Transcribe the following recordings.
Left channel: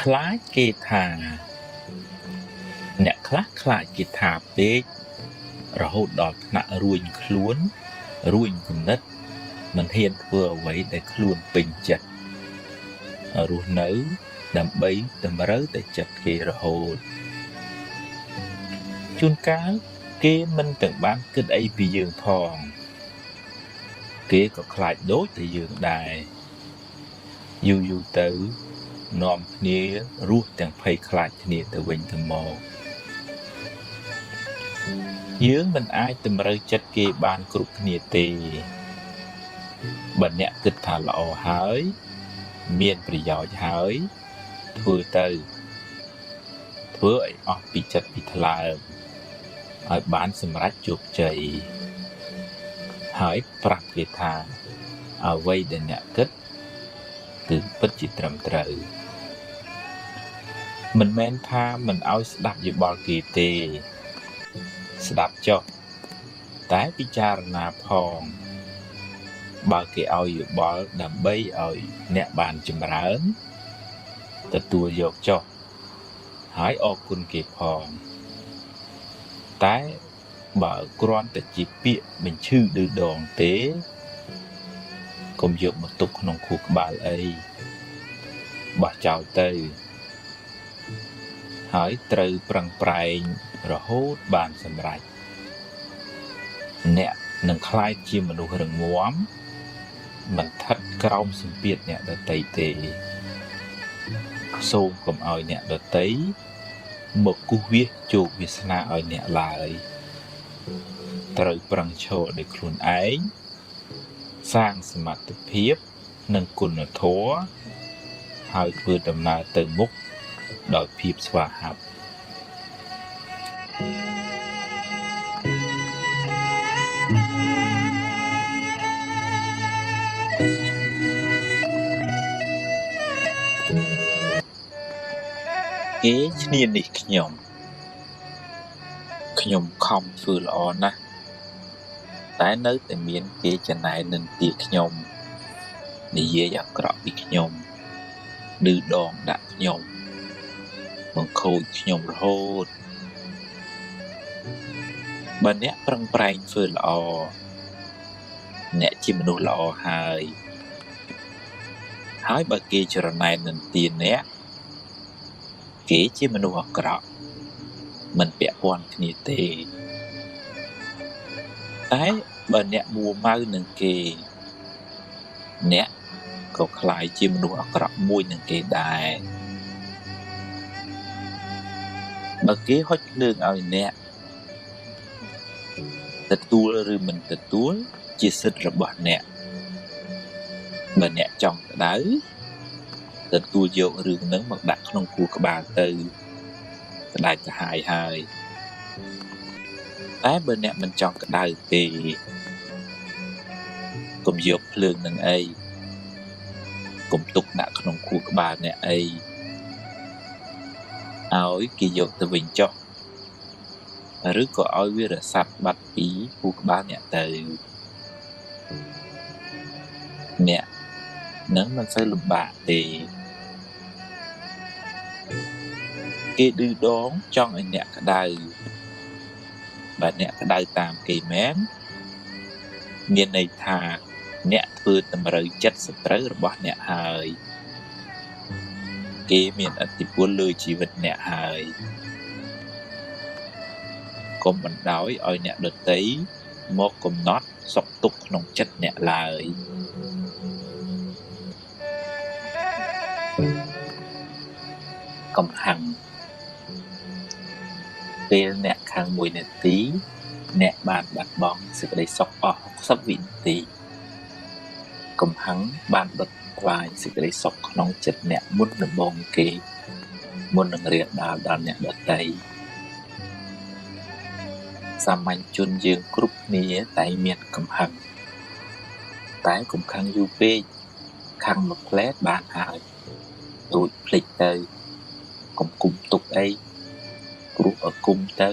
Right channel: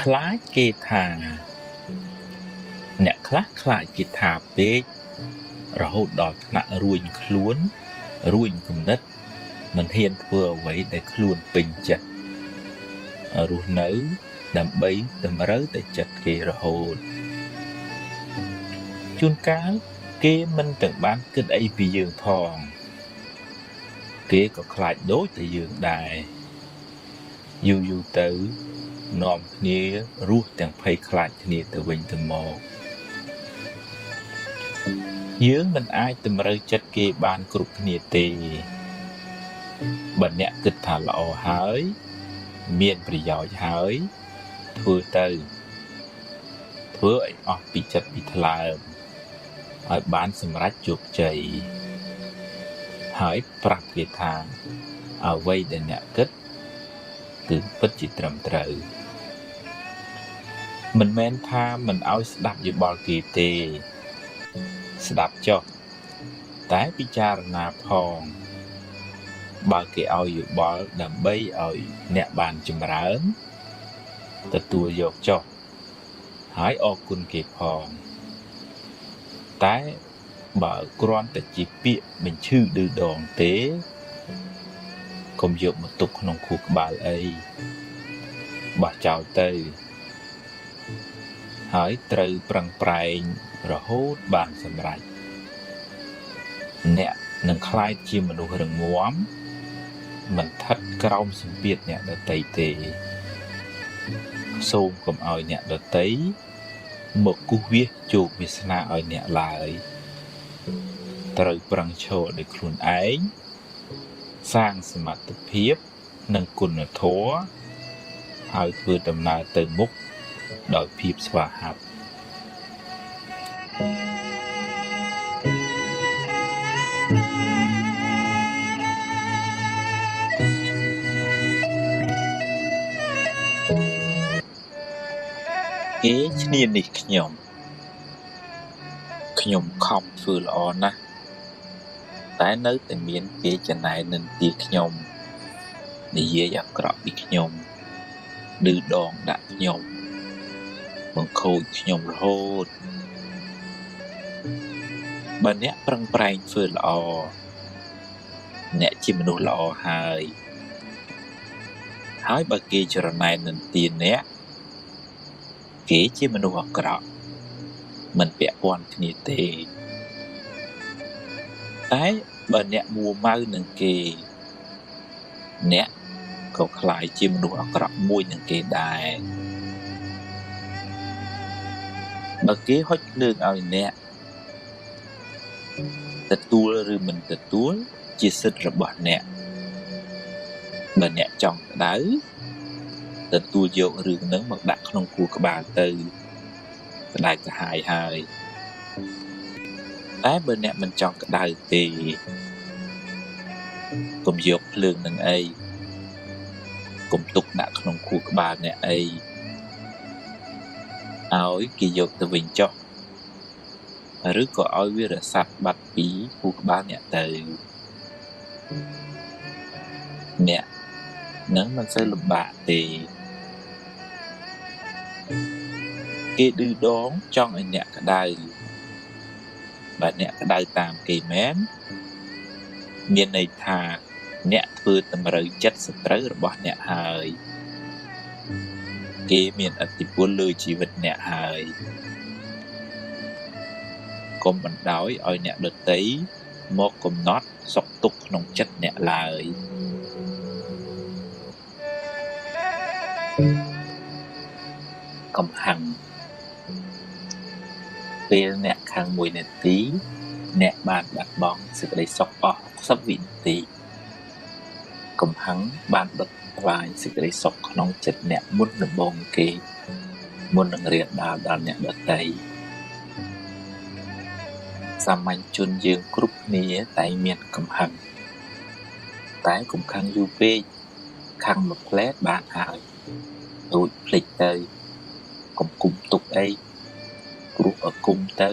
ខ្លាចគេថាអ្នកខ្លះខ្លាចគេថាពេករហូតដល់ដាក់រួញខ្លួនរួញគំនិតមិនហ៊ានធ្វើអ្វីដែលខ្លួនពេញចិត្តរស់នៅដើម្បីតម្រូវតែចិត្តគេរហូតជួនកាលគេមិនទៅបានគិតអីពីយើងផងគេក៏ខ្លាចដូចតែយើងដែរយូរទៅនាំគ្នារស់ទាំងភ័យខ្លាចគ្នាទៅវិញទៅមកយើងមិនអាចតម្រូវចិត្តគេបានគ្រប់គ្នាទេបើអ្នកគិតថាល្អហើយមានប្រយោជន៍ហើយធ្វើឲ្យអស់ពីចិត្តពីថ្លើមឲ្យបានសម្រេចជោគជ័យហើយប្រាប់គេថាអ្វីដែលអ្នកគិតគឺពិតជាត្រឹមត្រូវមិនមែនថាមិនឲ្យស្ដាប់យោបល់គេទេស្ដាប់ចុះតែពិចារណាផងបើគេឲ្យយោបល់ដើម្បីឲ្យអ្នកបានចម្រើនទទួលយកចុះហើយអរគុណគេផងតែបើគ្រាន់តែជាពាក្យបញ្ឈឺឌឺដងទេកុំយកមកទុកក្នុងខួរក្បាលអីបោះចោលទៅហើយត្រូវប្រឹងប្រែងរហូតបានសម្រេចអ្នកនឹងក្លាយជាមនុស្សរឹងមាំមិនស្ថិតក្រោមសម្ពាធអ្នកដទៃទេសូមកុំឲ្យអ្នកដទៃមកគូសវាសជោគវាសនាឲ្យអ្នកឡើយត្រូវប្រឹងឈរដោយខ្លួនឯងសាងសមត្ថភាពនិងគុណធម៌ហើយធ្វើដំណើរទៅមុខដោយភាពស្វាហាប់គេឈ្នានេះខ្ញុំខំធ្វើល្អណាស់តែនៅតែមានគេចំណែននឹងទីខ្ញុំនិយាយអាក្រក់ពីខ្ញុំឌឺដងដាក់ខ្ញុំបង្ខូចខ្ញុំរហូតបើអ្នកប្រឹងប្រែងធ្វើល្អអ្នកជាមនុស្សល្អហើយបើគេចរណែននឹងទីអ្នកគេជាមនុស្សអាក្រក់មិនពាក់ព័ន្ធគ្នាទេតែបើអ្នកមួម៉ៅនឹងគេអ្នកក៏ខ្លាយជាមនុស្សអាក្រក់មួយនឹងគេដែរបើគេហុចលើកឲ្យអ្នកទទួលឬមិនទទួលជាសិទ្ធិរបស់អ្នកបើអ្នកចង់ក្តៅទទួលយករឿងហ្នឹងមកដាក់ក្នុងខួរក្បាលទៅក្តៅកាហាយហើយតែបើអ្នកមិនចង់ក្តៅទេកុំយកភ្លើងនឹងអីកុំទុកដាក់ក្នុងខួរក្បាលអ្នកអីឲ្យគេយកទៅវិញចុះឬក៏ឲ្យវារសាត់បាត់ពីខួរក្បាលអ្នកទៅអ្នកនឹងមិនសូវលំបាកទេគេឌឺដងចង់ឲ្យអ្នកក្តៅបើអ្នកក្តៅតាមគេមែនមានន័យថាអ្នកធ្វើតម្រូវចិត្តសត្រូវរបស់អ្នកហើយគេមានឥទ្ធិពលលើជីវិតអ្នកហើយកុំបណ្ដោយឲ្យអ្នកដទៃមកកំណត់សុខទុក្ខក្នុងចិត្តអ្នកឡើយកំហឹងពេលអ្នកខឹង1នាទីអ្នកបានបាត់បង់សេចក្តីសុខអស់60វិនាទីកំហឹងបានដុតផ្លាយសេចក្តីសុខក្នុងចិត្តអ្នកមុនដំងគេមុននឹងរៀនដានដល់អ្នកដទៃសាមញ្ញជនយើងគ្រប់គ្នាតែមានកំហឹងតែកំខឹងយូរពេកខឹងមួយផ្លែតបានហើយរួចផ្លេចទៅកុំគុំទុកអីព្រោះឲ្យគុំទៅ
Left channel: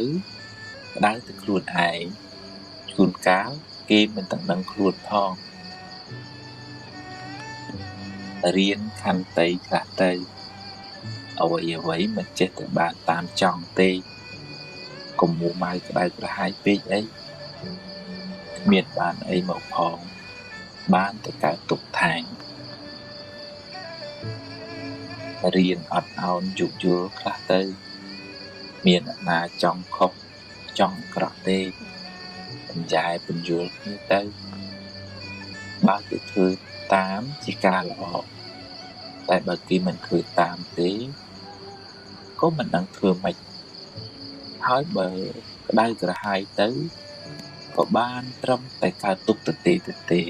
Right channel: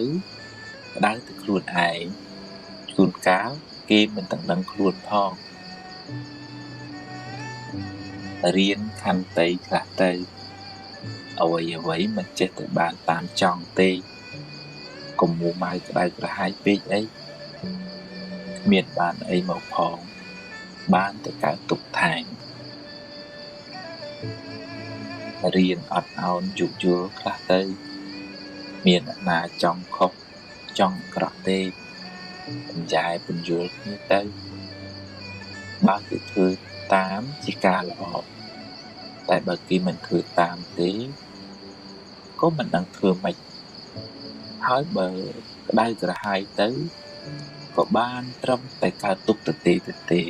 ក្តៅទៅខ្លួនឯងជួនកាលគេមិនដឹងខ្លួនផង រៀនខន្តីខ្លះទៅអ្វីមិនចេះតែបានតាមចង់ទេកុំមួម៉ៅក្តៅក្រហាយពេកអីគ្មានបានអីមកផងបានតែកើតទុកថាងរៀនអត់អោនយោគយល់ខ្លះទៅមានណាចង់ខុសចង់ក្រក់ទេបញ្ញែបញ្យល់គ្នាទៅបើទៅធ្វើតាមជាការល្អតែបើគេមិនធ្វើតាមទេក៏មិនដឹងធ្វើម៉េចហើយបើក្តៅក្រហាយទៅក៏បានត្រឹមតែកើតទុកទៅទេ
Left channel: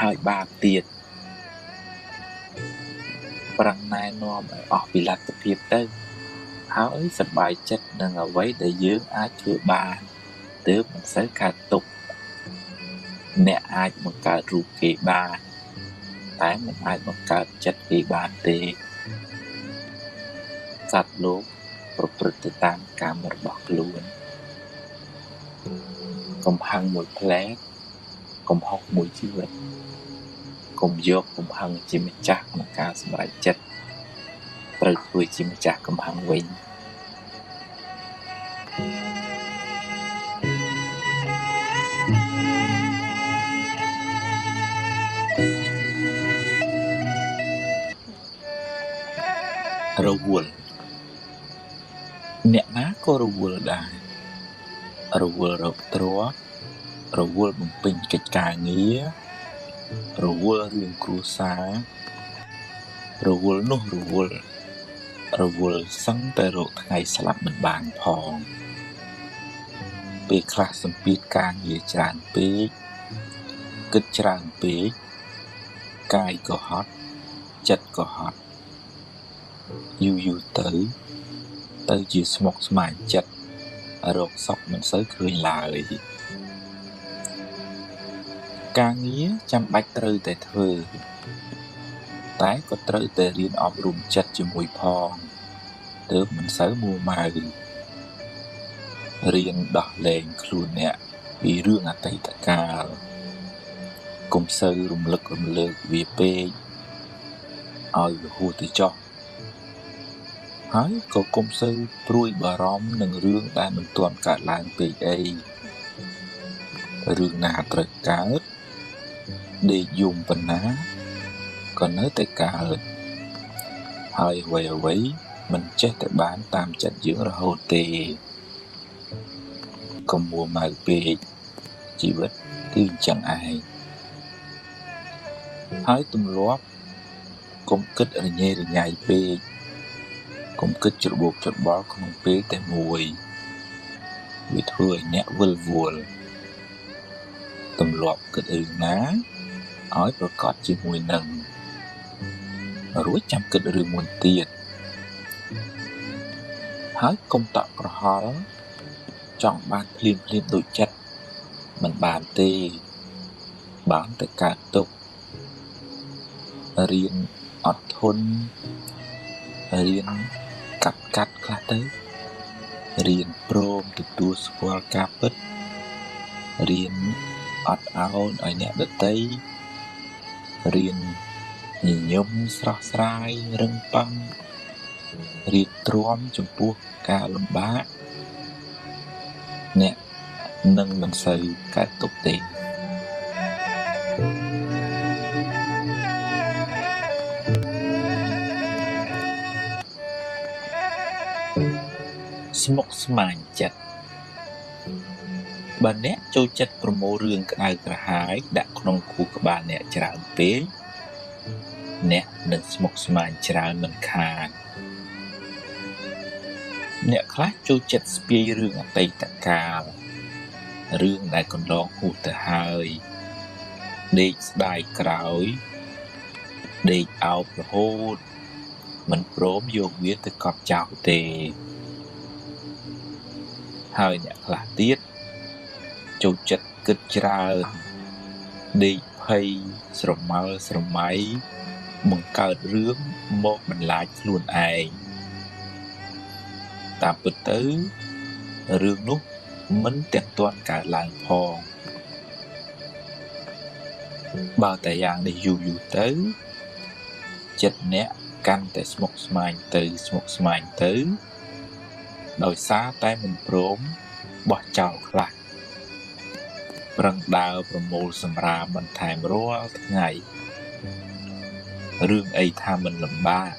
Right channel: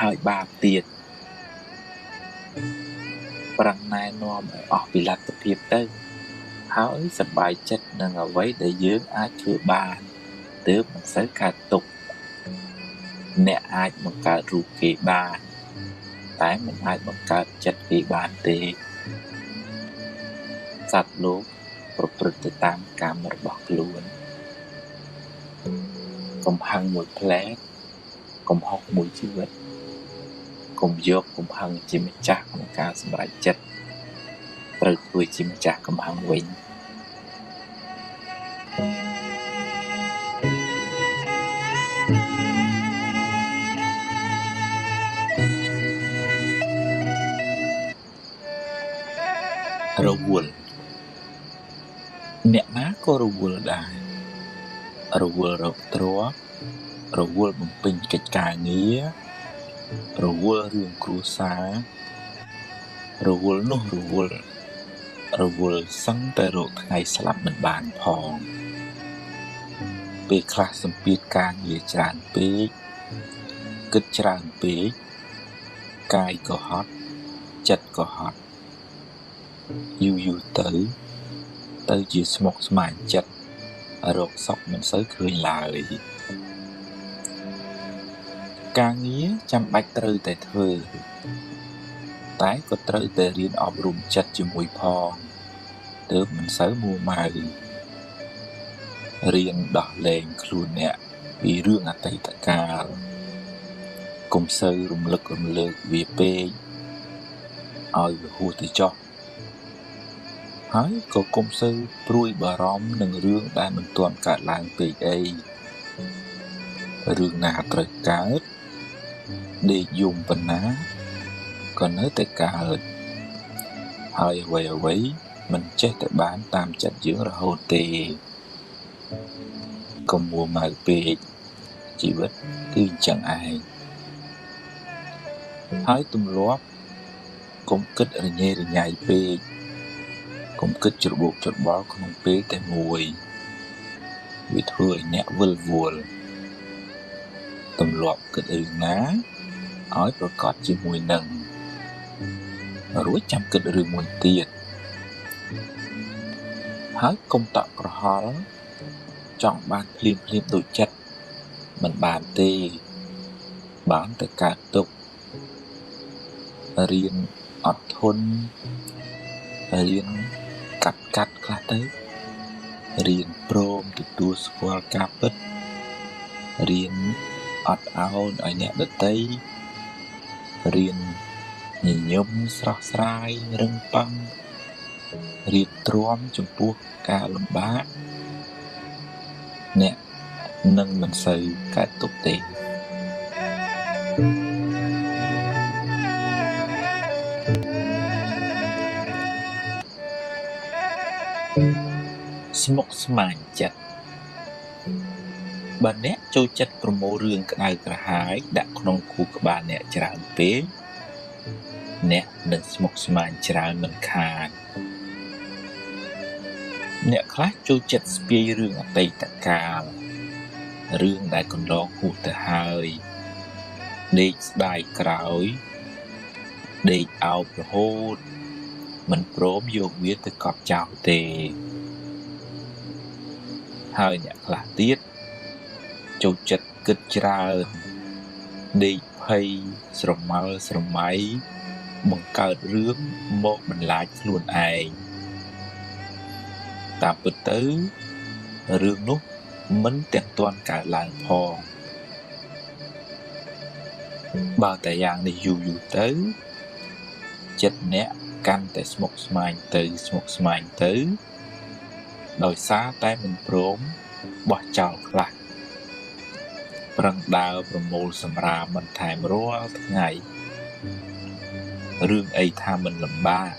ហើយបាបទៀតប្រឹងណែនាំឲ្យអស់ពីលទ្ធភាពទៅហើយសប្បាយចិត្តនឹងអ្វីដែលយើងអាចធ្វើបានទើបមិនសូវកើតទុកអ្នកអាចបង្កើតរូបគេបានតែមិនអាចបង្កើតចិត្តគេបានទេសត្វលោកប្រព្រឹត្តទៅតាមកម្មរបស់ខ្លួកំហឹងមួយផ្លែកំហុសមួយជីវិតកុំយកកំហឹងជាម្ចាស់ក្នុងការសម្រេចចិត្តត្រូវធ្វើជាម្ចាស់កំហឹងវិញរវល់អ្នកណាក៏រវល់ដែររវល់រកទ្រព្យរវល់បំពេញកិច្ចការងាររវល់រឿងគ្រួសាររវល់នោះរវល់សឹងតែរកថ្ងៃស្លាប់មិនបានផងពេលខ្លះសម្ពាធការងារច្រើនពេកគិតច្រើនពេកកាយក៏ហត់ចិត្តក៏ហត់យូរទៅជាស្មុគស្មាញចិត្តរកសុខមិនសូវឃើញឡើយការងារចាំបាច់ត្រូវតែធ្វើតែក៏ត្រូវតែរៀនអប់រំចិត្តជាមួយផងទើបមិនសូវមួម៉ៅរៀនដោះលែងខ្លួនអ្នកពីរឿងអតីតកាលកុំសូវរំលឹករំលើកវាពេកឲ្យវាហួសទៅចុះហើយក៏កុំសូវព្រួយបារម្ភនឹងរឿងដែលមិនទាន់កើតឡើងពេកអីរឿងណាត្រូវកើតដេកយំប៉ុណ្ណាក៏នៅតែកើតហើយអ្វីមិនចេះតែបានតាមចិត្តយើងរហូតទេកុំមួម៉ៅពេកជីវិតគឺអញ្ចឹងឯងហើយទម្លាប់កុំគិតរញ៉េរញ៉ៃពេកកុំគិតច្របូកច្របល់ក្នុងពេលតែមួយវាធ្វើឲ្យអ្នកវិលវល់ទម្លាប់គិតរឿងណាឲ្យប្រកបជាមួយនឹងរួចចាំគិតរឿងមួយទៀតហើយកុំតក់ក្រហល់ចង់បានភ្លាមដូចចិត្តមិនបានទេបានតែកើតទុករៀនអត់ធន់រៀនកាត់ខ្លះទៅរៀនព្រមទទួលស្គាល់ការពិតរៀនអត់អោនឲ្យអ្នកដទៃរៀនញញឹមស្រស់ស្រាយរឹងប៉ាំងរៀនទ្រាំចំពោះការលំបាកអ្នកនឹងមិនសូវកើតទុកទេស្មុគស្មាញចិត្តបើអ្នកចូលចិត្តប្រមូលរឿងក្តៅក្រហាយដាក់ក្នុងខួរក្បាលអ្នកច្រើនពេកអ្នកនឹងស្មុគស្មាញច្រើនមិនខានអ្នកខ្លះចូលចិត្តស្ពាយរឿងអតីតកាលរឿងដែលកន្លងហួសទៅហើយដេកស្ដាយក្រោយដេកអោបរហូតមិនព្រមយកវាទៅកប់ចោលទេហើយអ្នកខ្លះទៀតចូលចិត្តគិតច្រើនដេកភ័យស្រមើស្រមៃបង្កើតរឿងមកបន្លាចខ្លួនឯងតាមពិតទៅរឿងនោះមិនទាំងទាន់កើតឡើងផងបើតែយ៉ាងនេះយូរទៅ ចិត្តអ្នកកាន់តែស្មុគស្មាញទៅដោយសារតែមិនព្រមបោះចោលខ្លះប្រឹងដើរប្រមូលសម្រាមបន្ថែមរាល់ថ្ងៃរឿងអីថាមិនលំបាក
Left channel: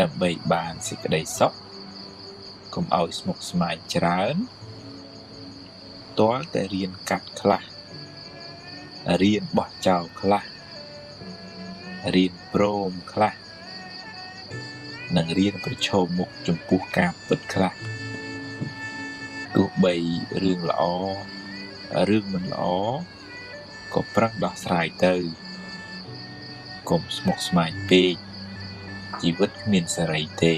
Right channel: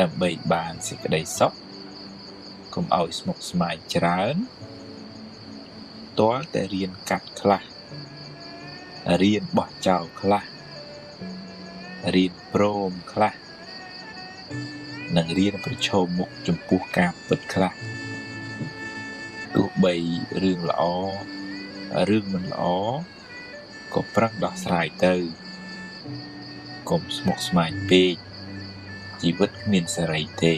ដើម្បីបានសេចក្តីសុខកុំឲ្យស្មុគស្មាញច្រើនទាល់តែរៀនកាត់ខ្លះរៀនបោះចោលខ្លះរៀនព្រមខ្លះនិងរៀនប្រឈមមុខចំពោះការពិតខ្លះទោះបីរឿងល្អរឿងមិនល្អក៏ប្រឹងដោះស្រាយទៅកុំស្មុគស្មាញពេកជីវិតគ្មានសេរីទេ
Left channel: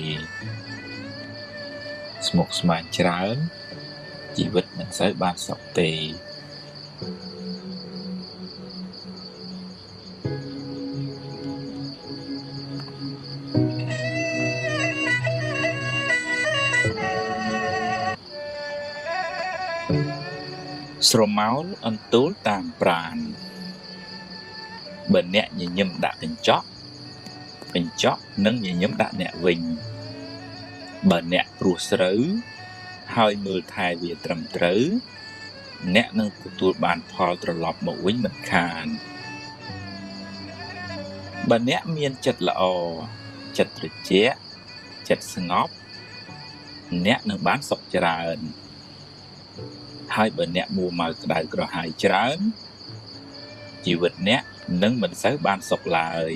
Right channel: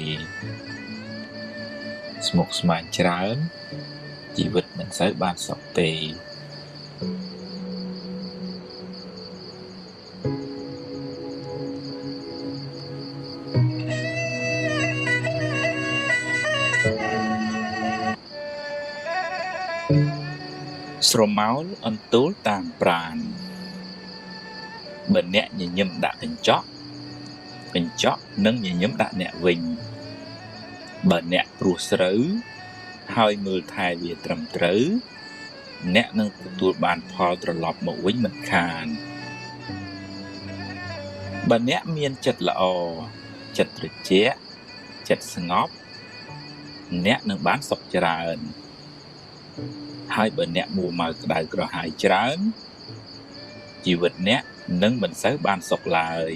ស្មុគស្មាញច្រើនជីវិតមិនសូវបានសុខទេស្រមោលអន្ទោលតាមប្រាណបើអ្នកញញឹមដាក់កញ្ចក់នឹងញញឹមដាក់អ្នកវិញបើអ្នកព្រោះស្រូវហើយមើលថែវាត្រឹមត្រូវអ្នកនឹងទទួលបានផលត្រឡប់មកវិញមិនខានបើអ្នកមានចិត្តល្អចិត្តត្រជាក់ចិត្តស្ងប់អ្នកនឹងបានសុខច្រើនហើយបើអ្នកមួម៉ៅក្តៅក្រហាយច្រើនជីវិតអ្នកនឹងមិនសូវបានសុខឡើយ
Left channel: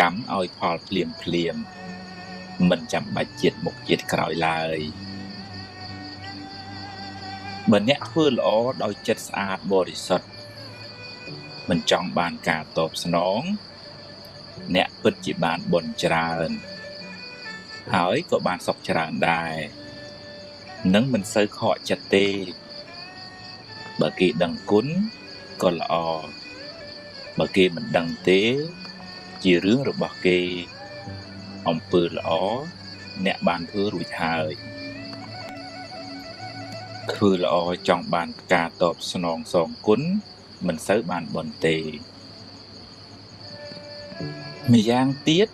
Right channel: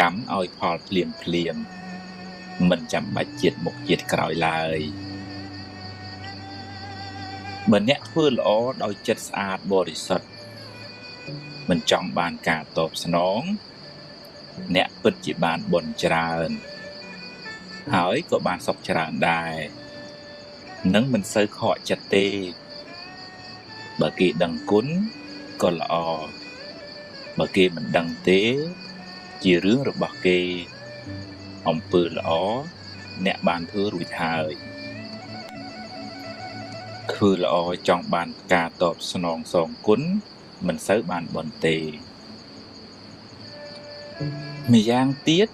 កម្មឲ្យផលភ្លាមមិនចាំបាច់ជាតិមុខជាតិក្រោយឡើយបើអ្នកធ្វើល្អដោយចិត្តស្អាតបរិសុទ្ធមិនចង់បានការតបស្នងអ្នកពិតជាបានបុណ្យច្រើនហើយក៏បានសុខច្រើនដែរនឹងមិនសូវខកចិត្តទេបើគេដឹងគុណក៏ល្អបើគេមិនដឹងទេជារឿងរបស់គេអំពើល្អអ្នកបានធ្វើរួចហើយធ្វើល្អចង់បានការតបស្នងសងគុណមិនសូវបានបុណ្យទេម្យ៉ាងទៀត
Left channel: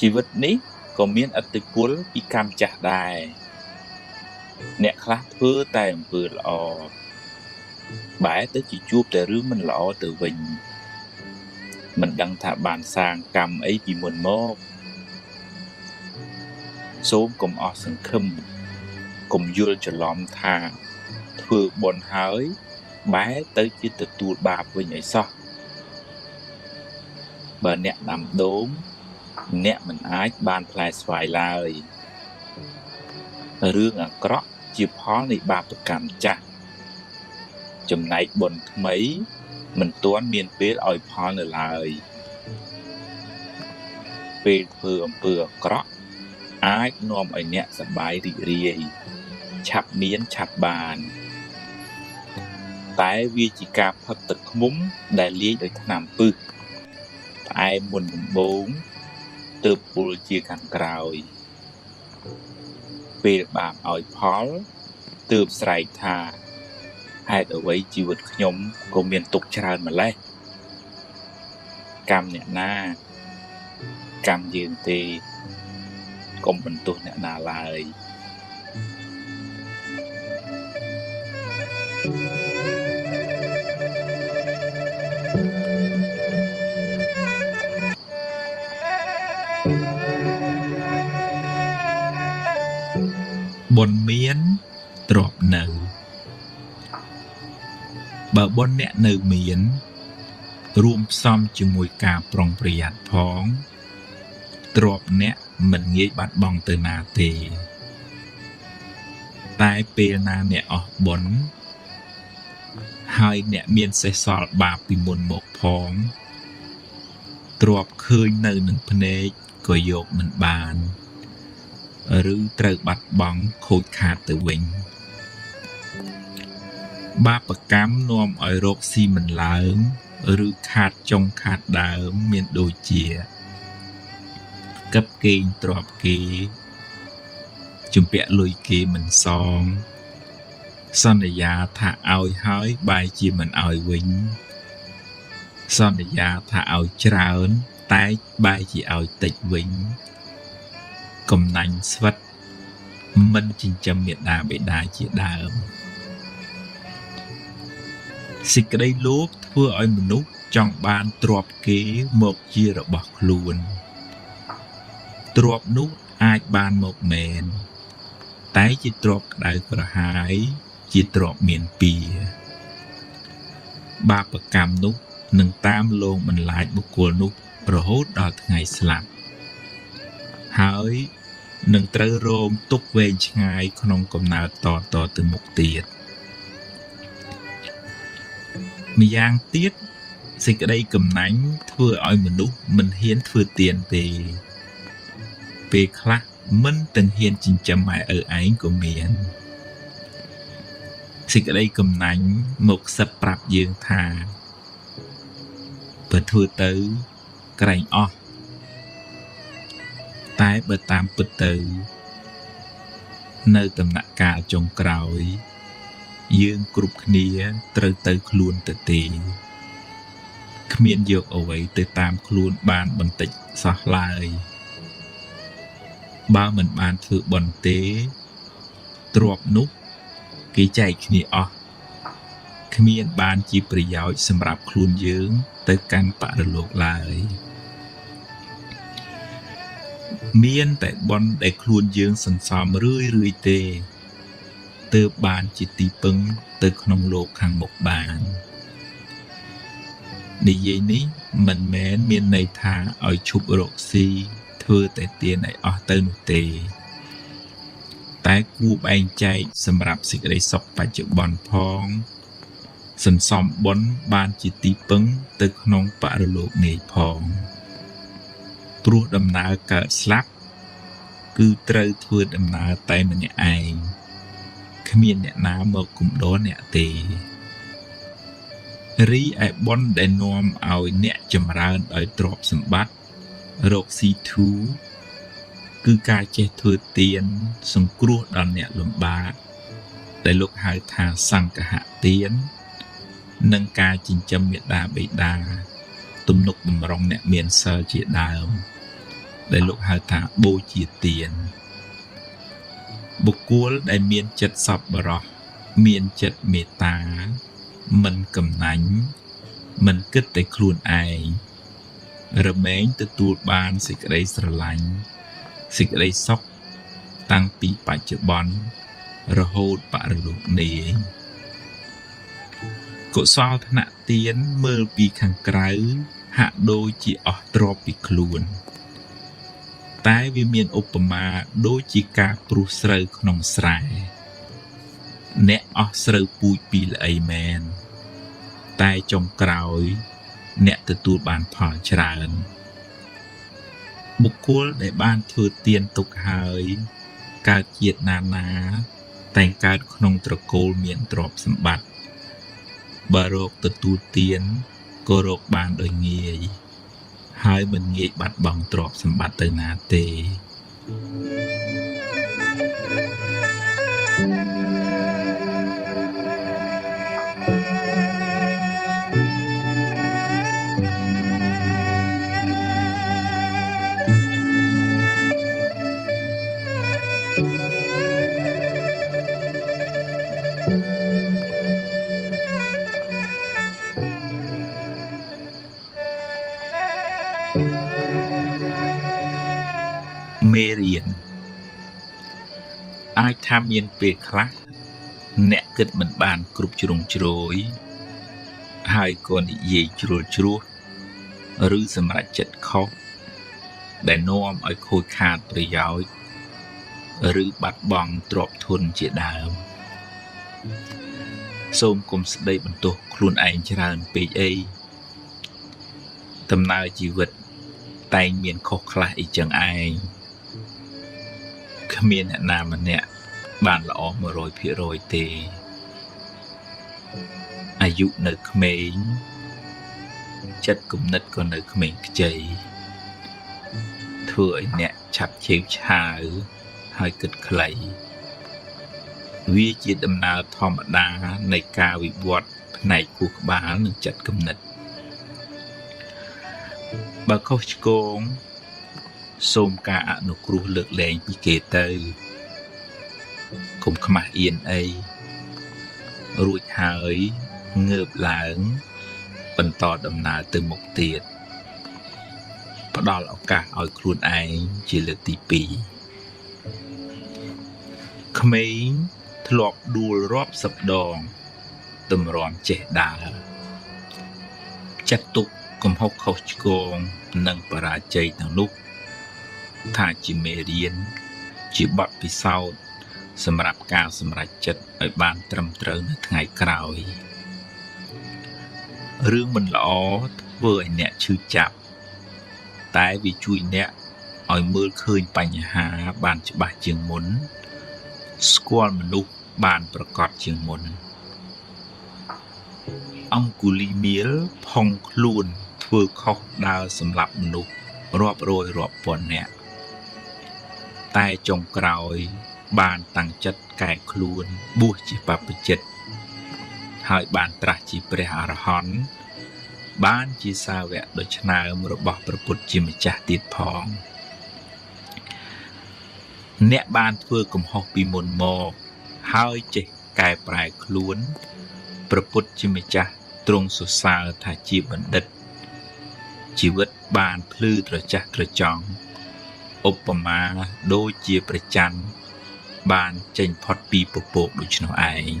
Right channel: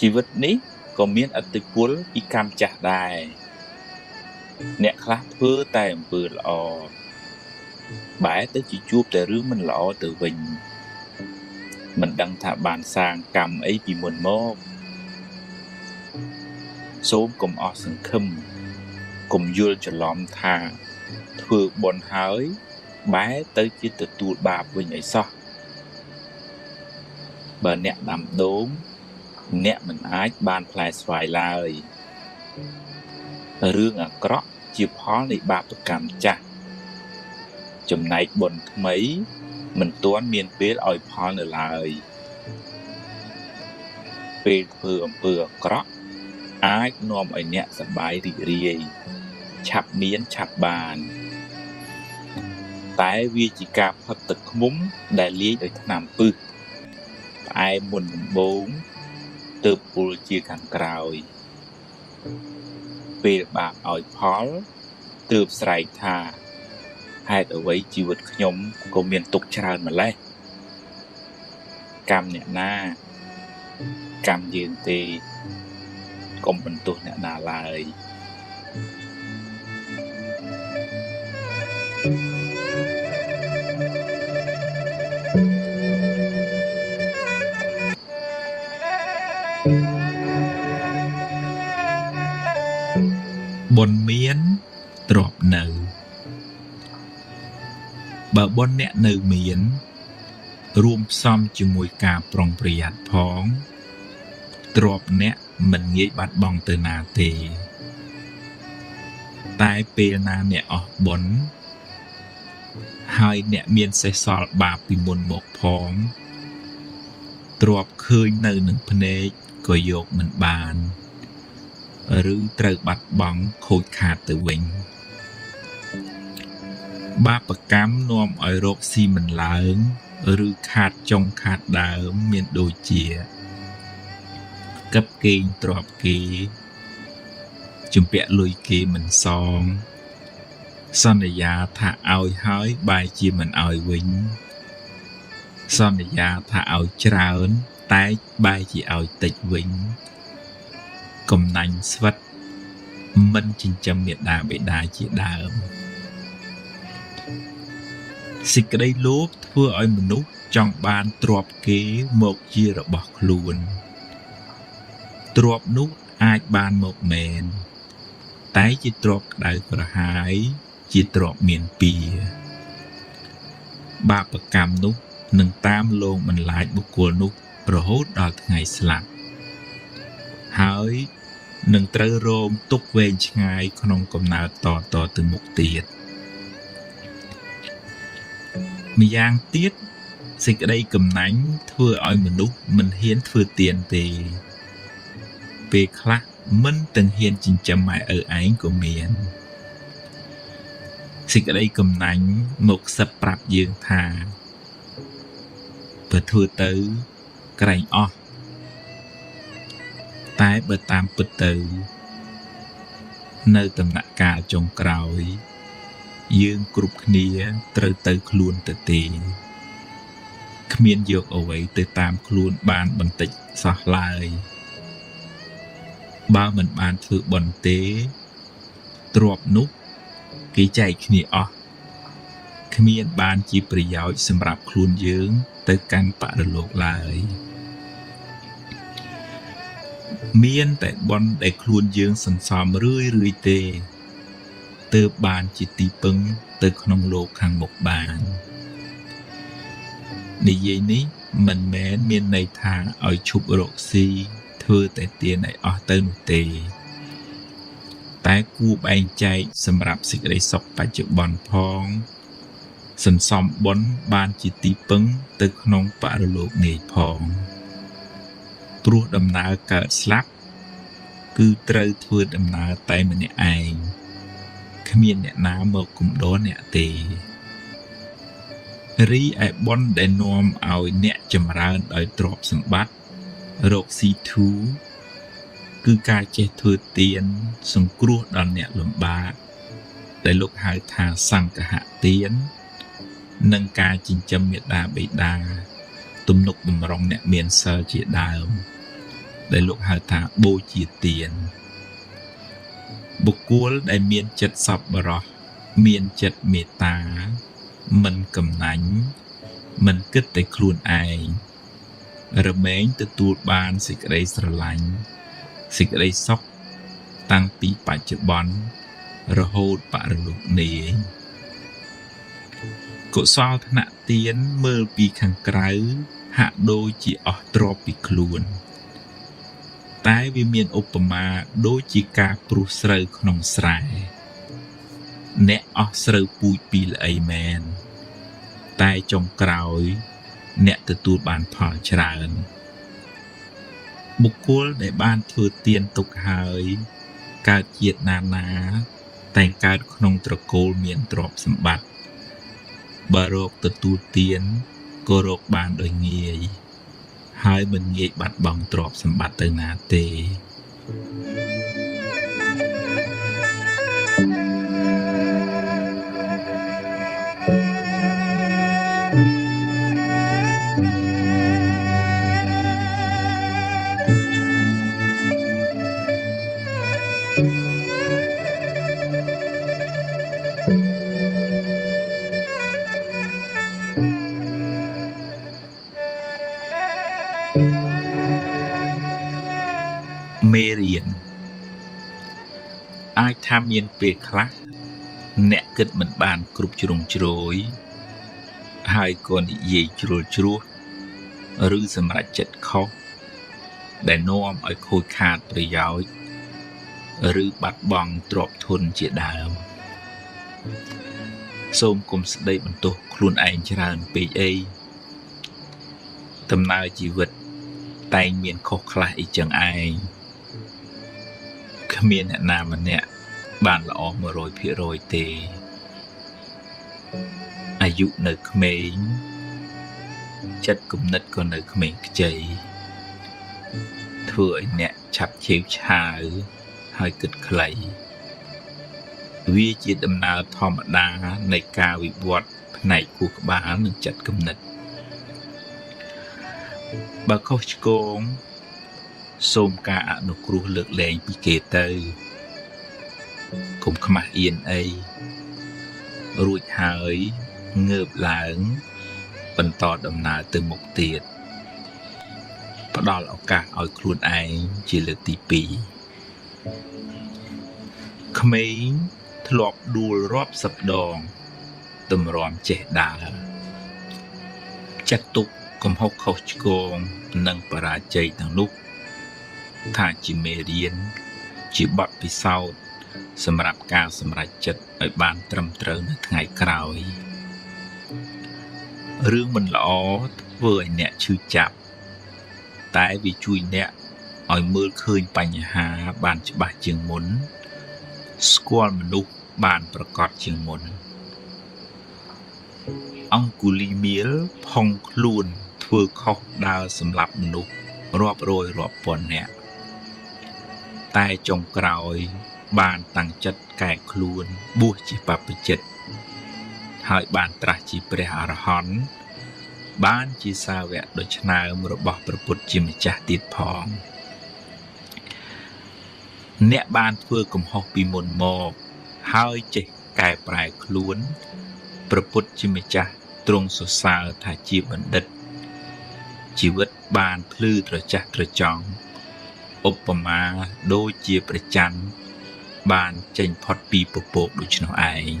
ជីវិតនេះក៏មានឥទ្ធិពលពីកម្មចាស់ដែរអ្នកខ្លះធ្វើតែអំពើល្អបែរទៅជាជួបតែរឿងមិនល្អទៅវិញមិនដឹងថាបានសាងកម្មអីពីមុនមកសូមកុំអស់សង្ឃឹមកុំយល់ច្រឡំថាធ្វើបុណ្យហើយបែរទៅជាទទួលបាបវិញឲ្យសោះបើអ្នកដាំដូងអ្នកមិនអាចបានផ្លែស្វាយឡើយរឿងអាក្រក់ជាផលនៃបាបកម្មចាស់ចំណែកបុណ្យថ្មីមិនទាន់មានពេលឲ្យផលនៅឡើយពេលធ្វើអំពើអាក្រក់អាចនាំឲ្យអ្នកសប្បាយរីករាយឆាប់មានឆាប់បានតែវាជាការផឹកទឹកឃ្មុំដែលលាយដោយថ្នាំពឹសផ្អែមមុនដំបូងទើបពុលជាខាងក្រោយពេលបាបឲ្យផលទើបស្រែកថាហេតុអ្វីជីវិតខ្ញុំក៏មានទុក្ខច្រើនម្ល៉េះកម្មអ្នកណាកម្មយើងទេកុំបន្ទោសអ្នកណាឡើយបុណ្យមានទ្រព្យនៅបើបុណ្យអ្នកនៅមានរួមផ្សំជាមួយការប្រុងប្រយ័ត្នផងទ្រព្យអ្នកមិនងាយបាត់បង់ទៅណាទេតែពេលណាអ្នកអស់បុណ្យហើយអ្នកមានសេះសល់បាបពីមុនមកផងទ្រព្យឃើញនៅនឹងភ្នែកក៏យកមិនបានឬត្រូវបាត់បង់ខូចខាតទៅវិញបាបកម្មនាំឲ្យរកស៊ីមិនឡើងឬខាតចុងខាតដើមមានដូចជាកឹបគេងទ្រព្យគេជំពាក់លុយគេមិនសងសន្យាថាឲ្យហើយបែរជាមិនឲ្យវិញ សន្យាថាឲ្យច្រើនតែបែរជាឲ្យតិចវិញកំណាញ់ស្វិតមិនចិញ្ចឹមមេដាបេដាជាដើមសេចក្តីលោភធ្វើឲ្យមនុស្សចង់បានទ្រព្យគេមកជារបស់ខ្លួនទ្រព្យនោះអាចបានមកមែនតែជាទ្រព្យក្តៅក្រហាយជាទ្រព្យមានពៀបាបកម្មនោះនឹងតាមលងបន្លាចបុគ្គលនោះរហូតដល់ថ្ងៃស្លាប់ហើយនឹងត្រូវរងទុក្ខវែងឆ្ងាយក្នុងកំណើតតទៅមុខទៀតម្យ៉ាងទៀតសេចក្តីកំណាញ់ធ្វើឲ្យមនុស្សមិនហ៊ានធ្វើទានទេពេលខ្លះមិនទាំងហ៊ានចិញ្ចឹមម៉ែឪឯងក៏មានសេចក្តីកំណាញ់មកខ្សឹបប្រាប់យើងថាបើធ្វើទៅក្រែងអស់តែបើតាមពិតទៅនៅដំណាក់កាលចុងក្រោយយើងគ្រប់គ្នាត្រូវទៅខ្លួនទៅទេគ្មានយកអ្វីទៅតាមខ្លួនបានបន្តិចសោះឡើយបើមិនបានធ្វើបុណ្យទេទ្រព្យនោះគេចែកគ្នាអស់គ្មានបានជាប្រយោជន៍សម្រាប់ខ្លួនយើងទៅកាន់បរិលោកឡើយមានតែបុណ្យដែលខ្លួនយើងសន្សំរឿយទេទើបបានជាទីពឹងទៅក្នុងលោកខាងមុខបាននិយាយនេះមិនមែនមានន័យថាឲ្យឈប់រកស៊ីធ្វើតែទានឲ្យអស់ទៅនោះទេតែគួរបែងចែកសម្រាប់សេចក្តីសុខបច្ចុប្បន្នផងសន្សំបុណ្យបានជាទីពឹងទៅក្នុងបរិលោកនេះផងព្រោះដំណើរកើតស្លាប់គឺត្រូវធ្វើដំណើរតែម្នាក់ឯងគ្មានអ្នកណាមកគំដរអ្នកទេរីឯបុណ្យដែលនាំឲ្យអ្នកចម្រើនដោយទ្រព្យសម្បត្តិរកស៊ីធូរគឺការចេះធ្វើទានសង្គ្រោះដល់អ្នកលំដាប់ដែលលោកហៅថាសង្ឃហទាននិងការចិញ្ចឹមមេដាបេដាទំនុកបម្រុងអ្នកមានសិលជាដើមដែលលោកហៅថាបូជាទានបុគ្គលដែលមានចិត្តសប្បុរសមានចិត្តមេត្តាមិនកំណាញ់មិនគិតតែខ្លួនឯងរមែងទទួលបានសេចក្តីស្រឡាញ់សេចក្តីសុខតាំងពីបច្ចុប្បន្នរហូតបរិលោកនេះកុសលថ្នាក់ទានមើលពីខាងក្រៅហាក់ដូចជាអស់ទ្រព្យពីខ្លួនតែវាមានឧបមាដូចជាការព្រុសស្រូវក្នុងស្រែអ្នកអស់ស្រូវពូជពីល្អីមែនតែចុងក្រោយអ្នកទទួលបានផលច្រើនបុគ្គលដែលបានធ្វើទានទុកហើយកើតជាតិណាតែងកើតក្នុងត្រកូលមានទ្រព្យសម្បត្តិបើរកទទួលទានក៏រកបានដោយងាយហើយមិនងាយបាត់បង់ទ្រព្យសម្បត្តិទៅណាទេមេរៀនអាចថាមានពេលខ្លះអ្នកគិតមិនបានគ្រប់ជ្រុងជ្រោយហើយក៏និយាយជ្រុលជ្រោះឬសម្រេចចិត្តខុសដែលនាំឲ្យខូចខាតប្រយោជន៍ឬបាត់បង់ទ្រព្យធនជាដើមសូមកុំស្ដីបន្ទោសខ្លួនឯងច្រើនពេកអីដំណើរជីវិតតែងមានខុសខ្លះអីចឹងឯងគ្មានអ្នកណាម្នាក់បានល្អ 100% ទេអាយុនៅក្មេងចិត្តគំនិតក៏នៅក្មេងខ្ចីធ្វើឲ្យអ្នកឆាប់ឈៀងឆាវហើយគិតខ្លីវាជាដំណើរធម្មតានៃការវិវត្តផ្នែកខួរក្បាលនិងចិត្តគំនិត បើខុសឆ្គងសូមការអនុគ្រោះលើកលែងពីគេទៅកុំខ្មាស់អៀនអីរួចហើយងើបឡើងបន្តដំណើរទៅមុខទៀតផ្ដល់ឱកាសឲ្យខ្លួនឯងជាលើកទី2ក្មេងធ្លាប់ដួលរាប់សិបដងតម្រាំចេះដើរចាត់ទុកកំហុសខុសឆ្គងនិងបរាជ័យទាំងនោះថាជាមេរៀនជាបទពិសោធន៍សម្រាប់ការសម្រេចចិត្តឲ្យបានត្រឹមត្រូវនៅថ្ងៃក្រោយរឿងមិនល្អធ្វើឲ្យអ្នកឈឺចាប់តែវាជួយអ្នកឲ្យមើលឃើញបញ្ហាបានច្បាស់ជាងមុនស្គាល់មនុស្សបានប្រកបជាងមុនអង្គុលីមៀលផុងខ្លួនធ្វើខុសដល់សម្លាប់មនុស្សរាប់រយរាប់ពាន់នាក់តែចុងក្រោយបានតាំងចិត្តកែខ្លួនបួសជាបព្វជិតហើយបានត្រាស់ជាព្រះអរហន្តបានជាសាវកដ៏ឆ្នើមរបស់ព្រះពុទ្ធជាម្ចាស់ទៀតផងអ្នកបានធ្វើកំហុសពីមុនមកហើយចេះកែប្រែខ្លួនព្រះពុទ្ធជាម្ចាស់ទ្រង់សរសើរថាជាបណ្ឌិតជីវិតបានភ្លឺត្រចះត្រចង់ឧបមាដូចជាព្រះច័ន្ទបានចេញផុតពីពពកដូច្នោះឯង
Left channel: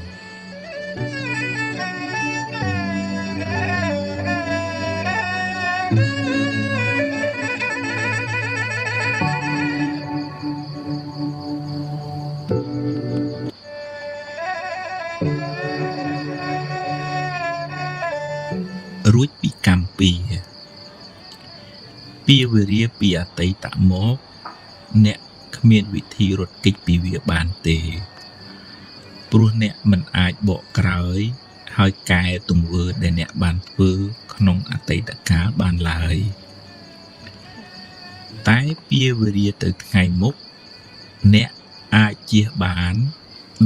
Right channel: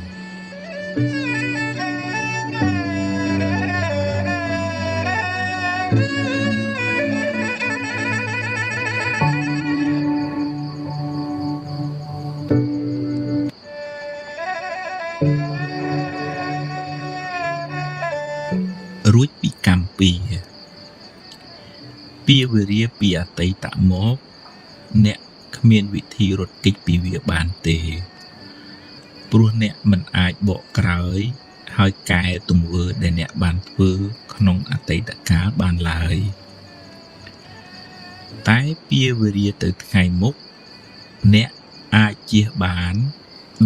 រួចពីកម្មពីវេរាពីអតីតមកអ្នកគ្មានវិធីរត់គេចពីវាបានទេព្រោះអ្នកមិនអាចបកក្រោយហើយកែទង្វើដែលអ្នកបានធ្វើក្នុងអតីតកាលបានឡើយតែពីវេរាទៅថ្ងៃមុខអ្នកអាចជៀសបាន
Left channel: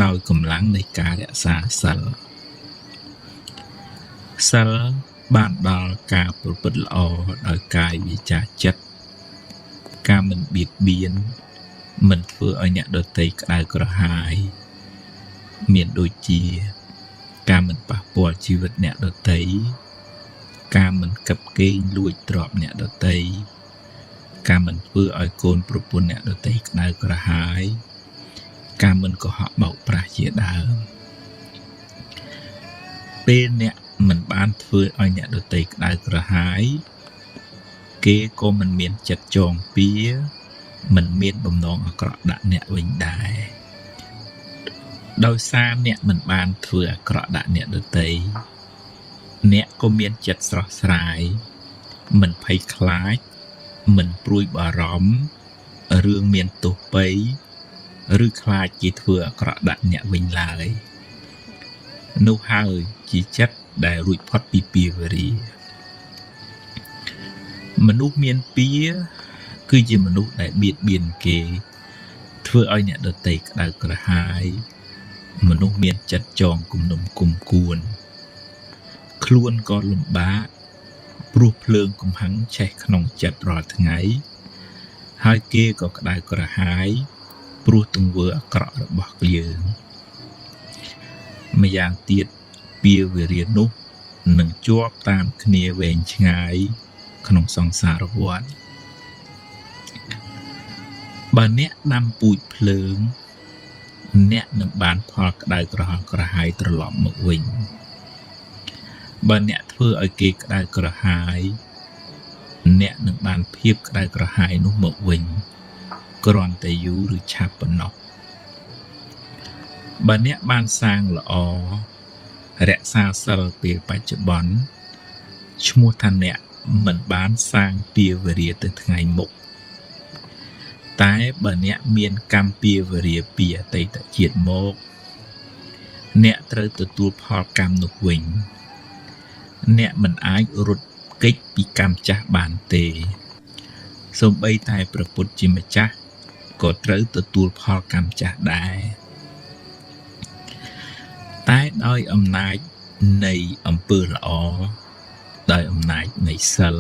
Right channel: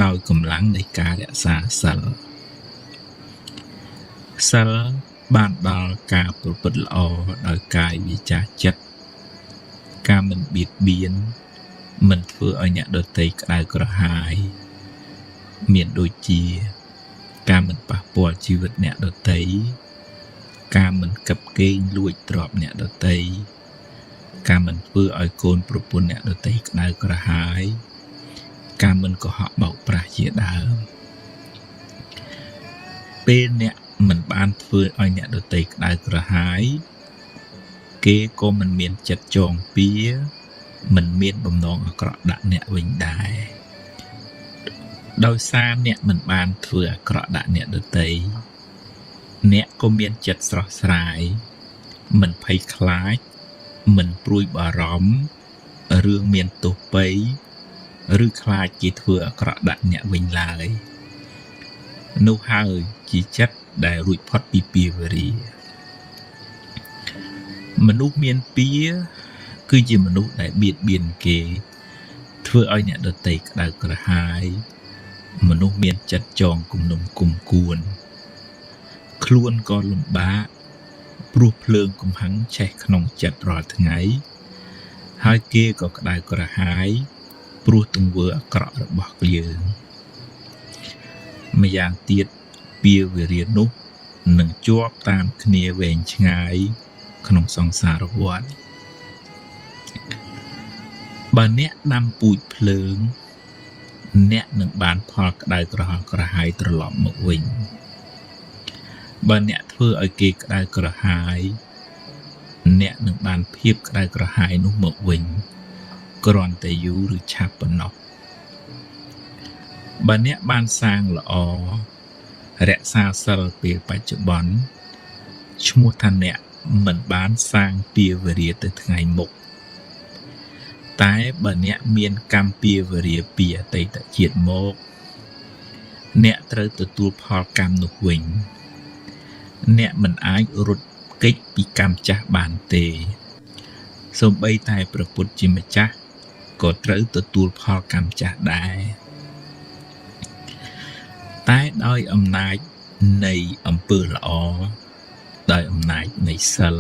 ដោយកម្លាំងនៃការរក្សាសិលបានដល់ការប្រព្រឹត្តល្អដោយកាយវាចាចិត្តការមិនបៀតបៀនមិនធ្វើឲ្យអ្នកដទៃក្តៅក្រហាយមានដូចជាការមិនប៉ះពាល់ជីវិតអ្នកដទៃការមិនគិតកេងលួចទ្រព្យអ្នកដទៃការមិនធ្វើឲ្យកូនប្រពន្ធអ្នកដទៃក្តៅក្រហាយការមិនកុហកបោកប្រាស់ជាដើមពេលអ្នកមិនបានធ្វើឲ្យអ្នកដទៃក្តៅក្រហាយគេក៏មិនមានចិត្តចងពៀមិនមានបំណងអាក្រក់ដាក់អ្នកវិញដែរដោយសារអ្នកមិនបានធ្វើអាក្រក់ដាក់អ្នកដទៃអ្នកក៏មានចិត្តស្រស់ស្រាយមិនភ័យខ្លាចមិនព្រួយបារម្ភរឿងមានទោសពៃឬខ្លាចគេធ្វើអាក្រក់ដាក់អ្នកវិញឡើយនោះហើយជាចិត្តដែលរួចផុតពីពៀវេរាមនុស្សមានពៀគឺជាមនុស្សដែលបៀតបៀនគេធ្វើឲ្យអ្នកដទៃក្តៅក្រហាយមនុស្សមានចិត្តចងគំនុំគុំគួនខ្លួនក៏លំបាកព្រោះភ្លើងកំហាំងឆេះក្នុងចិត្តរាល់ថ្ងៃហើយគេក៏ក្តៅក្រហាយព្រោះទង្វើអាក្រក់របស់យើងម្យ៉ាងទៀតពៀវេរានោះនឹងជាប់តាមគ្នាវែងឆ្ងាយក្នុងសង្សារវដ្តបើអ្នកដាំពូជភ្លើងអ្នកនឹងបានផលក្តៅក្រហមក្រហាយត្រឡប់មកវិញបើអ្នកធ្វើឲ្យគេក្តៅក្រហាយអ្នកនឹងបានភាពក្តៅក្រហាយនោះមកវិញគ្រាន់តែយូរឬឆាប់ប៉ុណ្ណោះបើអ្នកបានសាងល្អរក្សាសិលពេលបច្ចុប្បន្នឈ្មោះថាអ្នកមិនបានសាងពៀវេរាទៅថ្ងៃមុខតែបើអ្នកមានកម្មពៀវេរាពីអតីតជាតិមកអ្នកត្រូវទទួលផលកម្មនោះវិញអ្នកមិនអាចរត់គេចពីកម្មចាស់បានទេសូម្បីតែព្រះពុទ្ធជាម្ចាស់ក៏ត្រូវទទួលផលកម្មចាស់ដែរតែដោយអំណាចនៃអំពើល្អដោយអំណាចនៃសិល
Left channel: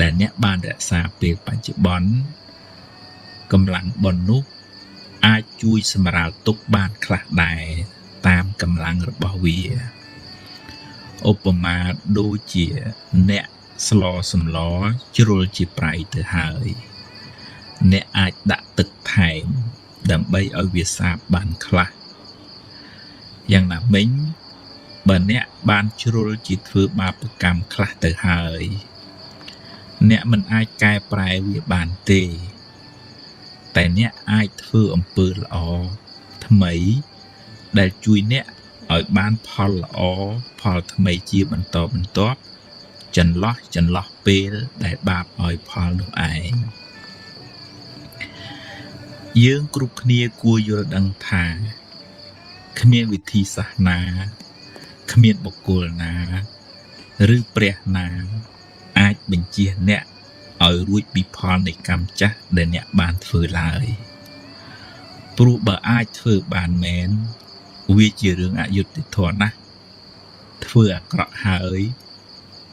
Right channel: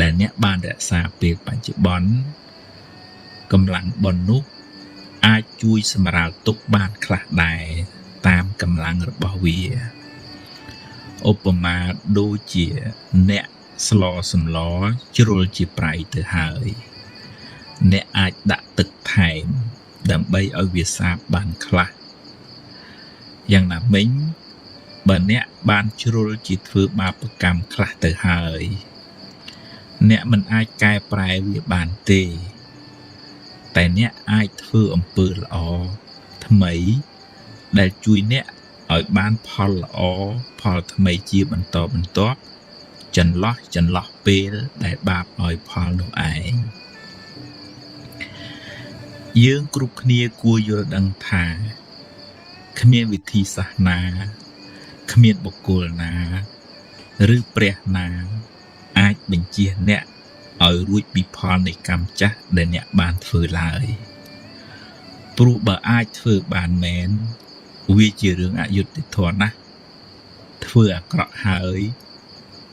ដែលអ្នកបានរក្សាពេលបច្ចុប្បន្នកម្លាំងបុណ្យនោះអាចជួយសម្រាលទុក្ខបានខ្លះដែរតាមកម្លាំងរបស់វាឧបមាដូចជាអ្នកស្លសម្លជ្រុលជាប្រៃទៅហើយអ្នកអាចដាក់ទឹកថែមដើម្បីឲ្យវាសាបបានខ្លះយ៉ាងណាមិញបើអ្នកបានជ្រុលជាធ្វើបាបកម្មខ្លះទៅហើយអ្នកមិនអាចកែប្រែវាបានទេតែអ្នកអាចធ្វើអំពើល្អថ្មីដែលជួយអ្នកឲ្យបានផលល្អផលថ្មីជាបន្តបន្ទាប់ចន្លោះពេលដែលបាបឲ្យផលនោះឯងយើងគ្រប់គ្នាគួរយល់ដឹងថាគ្មានវិធីសាស្ត្រណាគ្មានបុគ្គលណាឬព្រះណាអាចបញ្ជាអ្នកឲ្យរួចពីផលនៃកម្មចាស់ដែលអ្នកបានធ្វើឡើយព្រោះបើអាចធ្វើបានមែនវាជារឿងអយុត្តិធម៌ណាស់ធ្វើអាក្រក់ហើយ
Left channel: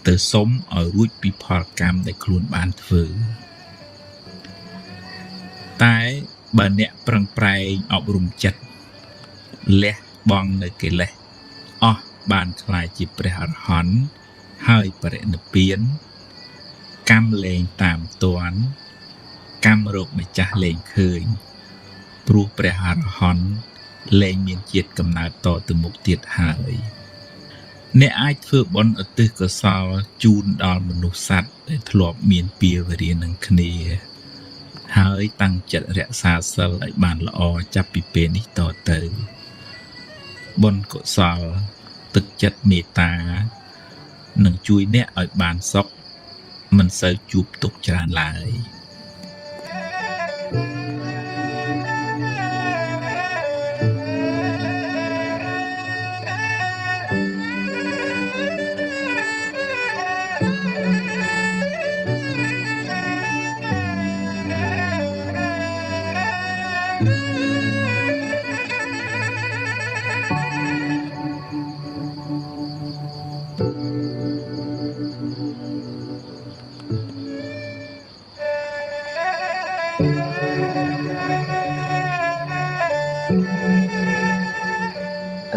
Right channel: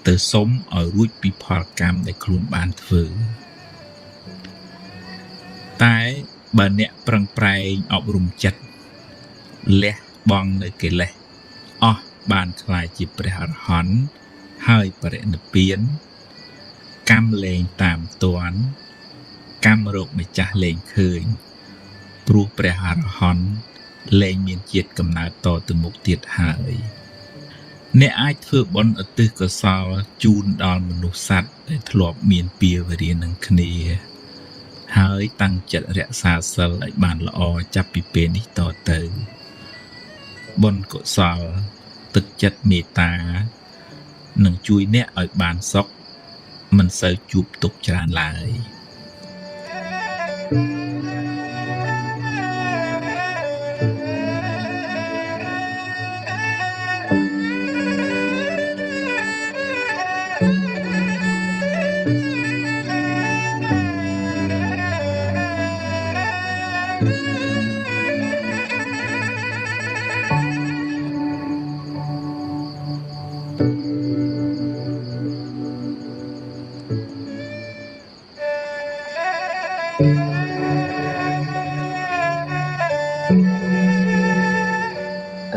ទៅសុំឲ្យរួចពីផលកម្មដែលខ្លួនបានធ្វើតែបើអ្នកប្រឹងប្រែងអប់រំចិត្តលះបង់នៅកិលេសអស់បានខ្លាយជាព្រះអរហន្តហើយបរិនិព្វានកម្មលែងតាមទាន់កម្មរោគម្ចាស់លែងឃើញព្រោះព្រះអរហន្តលែងមានជាតិកំណើតតទៅមុខទៀតហើយអ្នកអាចធ្វើបុណ្យឧទ្ទិសកុសលជូនដល់មនុស្សសត្វដែលធ្លាប់មានពាវេរានឹងគ្នាហើយតាំងចិត្តរក្សាសិលឲ្យបានល្អចាប់ពីពេលនេះតទៅបុណ្យកុសលទឹកចិត្តមេត្តានឹងជួយអ្នកឲ្យបានសុខមិនសូវជួបទុក្ខច្រើនឡើយ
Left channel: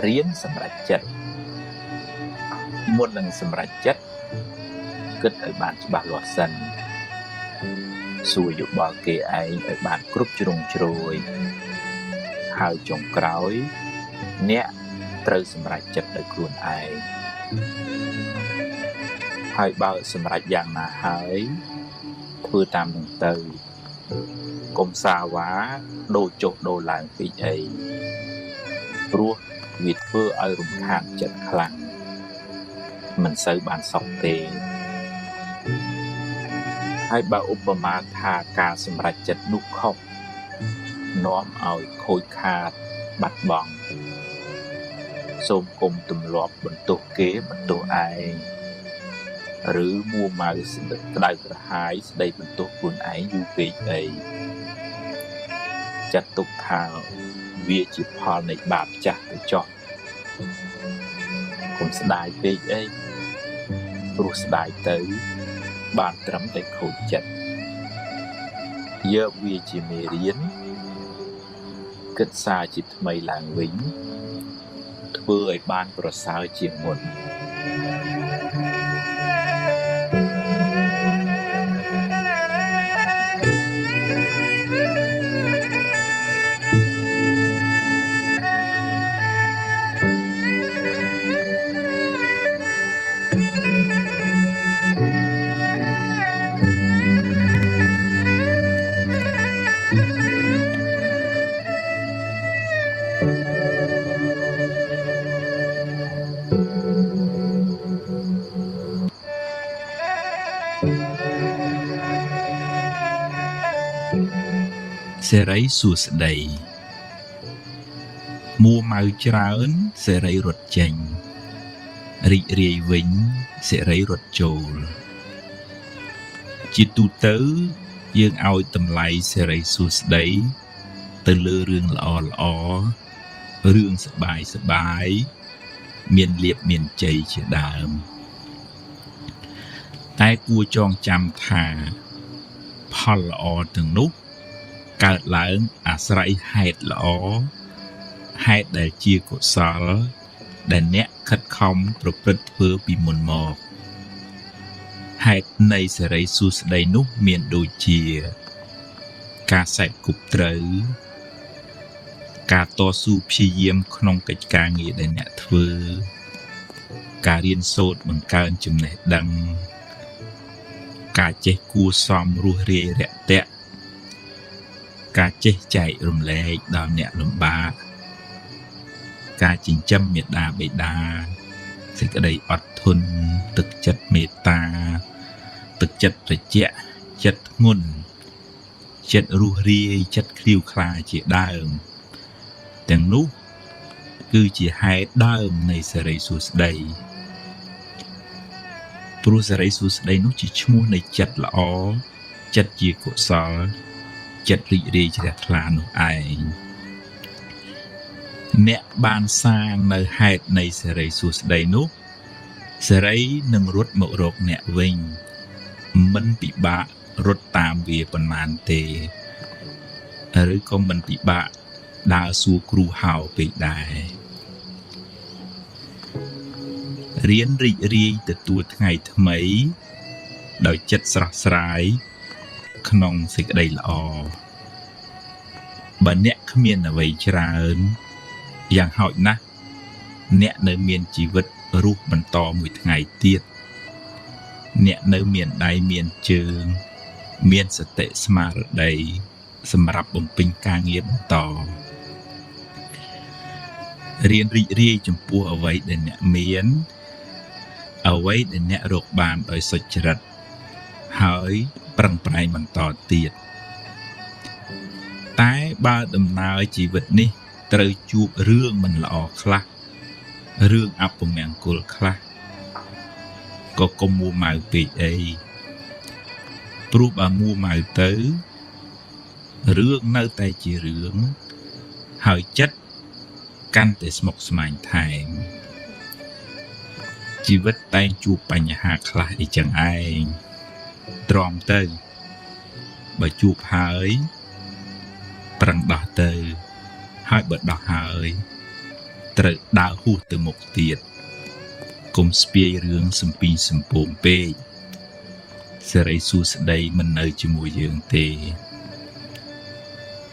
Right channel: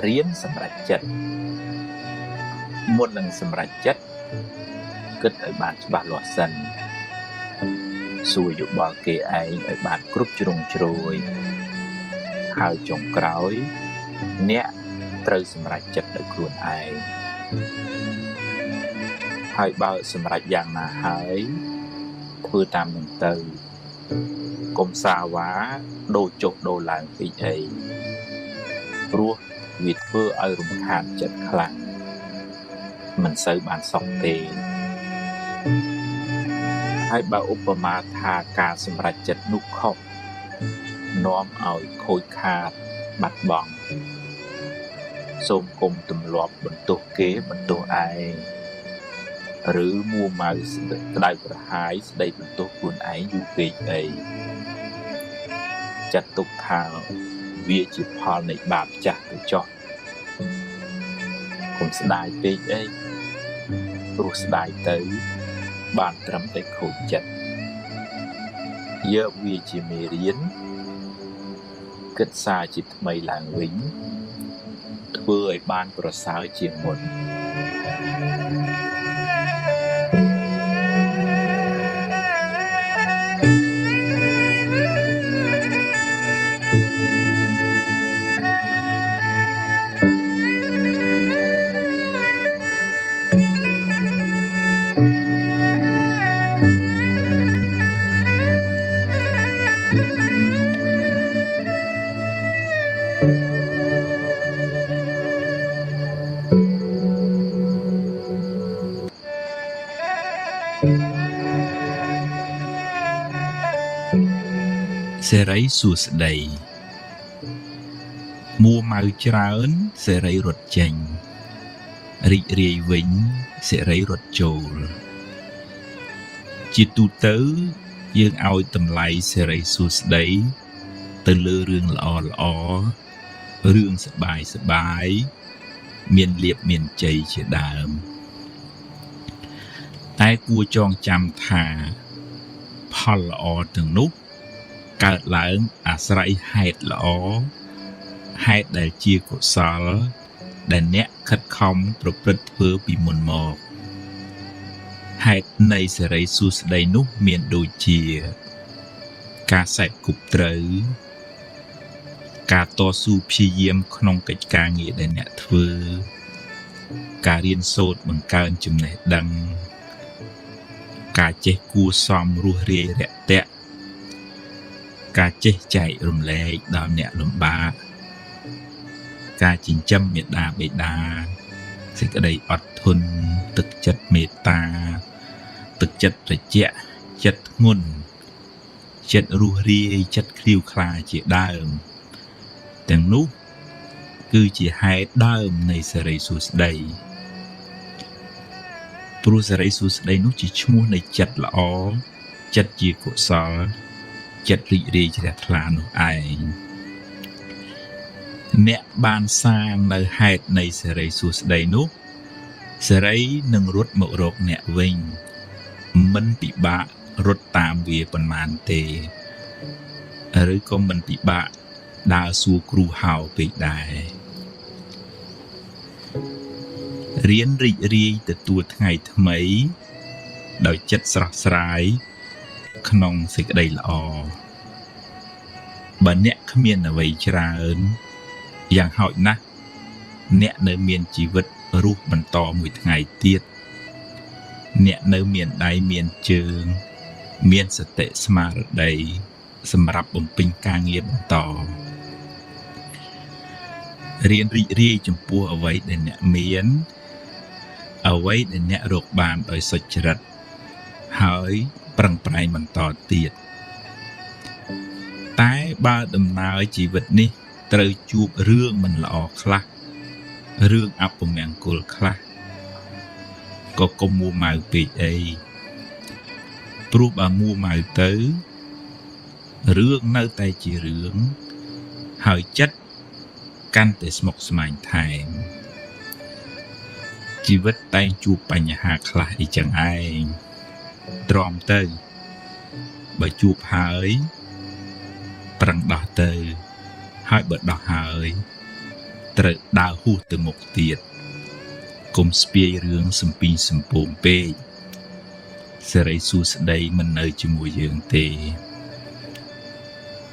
រៀនសម្រេចចិត្តមុននឹងសម្រេចចិត្តគិតឲ្យបានច្បាស់លាស់សិនសួរយោបល់គេឯងឲ្យបានគ្រប់ជ្រុងជ្រោយហើយចុងក្រោយអ្នកត្រូវសម្រេចចិត្តដោយខ្លួនឯងហើយបើសម្រេចយ៉ាងណាហើយធ្វើតាមនឹងទៅកុំសាវ៉ាដូរចុះដូរឡើងពីអីព្រោះវាធ្វើឲ្យរំខានចិត្តខ្លាំងមិនសូវបានសុខទេហើយបើឧបមាថាការសម្រេចចិត្តនោះខុសនាំឲ្យខូចខាតបាត់បង់សូមគុំទម្លាប់បន្ទោសគេបន្ទោសឯងឬមួម៉ៅក្តៅក្រហាយស្ដីបន្ទោសខ្លួនឯងយូរពេកអីចាត់ទុកថាវាជាផលនៃបាបចាស់ទៅចុះកុំស្ដាយពេកអីព្រោះស្ដាយទៅបានត្រឹមតែខូចចិត្តយកវាជាមេរៀនគិតសារជាថ្មីឡើងវិញធ្វើឲ្យបានប្រសើរជាងមុនសេរីសួស្តីមួម៉ៅច្រើនសេរីរត់ចេញរីករាយវិញសេរីរត់ចូលជាទូទៅយើងឲ្យតម្លៃសេរីសួស្តីទៅលើរឿងល្អរឿងសប្បាយមានលាភមានជ័យជាដើម តែគួរចងចាំថាផលល្អទាំងនោះកើតឡើងអាស្រ័យហេតុល្អហេតុដែលជាកុសលដែលអ្នកខិតខំប្រព្រឹត្តធ្វើពីមុនមកហេតុនៃសេរីសួស្តីនោះមានដូចជាការសេពគប់ត្រូវការតស៊ូព្យាយាមក្នុងកិច្ចការងារដែលអ្នកធ្វើការរៀនសូត្របង្កើនចំណេះដឹងការចេះគួរសមរស់រាយរាក់ទាក់ការចេះចែករំលែកដល់អ្នកលំបាកការចិញ្ចឹមមេត្តាបិតាសេចក្តីអត់ធន់ទឹកចិត្តមេត្តាទឹកចិត្តត្រជាក់ចិត្តធ្ងន់ចិត្តរស់រាយចិត្តឃ្លាវខ្លាជាដើមទាំងនោះគឺជាហេតុដើមនៃសេរីសួស្តីព្រោះសេរីសួស្តីនោះជាឈ្មោះនៃចិត្តល្អចិត្តជាកុសលចិត្តរីករាយជ្រះថ្លានោះឯងអ្នកបានសាងនៅហេតុនៃសេរីសួស្តីនោះសេរីនឹងរត់មករកអ្នកវិញមិនពិបាករត់តាមវាប៉ុន្មានទេឬក៏មិនពិបាកដើរសួរគ្រូហៅពេកដែររៀនរីករាយទទួលថ្ងៃថ្មីដោយចិត្តស្រស់ស្រាយក្នុងសេចក្តីល្អបើអ្នកគ្មានអ្វីច្រើនយ៉ាងហោចណាស់អ្នកនៅមានជីវិតរស់បន្តមួយថ្ងៃទៀតអ្នកនៅមានដៃមានជើងមានសតិស្មារតីសម្រាប់បំពេញការងារបន្តរៀនរីករាយចំពោះអ្វីដែលអ្នកមានអ្វីដែលអ្នករកបានដោយសុចរិតហើយប្រឹងប្រែងបន្តទៀតតែបើដំណើរជីវិតនេះត្រូវជួបរឿងមិនល្អខ្លះរឿងអពមង្គលខ្លះក៏កុំមួម៉ៅពេកអីព្រោះបើមួម៉ៅទៅរឿងនៅតែជារឿងហើយចិត្តកាន់តែស្មុគស្មាញថែមជីវិតតែងជួបបញ្ហាខ្លះអីចឹងឯងទ្រាំទៅបើជួបហើយប្រឹងដោះទៅហើយបើដោះហើយត្រូវដើរហួសទៅមុខទៀតកុំស្ពាយរឿងសំពីសំពងពេកសេរីសួស្តីមិននៅជាមួយយើងទេ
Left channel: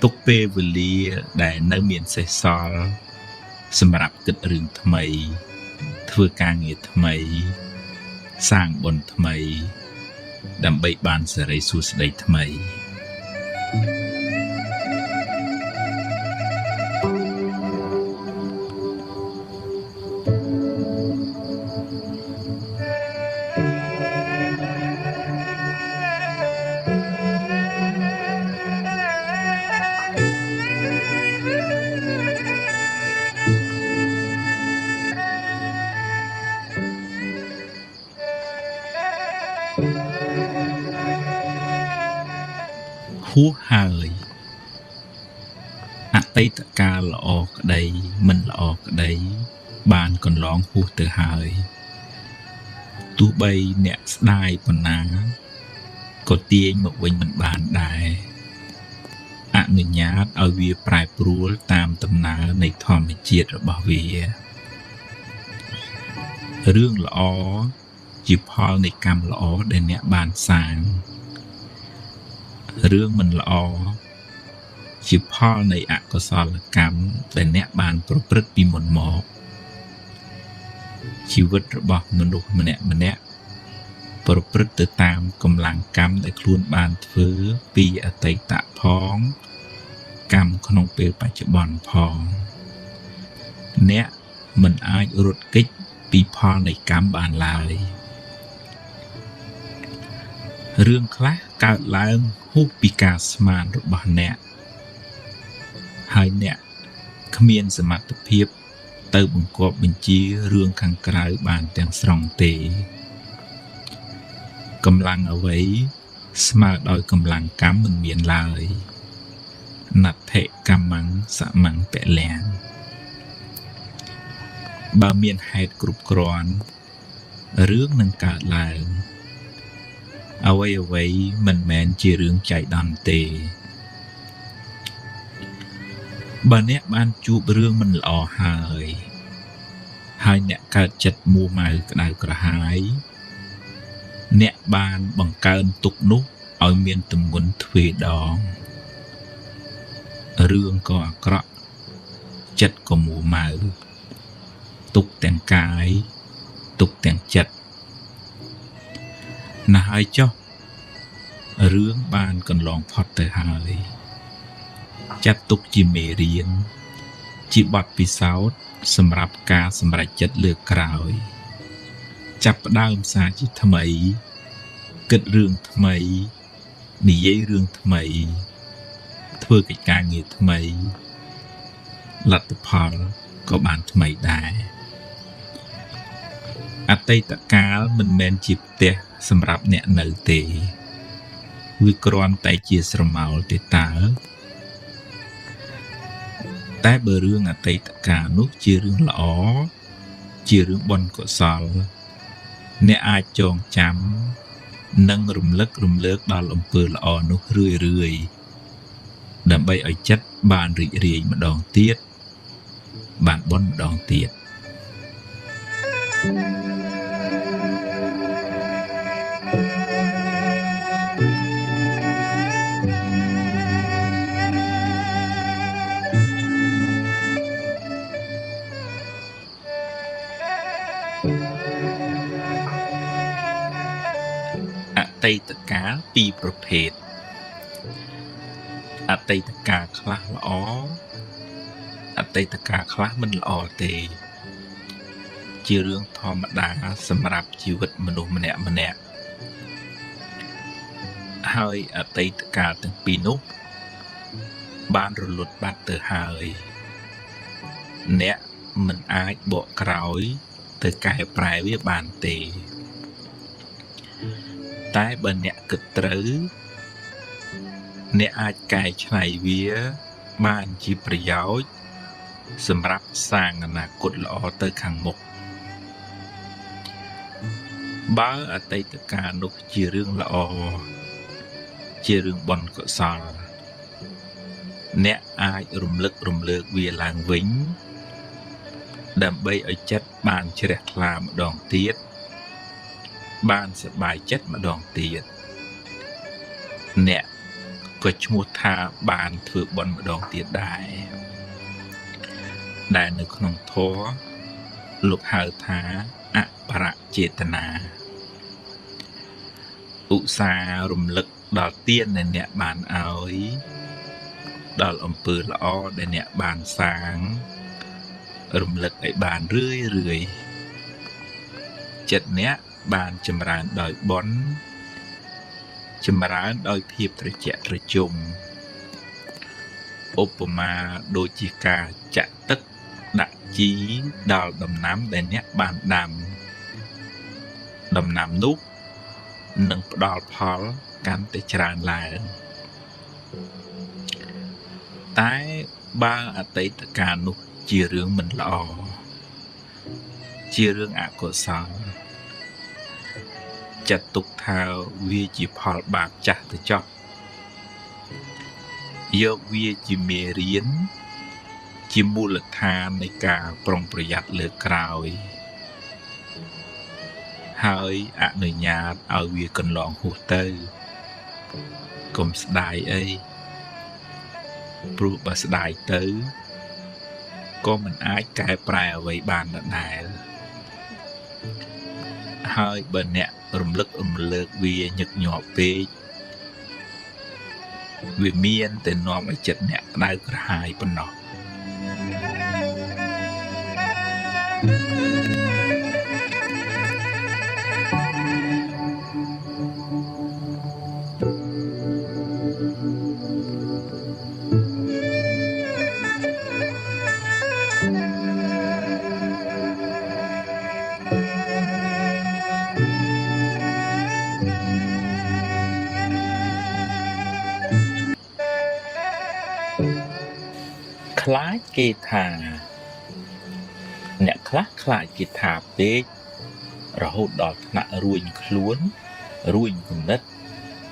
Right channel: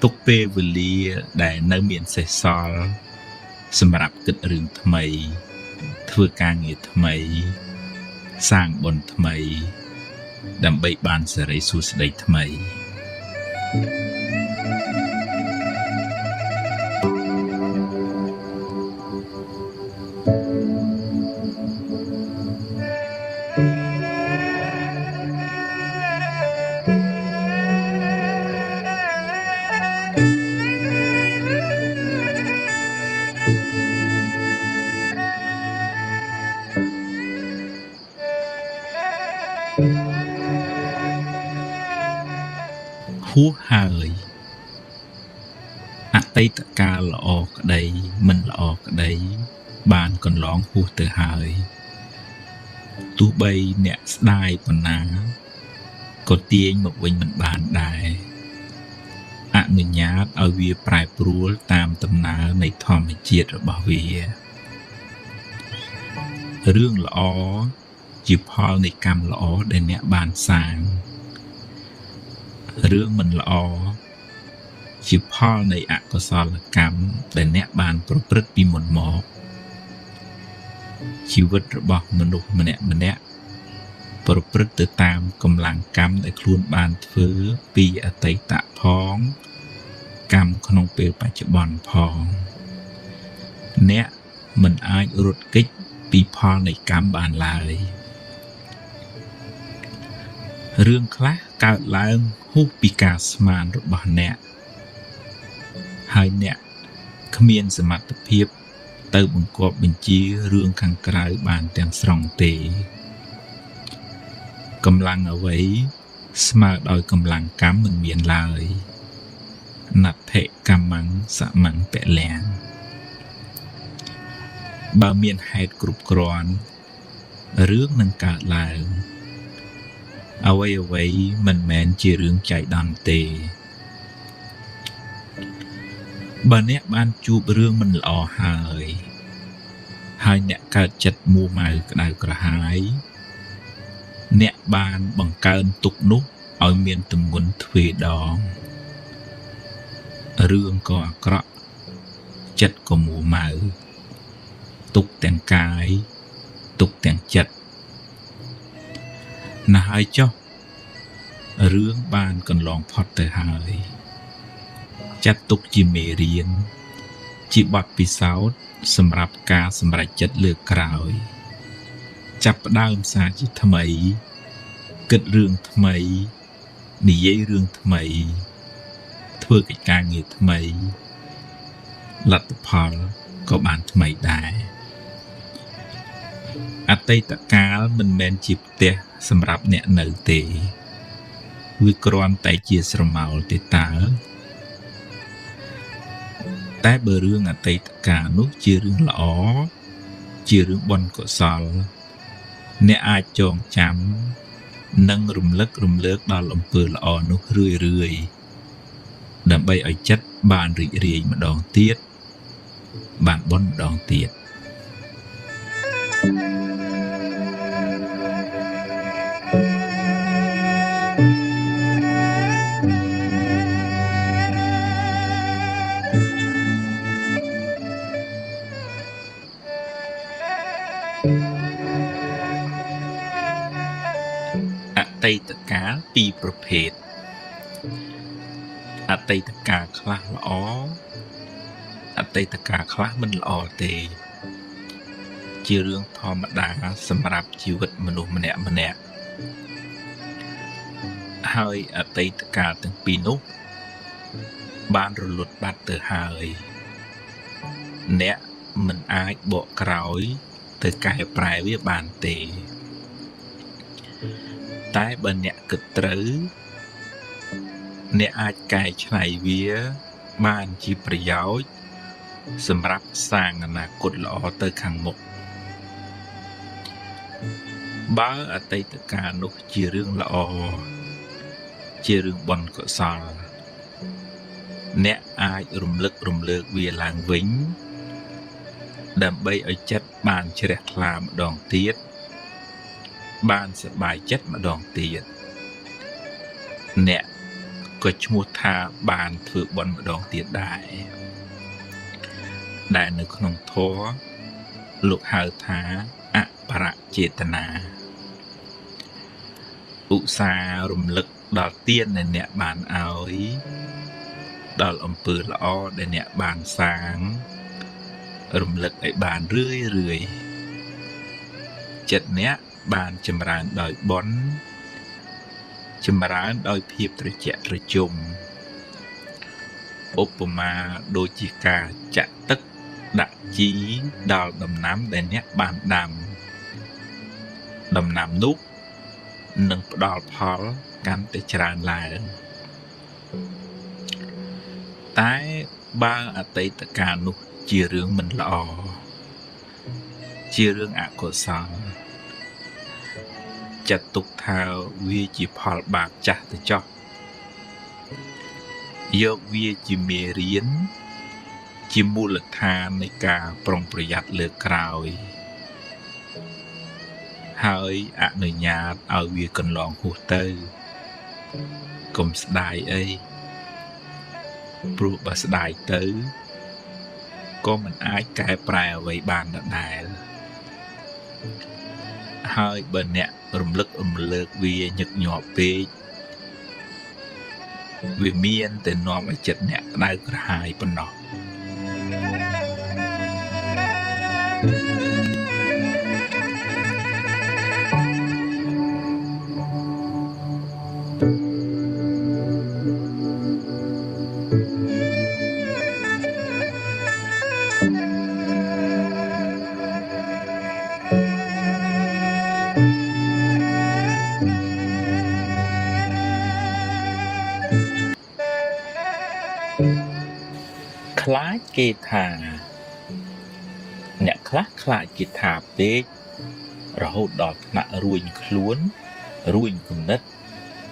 ទុកពេលវេលាដែលនៅមានសេសសល់សម្រាប់គិតរឿងថ្មីធ្វើការងារថ្មីសាងបុណ្យថ្មីដើម្បីបានសេរីសួស្តីថ្មីហួសហើយអតីតកាលល្អក្តីមិនល្អក្តីបានកន្លងហួសទៅហើយទោះបីអ្នកស្ដាយប៉ុណ្ណាក៏ទាញមកវិញមិនបានដែរអនុញ្ញាតឲ្យវាប្រែប្រួលតាមដំណើរនៃធម្មជាតិរបស់វារឿងល្អជាផលនៃកម្មល្អដែលអ្នកបានសាងរឿងមិនល្អជាផលនៃអកុសលកម្មដែលអ្នកបានប្រព្រឹត្តពីមុនមកជីវិតរបស់មនុស្សម្នាក់ប្រព្រឹត្តទៅតាមកម្លាំងកម្មដែលខ្លួនបានធ្វើពីអតីតផងកម្មក្នុងពេលបច្ចុប្បន្នផងអ្នកមិនអាចរត់គេចពីផលនៃកម្មបានឡើយរឿងខ្លះកើតឡើងហួសពីការស្មានរបស់អ្នកហើយអ្នកគ្មានសមត្ថភាពទៅបង្គាប់បញ្ជារឿងខាងក្រៅបានទាំងស្រុងទេកម្លាំងអ្វីស្មើដោយកម្លាំងកម្មមិនមានឡើយណដ្ឋិកម្មੰសមੰពលៈបើមានហេតុគ្រប់គ្រាន់រឿងនឹងកើតឡើង អ្វីមិនមែនជារឿងចៃដន្យទេបើអ្នកបានជួបរឿងមិនល្អហើយអ្នកកើតចិត្តមួម៉ៅក្តៅក្រហាយអ្នកបានបង្កើនទុកនោះឲ្យមានទម្ងន់ទ្វេដងរឿងក៏អាក្រក់ចិត្តក៏មួម៉ៅទុកទាំងកាយទុកទាំងចិត្តណាស់ហើយចុះរឿងបានកន្លងផុតទៅហើយចាត់ទុកជាមេរៀនជាបទពិសោធន៍សម្រាប់ការសម្រេចចិត្តលើកក្រោយចាប់ផ្ដើមសារជាថ្មីគិតរឿងថ្មីនិយាយរឿងថ្មីធ្វើកិច្ចការងារថ្មីលទ្ធផលក៏បានថ្មីដែរអតីតកាលមិនមែនជាផ្ទះសម្រាប់អ្នកនៅទេវាគ្រាន់តែជាស្រមោលទេតើតែបើរឿងអតីតកាលនោះជារឿងល្អជារឿងបុណ្យកុសលអ្នកអាចចងចាំនិងរំលឹករំលើកដល់អំពើល្អនោះរឿយដើម្បីឲ្យចិត្តបានរីករាយម្ដងទៀតបានបុណ្យម្ដងទៀតអតីតកាលពីរប្រភេទអតីតកាលខ្លះល្អអតីតកាលខ្លះមិនល្អទេជារឿងធម្មតាសម្រាប់ជីវិតមនុស្សម្នាក់ហើយអតីតកាលទាំងពីរនោះបានរលត់បាត់ទៅហើយអ្នកមិនអាចបកក្រោយទៅកែប្រែវាបានទេតែបើអ្នកគិតត្រូវអ្នកអាចកែច្នៃវាបានជាប្រយោជន៍សម្រាប់សាងអនាគតល្អទៅខាងមុខបើអតីតកាលនោះជារឿងល្អជារឿងបុណ្យកុសលអ្នកអាចរំលឹករំលើកវាឡើងវិញដើម្បីឲ្យចិត្តបានជ្រះថ្លាម្ដងទៀតបានសប្បាយចិត្តម្ដងទៀតអ្នកក៏ឈ្មោះថាបានធ្វើបុណ្យម្ដងទៀតដែរដែលនៅក្នុងធម៌លោកហៅថាអបរចេតនាឧស្សាហ៍រំលឹកដល់ទានដែលអ្នកបានឲ្យដល់អំពើល្អដែលអ្នកបានសាងរំលឹកឲ្យបានរឿយចិត្តអ្នកបានចម្រើនដោយបុណ្យចម្រើនដោយភាពត្រជាក់ត្រជុំឧបមាដូចជាការចាក់ទឹកដាក់ជីដល់ដំណាំដែលអ្នកបានដាំដំណាំនោះនឹងផ្ដល់ផលកាន់តែច្រើនឡើងតែបើអតីតកាលនោះជារឿងមិនល្អជារឿងអកុសលចាត់ទុកថាវាជាផលបាបចាស់ទៅចុះយកវាជាមេរៀនជាមូលដ្ឋាននៃការប្រុងប្រយ័ត្នលើក្រោយហើយអនុញ្ញាតឲ្យវាកន្លងហួសទៅកុំស្ដាយអីព្រោះបើស្ដាយទៅក៏មិនអាចកែប្រែអ្វីបានដដែលហើយបើអ្នករំលឹករំលើកវាញឹកញាប់ពេកវាមានតែនាំឲ្យចិត្តអ្នកក្តៅក្រហាយប៉ុណ្ណោះខ្លាចគេថាអ្នកខ្លះខ្លាចគេថាពេករហូតដល់ថ្នាក់រួញខ្លួនរួញគំនិត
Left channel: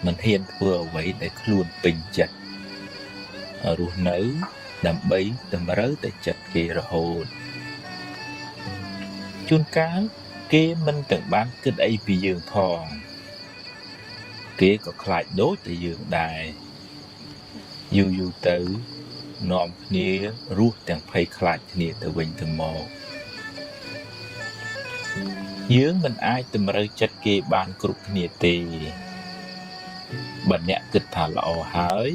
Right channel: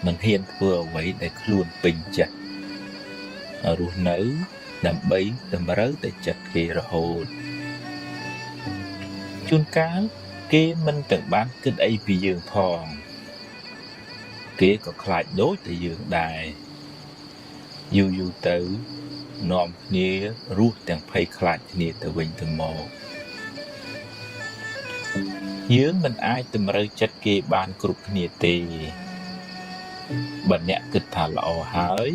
មិនហ៊ានធ្វើអ្វីដែលខ្លួនពេញចិត្តរស់នៅដើម្បីតម្រូវតែចិត្តគេរហូតជួនកាលគេមិនទាំងបានគិតអីពីយើងផងគេក៏ខ្លាចដូចតែយើងដែរយូរទៅនាំគ្នារស់ទាំងភ័យខ្លាចគ្នាទៅវិញទៅមកយើងមិនអាចតម្រូវចិត្តគេបានគ្រប់គ្នាទេបើអ្នកគិតថាល្អហើយ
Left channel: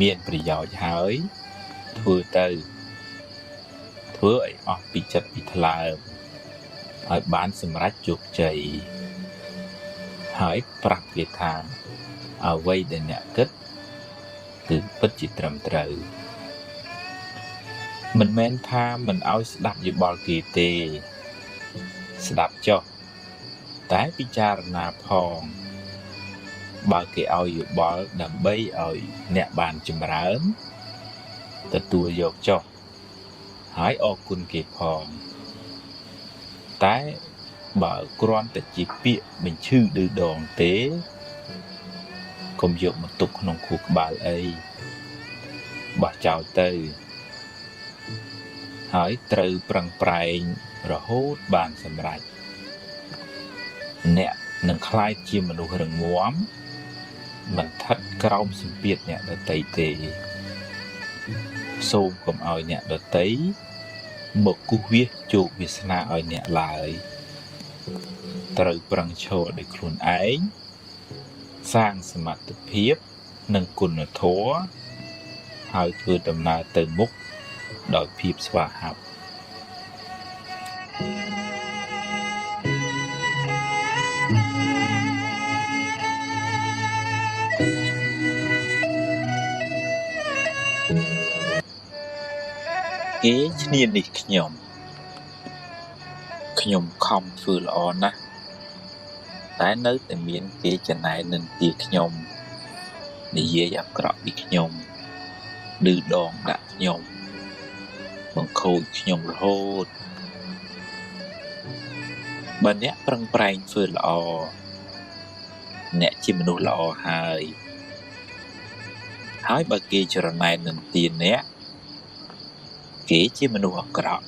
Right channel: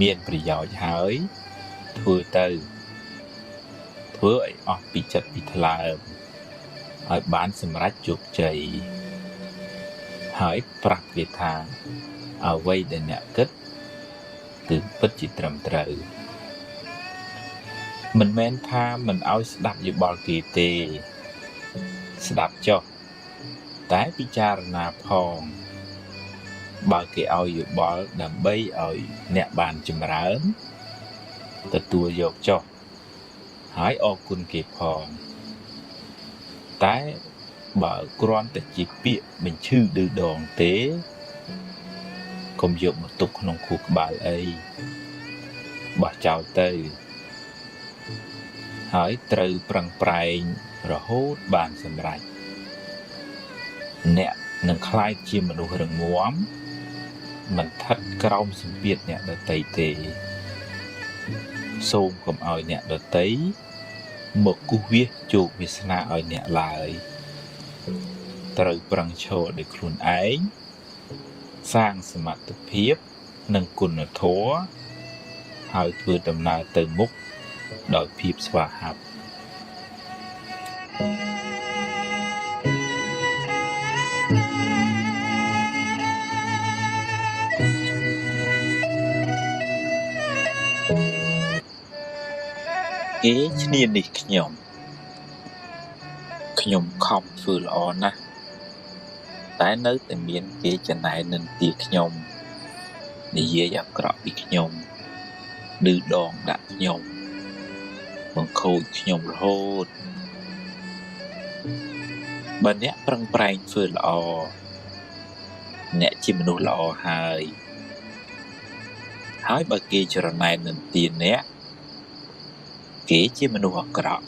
មានប្រយោជន៍ហើយធ្វើឲ្យអស់ពីចិត្តពីថ្លើមឲ្យបានសម្រេចជោគជ័យហើយប្រាប់គេថាអ្វីដែលអ្នកគិតគឺពិតជាត្រឹមត្រូវមិនមែនថាមិនឲ្យស្ដាប់យោបល់គេទេស្ដាប់ចុះតែពិចារណាផងបើគេឲ្យយោបល់ដើម្បីឲ្យអ្នកបានចម្រើនទទួលយកចុះហើយអរគុណគេផងតែបើគ្រាន់តែជាពាក្យមិនឈឺឌឺដងទេកុំយកមកទុកក្នុងខួរក្បាលអីបោះចោលទៅហើយត្រូវប្រឹងប្រែងរហូតបានសម្រេចអ្នកនឹងក្លាយជាមនុស្សរឹងមាំមិនថិតក្រោមសម្ពាធអ្នកដទៃទេសូមកុំឲ្យអ្នកដទៃមកគូសវាសជោគវាសនាឲ្យអ្នកឡើយត្រូវប្រឹងឈរដោយខ្លួនឯងសាងសមត្ថភាពនិងគុណធម៌ហើយធ្វើដំណើរទៅមុខដោយភាពស្វាហាប់គេឈ្នានេះខ្ញុំខំធ្វើល្អណាស់តែនៅតែមានគេចំណាយនឹងពីខ្ញុំនិយាយអាក្រក់ពីខ្ញុំឬដងដាក់ខ្ញុំបង្ខូចខ្ញុំរហូតបើអ្នកប្រឹងប្រែងធ្វើល្អអ្នកជាមនុស្សល្អហើយបើគេច្រណែននឹងទានអ្នកគេជាមនុស្សអាក្រក់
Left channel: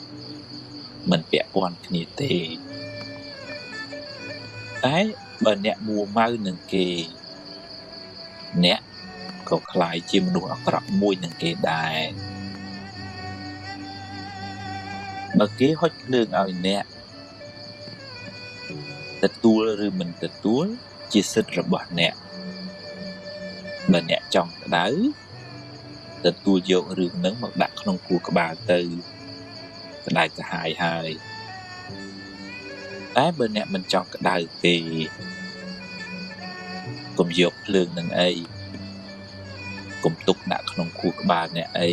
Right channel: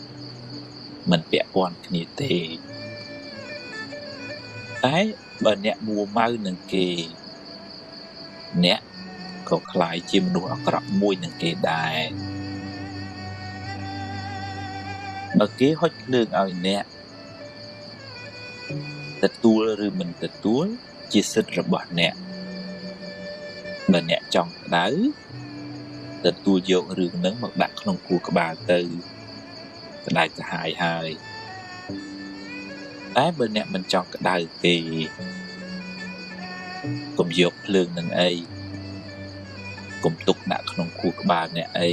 មិនពាក់ព័ន្ធគ្នាទេតែបើអ្នកមួម៉ៅនឹងគេអ្នកក៏ខ្លាយជាមនុស្សអាក្រក់មួយនឹងគេដែរបើគេហុចភ្លើងឲ្យអ្នកទទួលឬមិនទទួលជាសិទ្ធិរបស់អ្នកបើអ្នកចង់ក្តៅទទួលយករឿងហ្នឹងមកដាក់ក្នុងខួរក្បាលទៅក្តៅទៅហើយតែបើអ្នកមិនចង់ក្តៅទេកុំយកភ្លើងនឹងអីកុំទុកដាក់ក្នុងខួរក្បាលអ្នកអី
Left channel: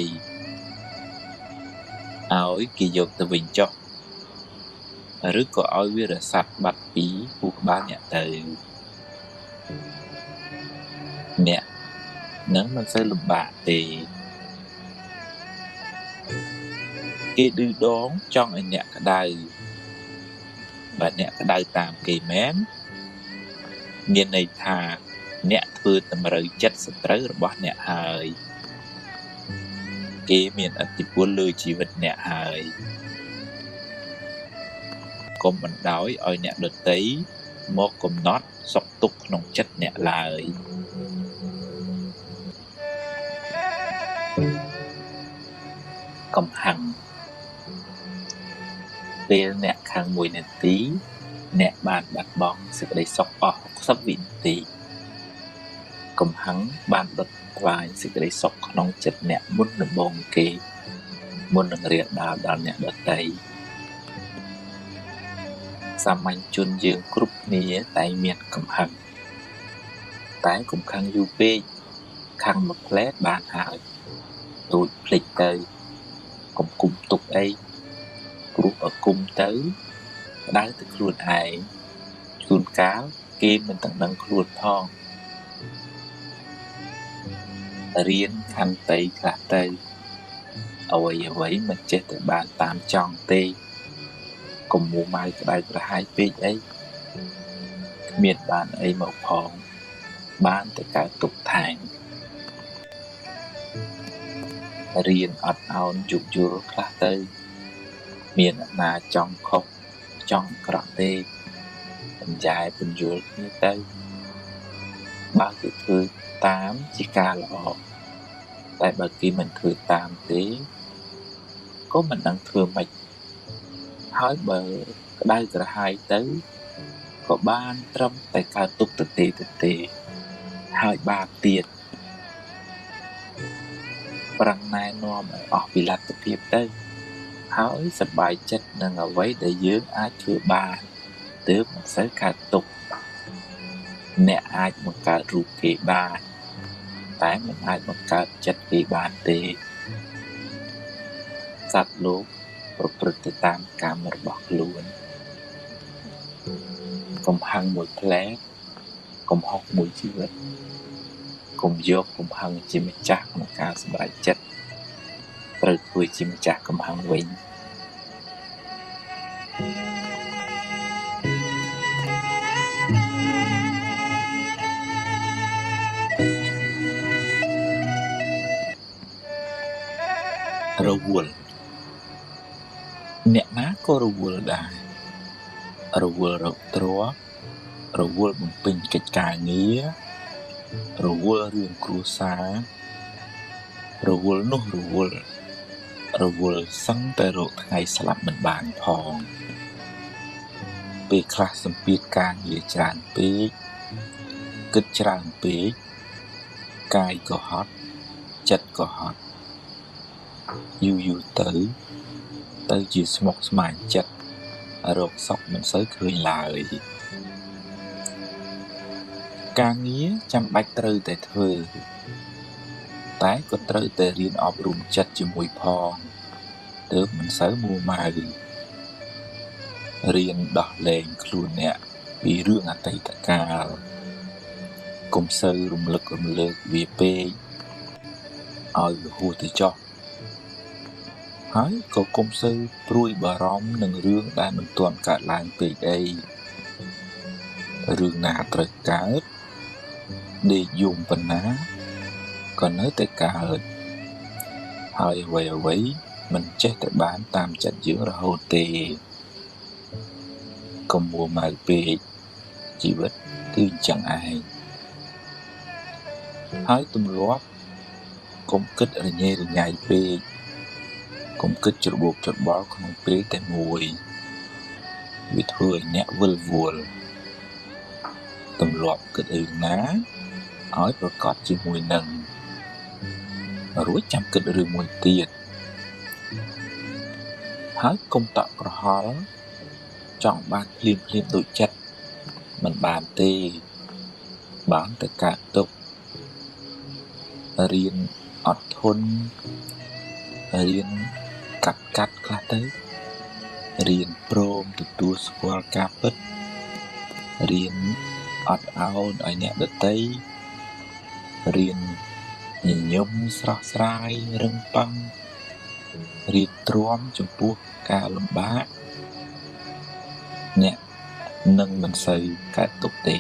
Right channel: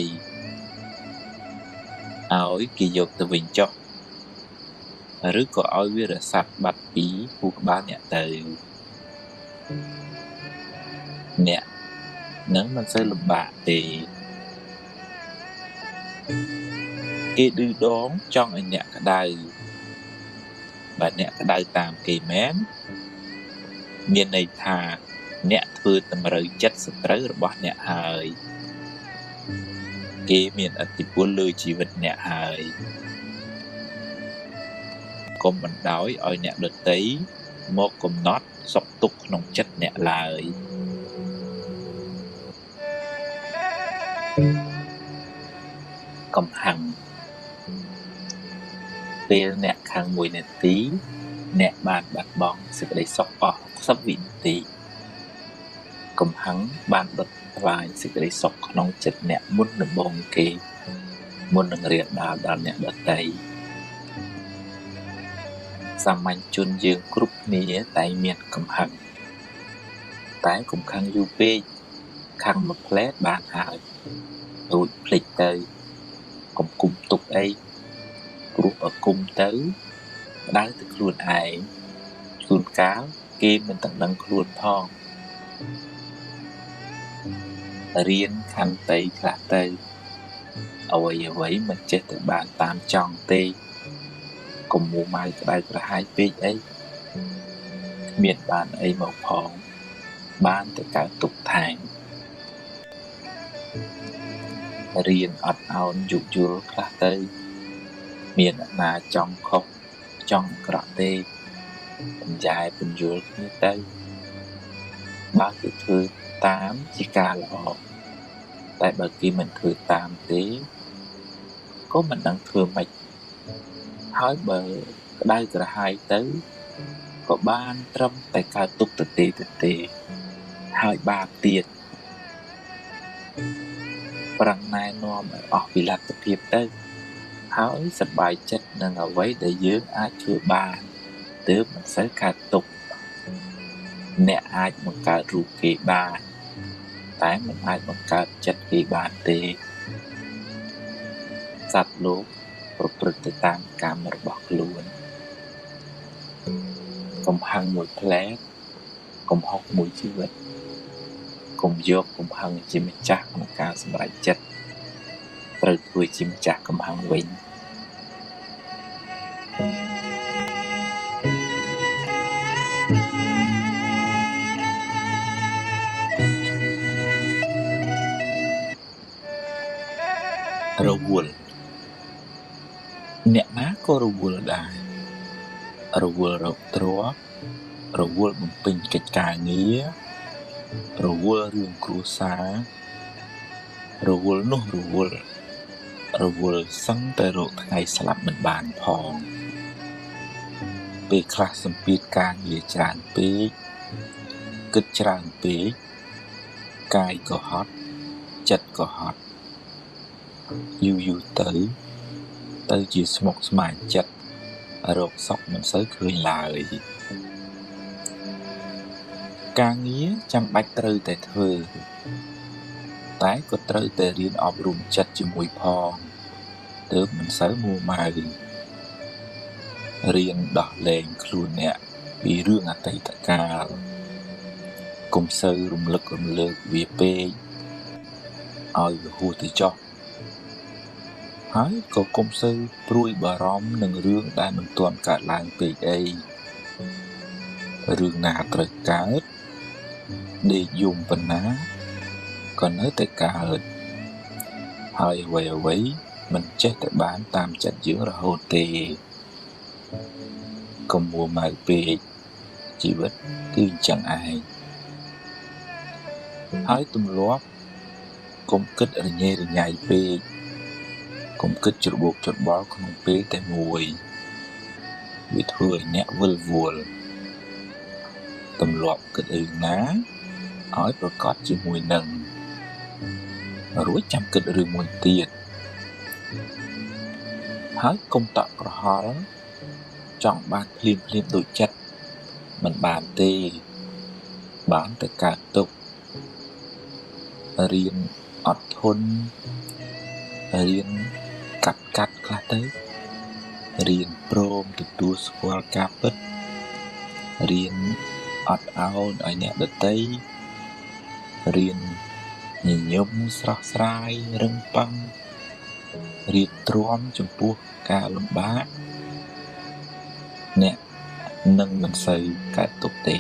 ឲ្យគេយកទៅវិញចុះឬក៏ឲ្យវារសាត់បាត់ពីខួរក្បាលអ្នកទៅអ្នកនឹងមិនសូវលំបាកទេគេឌឺដងចង់ឲ្យអ្នកក្តៅបើអ្នកក្តៅតាមគេមែនមានន័យថាអ្នកធ្វើតម្រូវចិត្តសត្រូវរបស់អ្នកហើយគេមានឥទ្ធិពលលើជីវិតអ្នកហើយកុំបណ្ដោយឲ្យអ្នកដទៃមកកំណាត់សុខទុក្ខក្នុងចិត្តអ្នកឡើយកំហាំងពេលអ្នកខាង1នាទីអ្នកបានបាត់បង់សេចក្តីសុខអស់60វិនាទីកំហាំងបានបិទថ្លាយសេចក្តីសុខក្នុងចិត្តអ្នកមុនដំបូងគេមុននឹងរៀនដល់អ្នកដទៃសាមញ្ញជនយើងគ្រប់គ្នាតែមានកំហាំងតែកំហាំងយូរពេកខាងមួយផ្លែបានហើយដូចភ្លេចទៅកុំគុំទុកអីព្រោះបើគុំទៅដៅទៅខ្លួនឯងជួនកាលគេមិនទាំងដឹងខ្លួនផងរៀនខន្តីខ្លះទៅអ្វីមិនចេះតែបានតាមចង់ទេកុំមួម៉ៅខ្លាចប្រហែលពេកអីគ្មានបានអីមកផង បានទៅកើតទុកថាងរៀនអត់អោនយុយល់ខ្លះទៅមានអ្នកណាចង់ខុសចង់ក្រក់ទេបញ្ញែបញ្យល់គ្នាទៅបើគេធ្វើតាមជាការល្អតែបើគេមិនធ្វើតាមទេក៏មិនដឹងធ្វើម៉េចហើយបើក្តៅក្រហាយទៅក៏បានត្រឹមតែកើតទុកទៅទេហើយបាបទៀតប្រាំងណែនាំឲ្យអស់ពីលទ្ធភាពទៅហើយសប្បាយចិត្តនឹងអ្វីដែលយើងអាចធ្វើបានទើបមិនសូវកើតទុកអ្នកអាចបង្កើតរូបគេបានតែមិនអាចបង្កើតចិត្តគេបានទេសត្វលោកប្រព្រឹត្តទៅតាមកម្មរបស់ខ្លួនកុំហឹងមួយផ្លែកុំហុកមួយជីវិតកុំយកកំហឹងជាម្ចាស់ក្នុងការសម្រេចចិត្តត្រូវធ្វើជាម្ចាស់កំហឹងវិញរវល់អ្នកណាក៏រវល់ដែររវល់រកទ្រព្យរវល់បំពេញកិច្ចការងាររវល់រឿងគ្រួសាររវល់នោះរវល់សឹងតែរកថ្ងៃស្លាប់មិនបានផងពេលខ្លះសម្ពាធការងារច្រើនពេកគិតច្រើនពេកកាយក៏ហត់ចិត្តក៏ហត់យូរទៅជាស្មុគស្មាញចិត្តរកសុខមិនសូវគ្មានឡើយការងារចាំបាច់ត្រូវតែធ្វើតែក៏ត្រូវតែរៀនអប់រំចិត្តជាមួយផងទើបមិនសូវមួម៉ៅរៀនដោះលែងខ្លួនអ្នកពីរឿងអតីតកាលកុំសូវរំលឹករំលើកវាពេកឲ្យហួសទៅចុះហើយក៏កុំសូវព្រួយបារម្ភនឹងរឿងដែលមិនទាន់កើតឡើងពេកអីរឿងណាត្រូវកើតដេកយំប៉ុណ្ណាក៏នៅតែកើតហើយអ្វីមិនចេះតែបានតាមចិត្តយើងរហូតទេកុំមួម៉ៅពេកជីវិតគឺចឹងឯងហើយទម្លាប់កុំគិតរញ៉េរញ៉ៃពេកកុំគិតច្របូកច្របល់ក្នុងពេលតែមួយវាធ្វើឲ្យអ្នកវិលវល់ទម្លាប់គិតរឿងណាឲ្យប្រកបជាមួយនឹងរួចចាំគិតរឿងមួយទៀតហើយកុំតក់ក្រហល់ចង់បានភ្លាមដូចចិត្តមិនបានទេបានតែកើតទុករៀនអត់ធន់រៀនកាត់ខ្លះទៅរៀនព្រមទទួលស្គាល់ការពិតរៀនអត់ឱនឲ្យអ្នកដទៃរៀនញញឹមស្រស់ស្រាយរឹងប៉ឹងរៀនទ្រាំចំពោះការលំបាកអ្នកនឹងមិនសូវកើតទុកទេ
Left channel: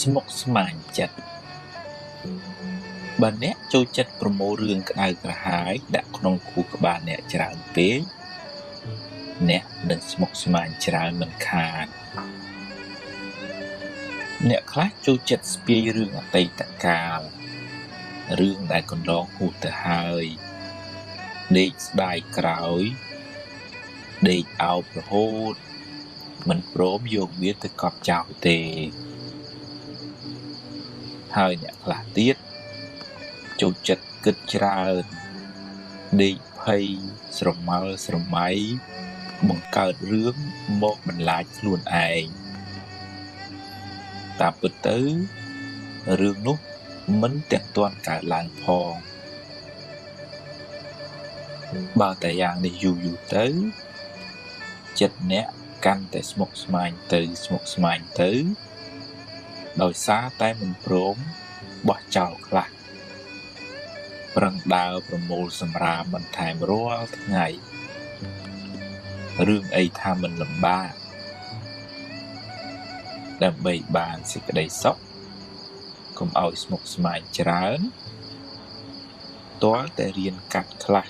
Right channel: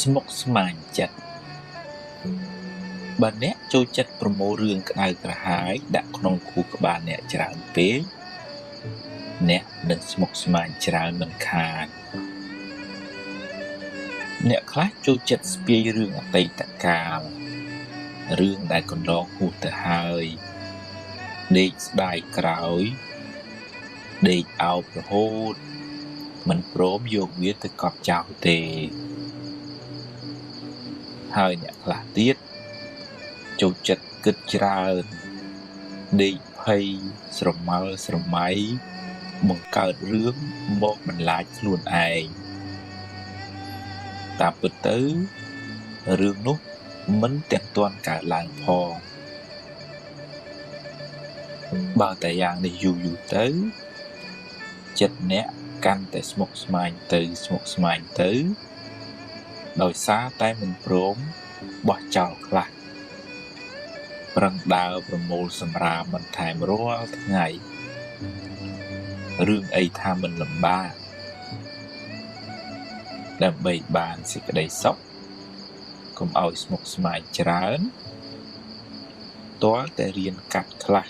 ស្មុគស្មាញចិត្តបើអ្នកចូលចិត្តប្រមូលរឿងក្តៅក្រហាយដាក់ក្នុងខួរក្បាលអ្នកច្រើនពេកអ្នកនឹងស្មុគស្មាញច្រើនមិនខានអ្នកខ្លះចូលចិត្តស្ពាយរឿងអតីតកាលរឿងដែលកន្លងហួសទៅហើយដេកស្ដាយក្រោយដេកអោបរហូតមិនព្រមយកវាទៅកប់ចោលទេហើយអ្នកខ្លះទៀតចូលចិត្តគិតច្រើនដេកភ័យស្រមល់ស្រមៃបង្កើតរឿងមកបន្លាចខ្លួនឯងតាមពិតទៅរឿងនោះមិនទាក់ទាន់កើតឡើងផងបើតែយ៉ាងនេះយូរទៅចិត្តអ្នកកាន់តែស្មុគស្មាញទៅដោយសារតែមិនព្រមបោះចោលខ្លះ ប្រឹងដើរប្រមូលសម្រាប់បន្ថែមរាល់ថ្ងៃរឿងអីថាមិនលំបាកដើម្បីបានសេចក្តីសុខកុំឲ្យស្មុគស្មាញច្រើនទាល់តែរៀនកាត់ខ្លះ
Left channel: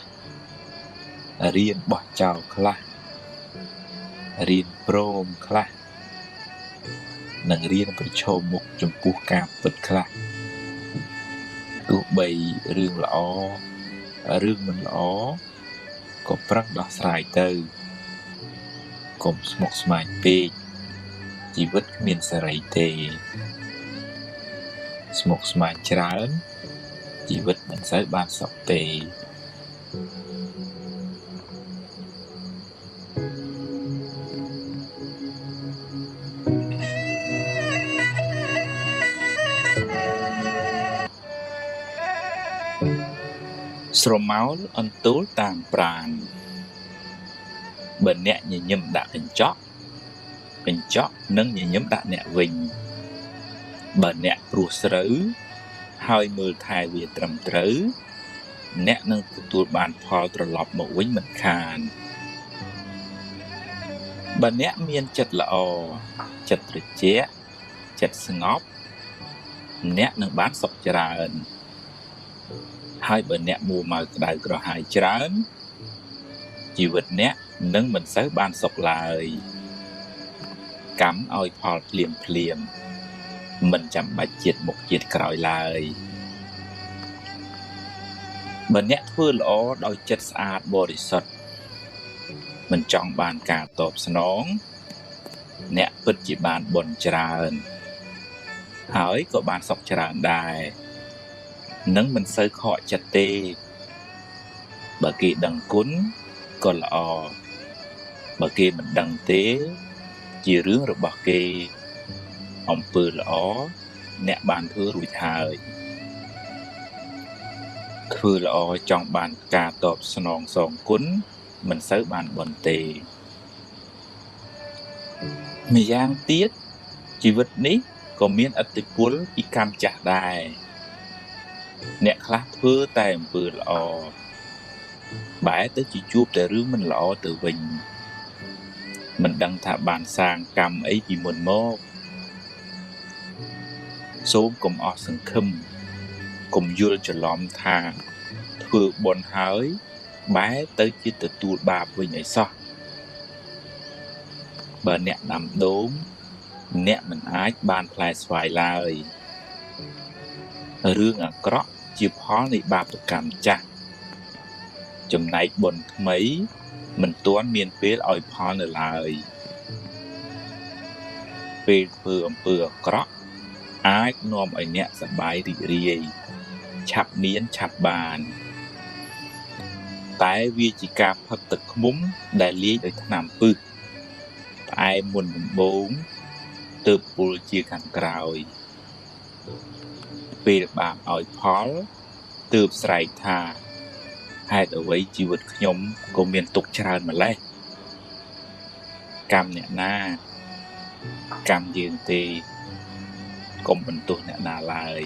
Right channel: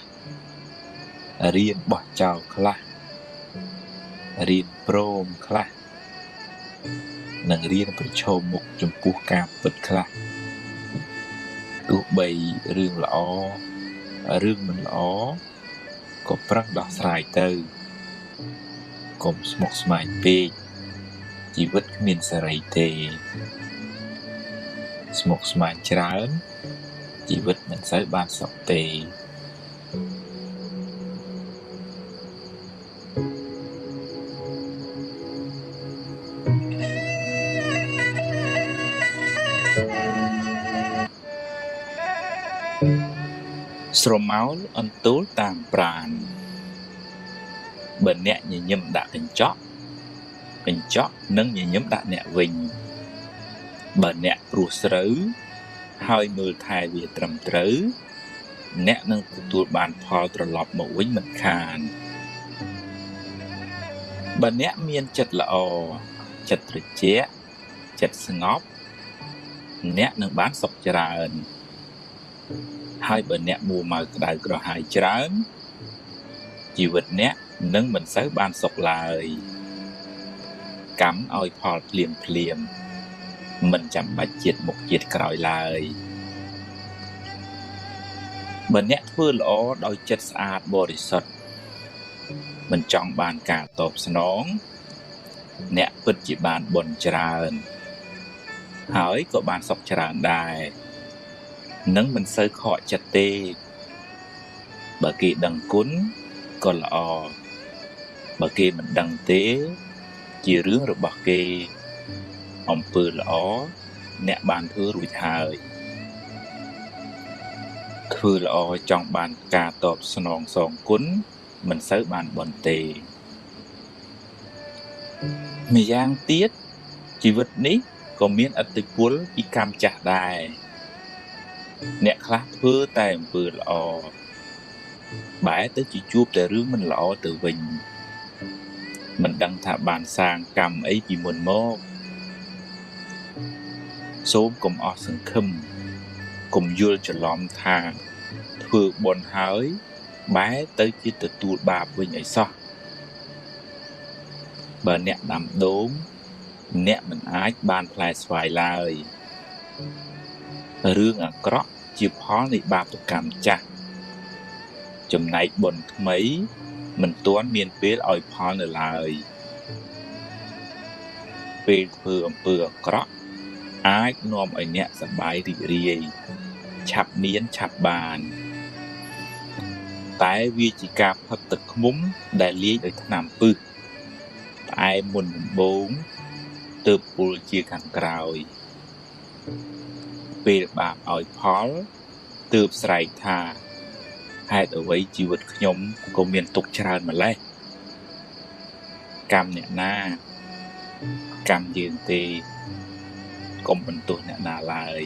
រៀនបោះចោលខ្លះរៀនព្រមខ្លះនិងរៀនប្រឈមមុខចំពោះការពិតខ្លះទោះបីរឿងល្អរឿងមិនល្អក៏ប្រឹងដោះស្រាយទៅកុំស្មុគស្មាញពេកជីវិតគ្មានសេរីទេស្មុគស្មាញច្រើនជីវិតមិនសូវបានសុខទេស្រមោលអន្ទោលតាមប្រាណបើអ្នកញញឹមដាក់កញ្ចក់នឹងញញឹមដាក់អ្នកវិញបើអ្នកព្រោះស្រូវហើយមើលថែវាត្រឹមត្រូវអ្នកនឹងទទួលបានផលត្រឡប់មកវិញមិនខានបើអ្នកមានចិត្តល្អចិត្តត្រជាក់ចិត្តស្ងប់អ្នកនឹងបានសុខច្រើនហើយបើអ្នកមួម៉ៅក្តៅក្រហាយច្រើនជីវិតអ្នកនឹងមិនសូវបានសុខឡើយកម្មឲ្យផលភ្លាមមិនចាំបាច់ជាតិមុខជាតិក្រោយឡើយបើអ្នកធ្វើល្អដោយចិត្តស្អាតបរិសុទ្ធមិនចង់បានការតបស្នងអ្នកពិតជាបានបុណ្យច្រើនហើយក៏បានសុខច្រើនដែរនឹងមិនសូវខកចិត្តទេបើគេដឹងគុណក៏ល្អបើគេមិនដឹងទេជារឿងរបស់គេអំពើល្អអ្នកបានធ្វើរួចហើយធ្វើល្អចង់បានការតបស្នងសងគុណមិនសូវបានបុណ្យទេម្យ៉ាងទៀតជីវិតនេះក៏មានឥទ្ធិពលពីកម្មចាស់ដែរអ្នកខ្លះធ្វើតែអំពើល្អបែរទៅជាជួបតែរឿងមិនល្អទៅវិញមិនដឹងថាបានសាងកម្មអីពីមុនមកសូមកុំអស់សង្ឃឹមកុំយល់ច្រឡំថាធ្វើបុណ្យហើយបែរទៅជាទទួលបាបវិញឲ្យសោះបើអ្នកដាំដូងអ្នកមិនអាចបានផ្លែស្វាយឡើយរឿងអាក្រក់ជាផលនៃបាបកម្មចាស់ចំណែកបុណ្យថ្មីមិនទាន់មានពេលឲ្យផលនៅឡើយពេលធ្វើអំពើអាក្រក់អាចនាំឲ្យអ្នកសប្បាយរីករាយឆាប់មានឆាប់បានតែវាជាការផឹកទឹកឃ្មុំដែលលាយដោយថ្នាំពឹសផ្អែមមុនដំបូងទើបពុលជាខាងក្រោយពេលបាបឲ្យផលទើបស្រែកថាហេតុអ្វីជីវិតខ្ញុំក៏មានទុក្ខច្រើនម្ល៉េះកម្មអ្នកណាកម្មយើងទេកុំបន្ទោសអ្នកណាឡើយ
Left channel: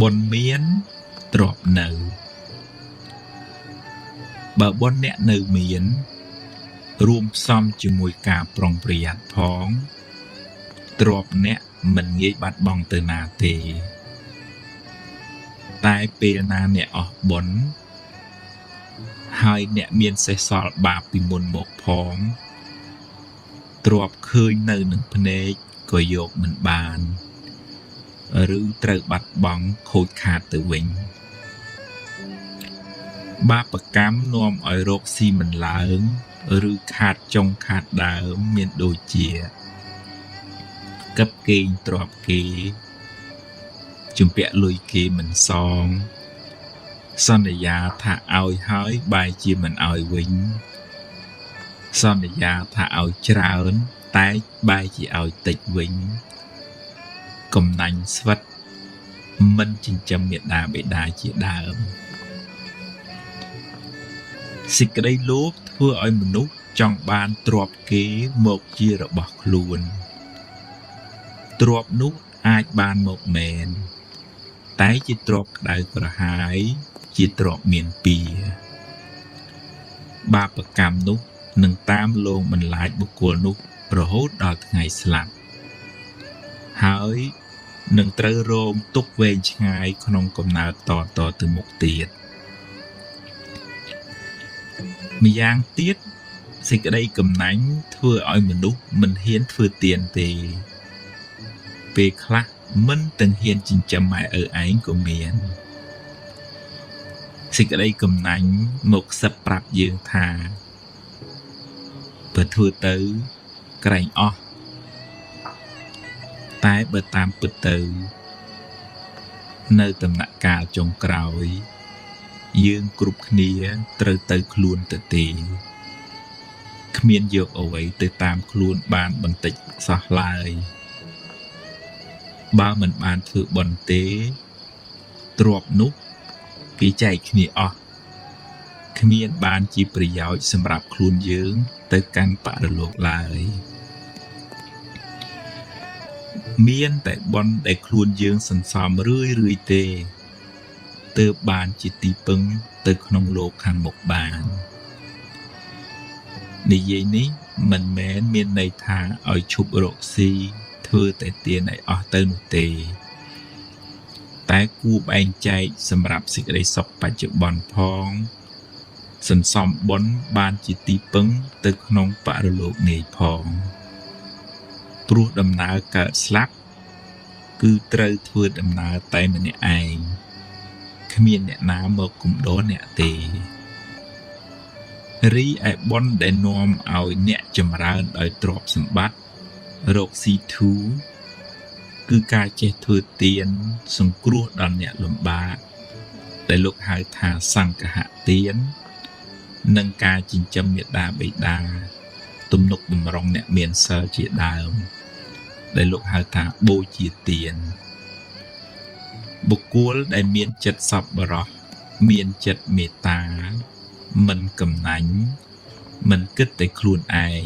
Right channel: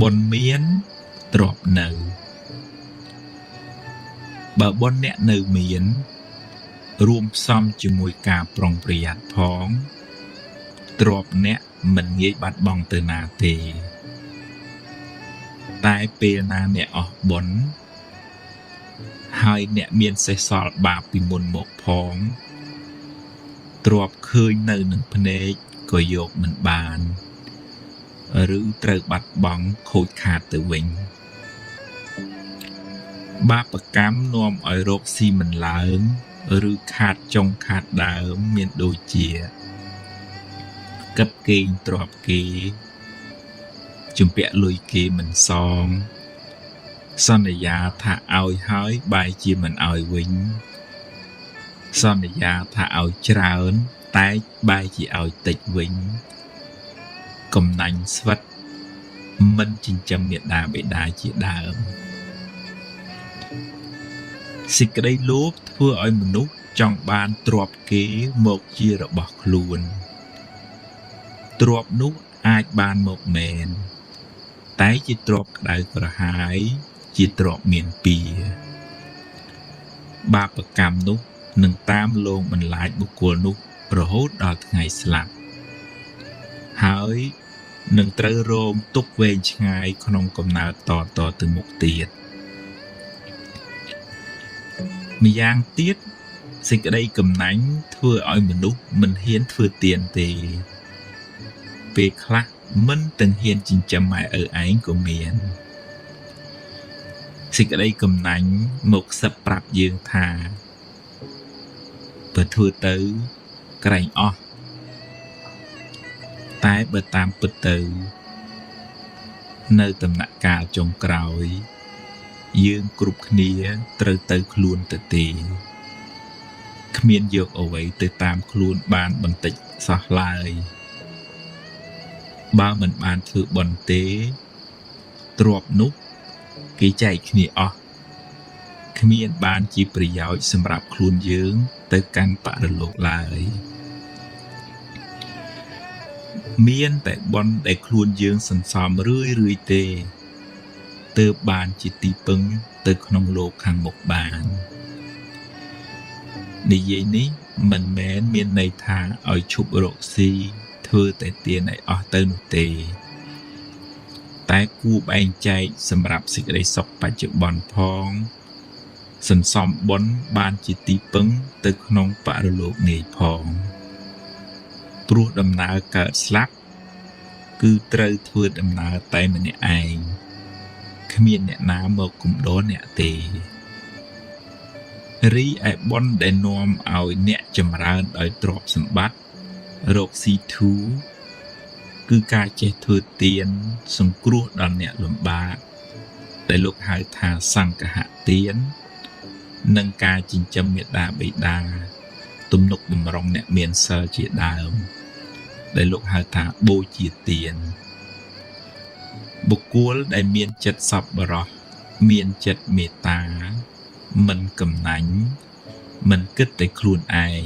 បុណ្យមានទ្រព្យនៅបើបុណ្យអ្នកនៅមានរួមផ្សំជាមួយការប្រុងប្រយ័ត្នផងទ្រព្យអ្នកមិនងាយបាត់បង់ទៅណាទេតែពេលណាអ្នកអស់បុណ្យហើយអ្នកមានសេះសល់បាបពីមុនមកផងទ្រព្យឃើញនៅនឹងភ្នែកក៏យកមិនបានឬត្រូវបាត់បង់ខូចខាតទៅវិញបាបកម្មនាំឲ្យរកស៊ីមិនឡើងឬខាតចុងខាតដើមមានដូចជាកឹបគេងទ្រព្យគេជំពាក់លុយគេមិនសងសន្យាថាឲ្យហើយបែរជាមិនឲ្យវិញសន្យាថាឲ្យច្រើនតែបែរជាឲ្យតិចវិញកំណាញ់ស្វិតមិនចិញ្ចឹមមាតាបិតាជាដើម សេចក្តីលោភធ្វើឲ្យមនុស្សចង់បានទ្រព្យគេមកជារបស់ខ្លួនទ្រព្យនោះអាចបានមកមែនតែជាទ្រព្យក្តៅក្រហាយជាទ្រព្យមានពៀបាបកម្មនោះនឹងតាមលងបន្លាចបុគ្គលនោះរហូតដល់ថ្ងៃស្លាប់ហើយនឹងត្រូវរងទុក្ខវែងឆ្ងាយក្នុងកំណើតតទៅមុខទៀតម្យ៉ាងទៀតសេចក្តីកំណាញ់ធ្វើឲ្យមនុស្សមិនហ៊ានធ្វើទានទេពេលខ្លះមិនទាំងហ៊ានចិញ្ចឹមម៉ែឪឯងក៏មានសេចក្តីកំណាញ់មកសិតប្រាប់យើងថាបើធ្វើទៅក្រែងអស់តែបើតាមពិតទៅនៅដំណាក់កាលចុងក្រោយយើងគ្រប់គ្នាត្រូវទៅខ្លួនទៅទេគ្មានយកអ្វីទៅតាមខ្លួនបានបន្តិចសោះឡើយបើមិនបានធ្វើអន់ទេទ្រព្យនោះគេចែកគ្នាអស់គ្មានបានជាប្រយោជន៍សម្រាប់ខ្លួនយើងទៅកាន់បរលោកឡើយមានតែបុណ្យដែលខ្លួនយើងសន្សំរឿយទេទើបបានជាទីពឹងទៅក្នុងលោកខាងមុខបាននិយាយនេះមិនមែនមានន័យថាឲ្យឈប់រកស៊ីធ្វើតែទានឲ្យអស់ទៅនោះទេតែគួរបែងចែកសម្រាប់សេចក្តីសុខបច្ចុប្បន្នផងសន្សំបុណ្យបានជាទីពឹងទៅក្នុងបរលោកនេះផងព្រោះដំណើរកើតស្លាប់គឺត្រូវធ្វើដំណើរតែម្នាក់ឯងគ្មានអ្នកណាមកគំដរអ្នកទេរីឯបុណ្យដែលនាំឲ្យអ្នកចម្រើនដោយទ្រព្យសម្បត្តិរកស៊ីធូរគឺការចេះធ្វើទានសង្គ្រោះដល់អ្នកលំបាកដែលលោកហៅថាសង្ឃហទាននិងការចិញ្ចឹមមាតាបិតាទំនុកបម្រុងអ្នកមានសិលជាដើមដែលលោកហៅថាបូជាទានបុគ្គលដែលមានចិត្តសប្បុរសមានចិត្តមេត្តាមិនកំណាញ់មិនគិតតែខ្លួនឯង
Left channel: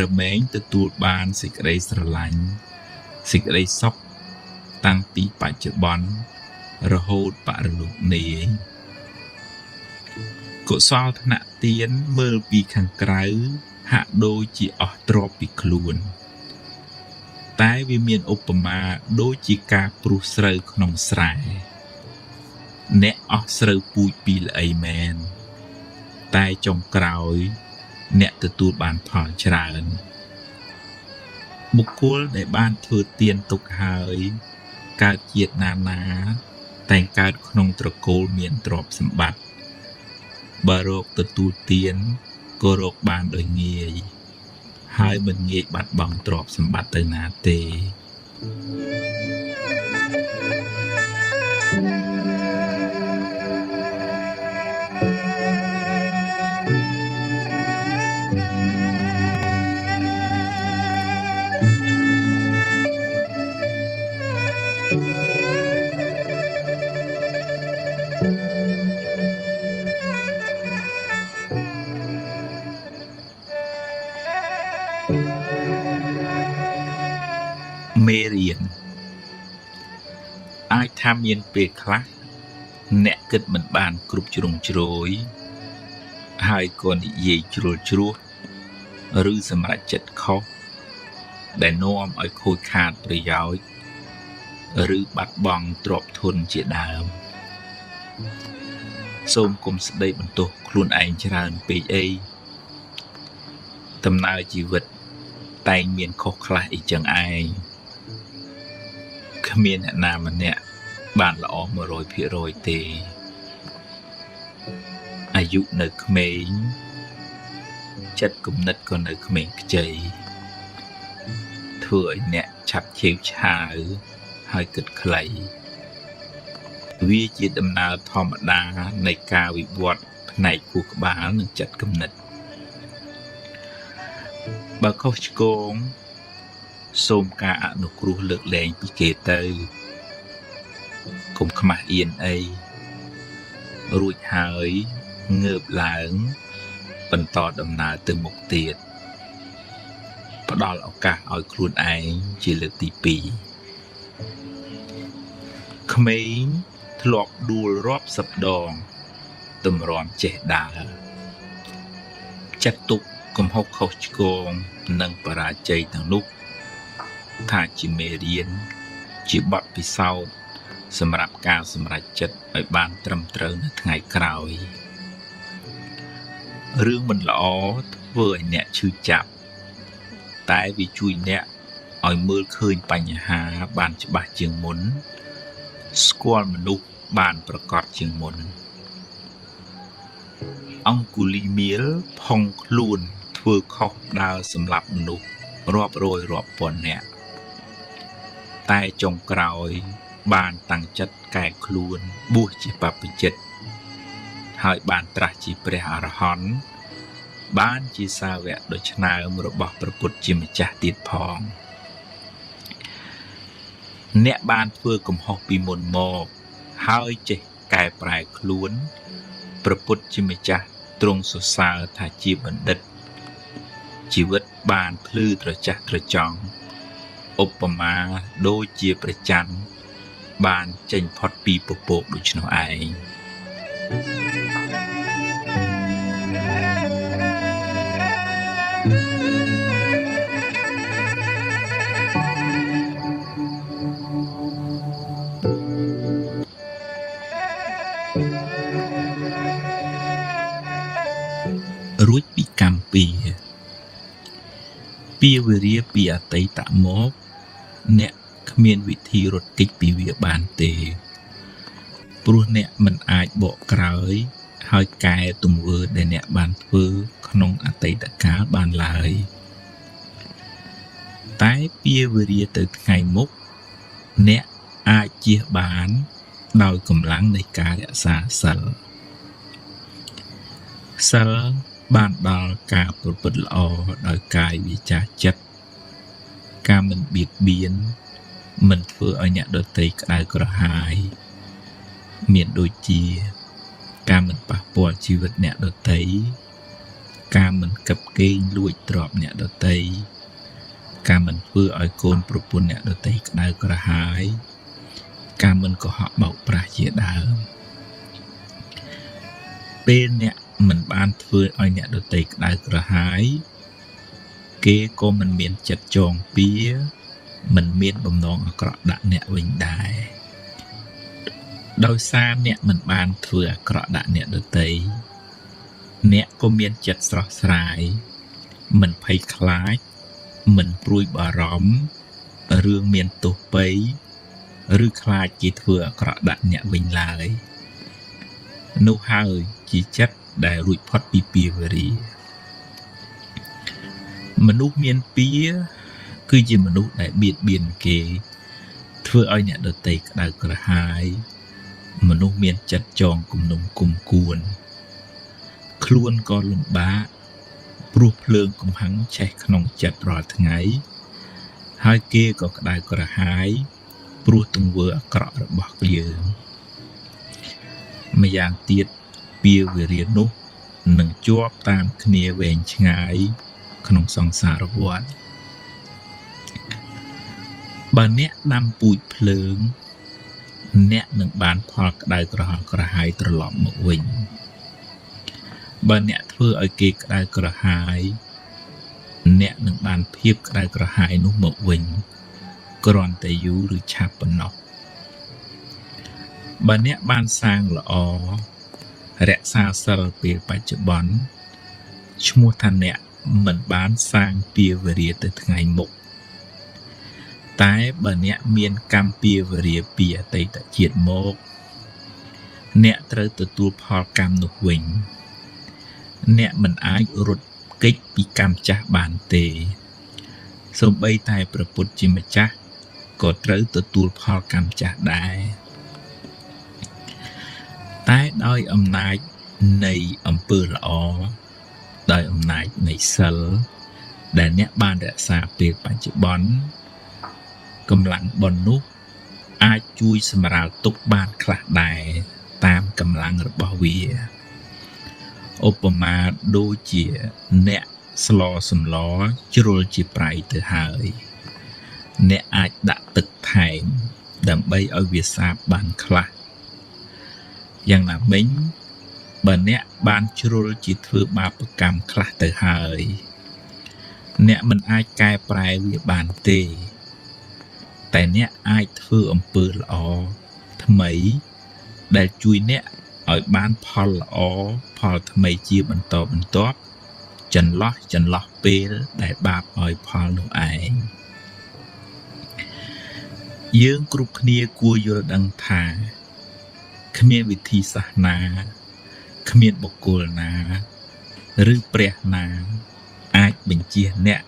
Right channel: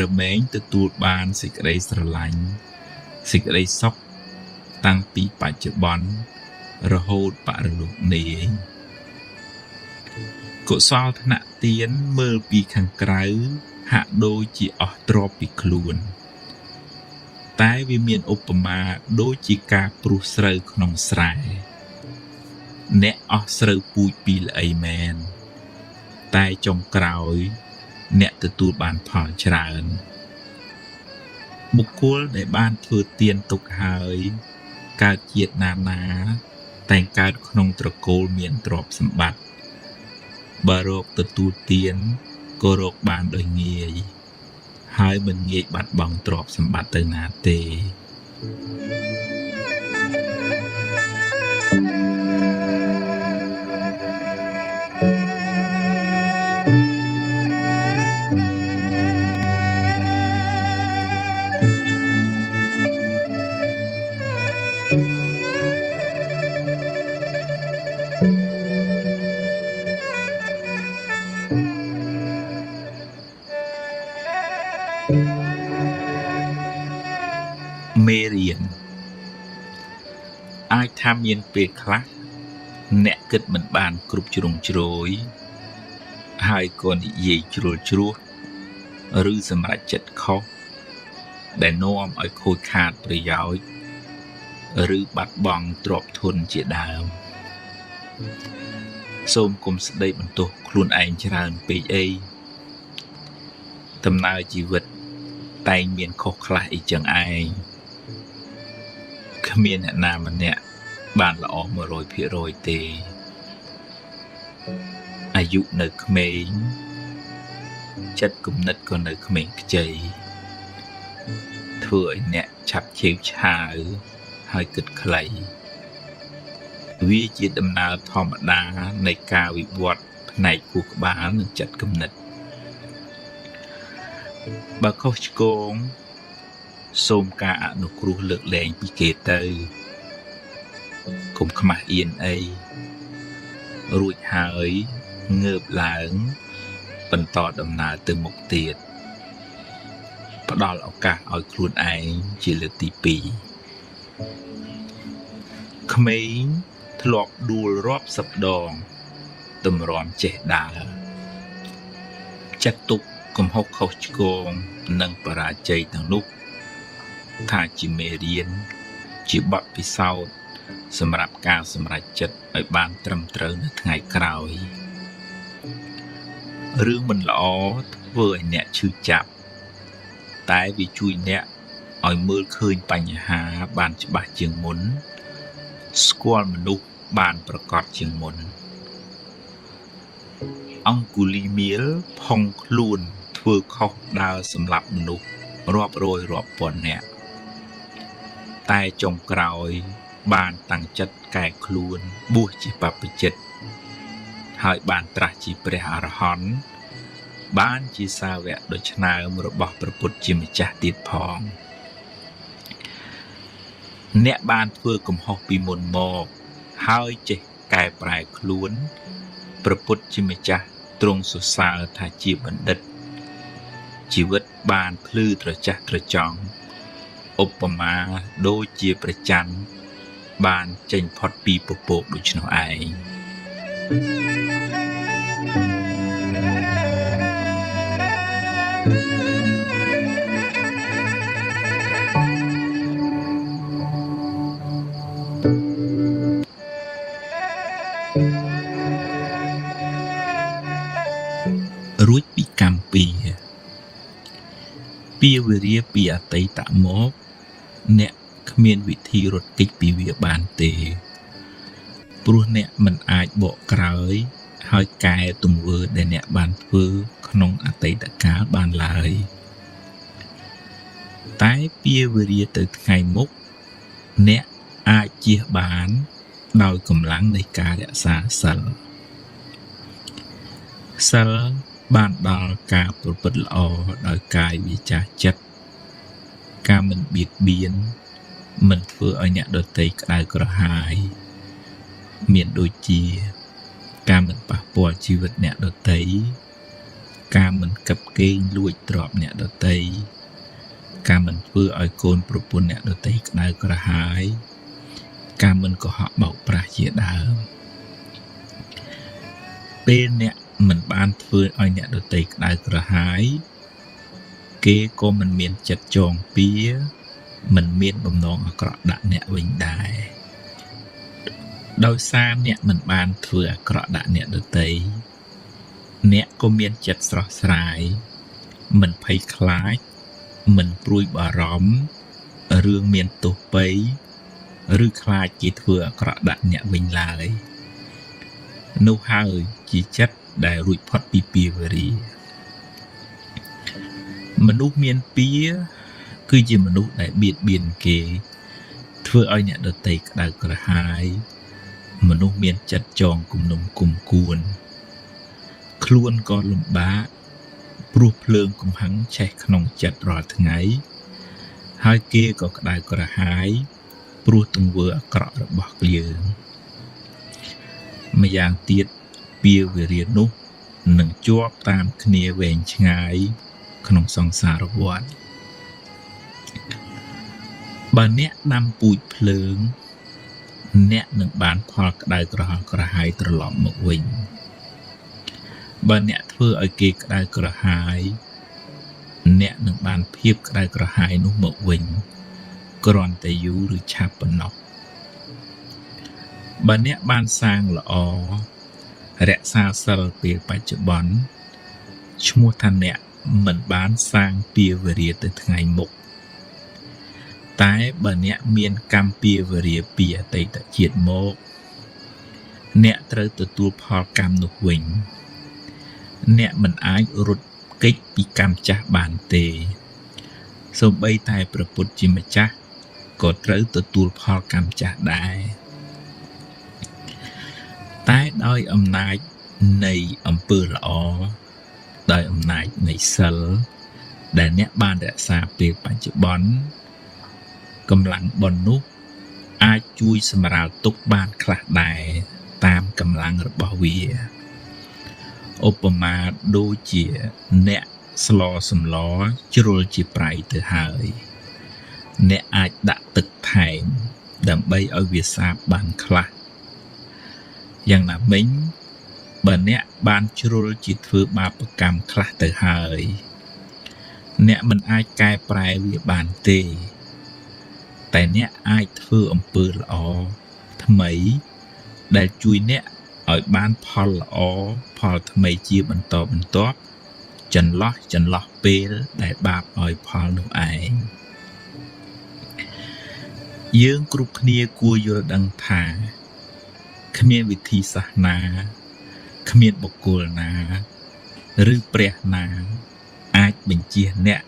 រមែងទទួលបានសេចក្តីស្រឡាញ់សេចក្តីសុខតាំងពីបច្ចុប្បន្នរហូតបរលោកនេះកុសលធនៈទានមើលពីខាងក្រៅហាក់ដូចជាអស់ទ្រព្យពីខ្លួនតែវាមានឧបមាដូចជាការព្រុសស្រូវក្នុងស្រែអ្នកអស់ស្រូវពូជពីល្អីមែនតែចុងក្រោយអ្នកទទួលបានផលច្រើនបុគ្គលដែលបានធ្វើទានទុកហើយកើតជាតិណាតែងកើតក្នុងត្រកូលមានទ្រព្យសម្បត្តិបើរកទទួលទានក៏រកបានដោយងាយហើយមិនងាយបាត់បង់ទ្រព្យសម្បត្តិទៅណាទេមេរៀនអាចថាមានពេលខ្លះអ្នកគិតមិនបានគ្រប់ជ្រុងជ្រោយហើយក៏និយាយជ្រុលជ្រោះឬសម្រេចចិត្តខុសដែលនាំឲ្យខូចខាតប្រយោជន៍ឬបាត់បង់ទ្រព្យធនជាដើមសូមកុំស្ដីបន្ទោសខ្លួនឯងច្រើនពេកអីដំណើរជីវិតតែងមានខុសខ្លះអីចឹងឯងគ្មានអ្នកណាម្នាក់បានល្អ 100% ទេអាយុនៅក្មេងចិត្តគំនិតក៏នៅក្មេងខ្ចីធ្វើឲ្យអ្នកឆាប់ឆេវឆាវហើយគិតខ្លីវាជាដំណើរធម្មតានៃការវិវត្តផ្នែកខួរក្បាលនិងចិត្តគំនិតបើខុសឆ្គងសូមការអនុគ្រោះលើកលែងពីគេទៅកុំខ្មាស់អៀនអីរួចហើយ ងើបឡើងបន្តដំណើរទៅមុខទៀតផ្ដល់ឱកាសឲ្យខ្លួនឯងជាលើកទី2ក្មេងធ្លាប់ដួលរាប់សិបដងតម្រាំចេះដើរចាត់ទុកកំហុសខុសឆ្គងនិងបរាជ័យទាំងនោះថាជាមេរៀនជាបទពិសោធន៍សម្រាប់ការសម្រេចចិត្តឲ្យបានត្រឹមត្រូវនៅថ្ងៃក្រោយរឿងមិនល្អធ្វើឲ្យអ្នកឈឺចាប់តែវាជួយអ្នកឲ្យមើលឃើញបញ្ហាបានច្បាស់ជាងមុនស្គាល់មនុស្សបានប្រកបជាងមុនអង្គុលីមៀលផុងខ្លួនធ្វើខុសដើរសម្លាប់មនុស្សរាប់រយរាប់ពាន់នាក់តែចុងក្រោយបានតាំងចិត្តកែខ្លួនបួសជាបព្វជិតហើយបានត្រាស់ជាព្រះអរហន្តបានជាសាវកដ៏ឆ្នើមរបស់ព្រះពុទ្ធជាម្ចាស់ទៀតផងអ្នកបានធ្វើកំហុសពីមុនមកហើយចេះកែប្រែខ្លួនព្រះពុទ្ធជាម្ចាស់ទ្រង់សរសើរថាជាបណ្ឌិតជីវិតបានភ្លឺត្រចះត្រចង់ឧបមាដូចជាព្រះច័ន្ទបានចេញផុតពីពពកដូច្នោះឯងរួចពីកម្មពីវិរិយពីអតីតមកអ្នកគ្មានវិធីរត់គេចពីវាបានទេព្រោះអ្នកមិនអាចបកក្រោយហើយកែទង្វើដែលអ្នកបានធ្វើក្នុងអតីតកាលបានឡើយតែពីវិរិយទៅថ្ងៃមុខអ្នកអាចជៀសបានដោយកម្លាំងនៃការរក្សាសិលបានដល់ការប្រព្រឹត្តល្អដោយកាយវាចាចិត្តការមិនបៀតបៀនមិនធ្វើឲ្យអ្នកដទៃក្តៅក្រហាយមានដូចជាការមិនប៉ះពាល់ជីវិតអ្នកដទៃការមិនកាប់កេងលួចទ្រព្យអ្នកដទៃការមិនធ្វើឲ្យកូនប្រពន្ធអ្នកដទៃក្តៅក្រហាយការមិនកុហកបោកប្រាស់ជាដើមពេលអ្នកមិនបានធ្វើឲ្យអ្នកដទៃក្តៅក្រហាយគេក៏មិនមានចិត្តចងពៀមិនមានបំណងអាក្រក់ដាក់អ្នកវិញដែរដោយសារអ្នកមិនបានធ្វើអាក្រក់ដាក់អ្នកដទៃអ្នកក៏មានចិត្តស្រស់ស្រាយមិនភ័យខ្លាចមិនព្រួយបារម្ភរឿងមានទោសបីឬខ្លាចគេធ្វើអាក្រក់ដាក់អ្នកវិញឡើយនោះហើយជាចិត្តដែលរួចផុតពីពាវរីមនុស្សមានពៀគឺជាមនុស្សដែលបៀតបៀនគេធ្វើឲ្យអ្នកដទៃក្តៅក្រហាយមនុស្សមានចិត្តចងគំនុំគុំគួនខ្លួនក៏លំបាកព្រោះភ្លើងកំហាំងឆេះក្នុងចិត្តរាល់ថ្ងៃហើយគេក៏ក្តៅក្រហាយព្រោះទង្វើអាក្រក់របស់យើងម្យ៉ាងទៀតពាវិរិយនោះនឹងជាប់តាមគ្នាវែងឆ្ងាយក្នុងសង្សារវដ្តបើអ្នកដាំពូជភ្លើងអ្នកនឹងបានផលក្តៅក្រហល់ក្រហាយត្រឡប់មកវិញបើអ្នកធ្វើឲ្យគេក្តៅក្រហាយអ្នកនឹងបានភាពក្តៅក្រហាយនោះមកវិញគ្រាន់តែយូរឬឆាប់ប៉ុណ្ណោះបើអ្នកបានសាងល្អរក្សាសិលពេលបច្ចុប្បន្នឈ្មោះថាអ្នកមិនបានសាងពាវរិយទៅថ្ងៃមុខតែបើអ្នកមានកម្មពាវរិយពីអតីតជាតិមកអ្នកត្រូវទទួលផលកម្មនោះវិញអ្នកមិនអាចរត់គេចពីកម្មចាស់បានទេសូម្បីតែព្រះពុទ្ធជាម្ចាស់ក៏ត្រូវទទួលផលកម្មចាស់ដែរតែដោយអំណាចនៃអំពើល្អដោយអំណាចនៃសិលដែលអ្នកបានរក្សាពេលបច្ចុប្បន្នកម្លាំងបុណ្យនោះអាចជួយសម្រាលទុក្ខបានខ្លះដែរតាមកម្លាំងរបស់វា ឧបមាដូចជាអ្នកស្លសម្លជ្រុលជាប្រៃទៅហើយអ្នកអាចដាក់ទឹកថែមដើម្បីឲ្យវាសាបបានខ្លះយ៉ាងណាមិញបើអ្នកបានជ្រុលជាធ្វើបាបកម្មខ្លះទៅហើយអ្នកមិនអាចកែប្រែវាបានទេតែអ្នកអាចធ្វើអំពើល្អថ្មីដែលជួយអ្នកឲ្យបានផលល្អផលថ្មីជាបន្តបន្ទាប់ចន្លោះពេលដែលបាបឲ្យផលនោះឯងយើងគ្រប់គ្នាគួរយល់ដឹងថាគ្មានវិធីសាស្ត្រណាគ្មានបុគ្គលណាឬព្រះណាអាចបញ្ជាអ្នក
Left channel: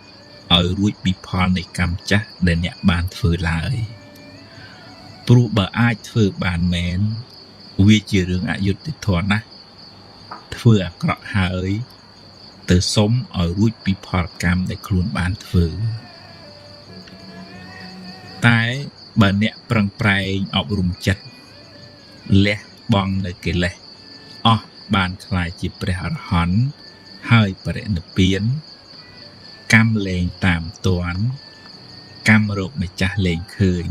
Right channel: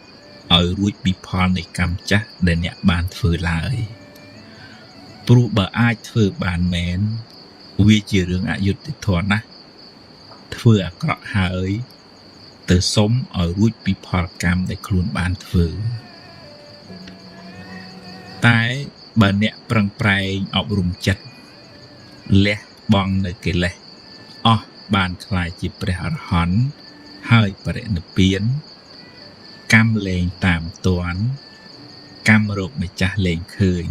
ឲ្យរួចពីផលនៃកម្មចាស់ដែលអ្នកបានធ្វើឡើយព្រោះបើអាចធ្វើបានមែនវាជារឿងអយុត្តិធម៌ណាស់ធ្វើអាក្រក់ហើយទៅសុំឲ្យរួចពីផលកម្មដែលខ្លួនបានធ្វើតែបើអ្នកប្រឹងប្រែងអប់រំចិត្តលះបង់នៅកិលេសអស់បានខ្លាយជាព្រះអរហន្តហើយបរិនិព្វានកម្មលែងតាមទាន់កម្មរោគម្ចាស់លែងឃើញ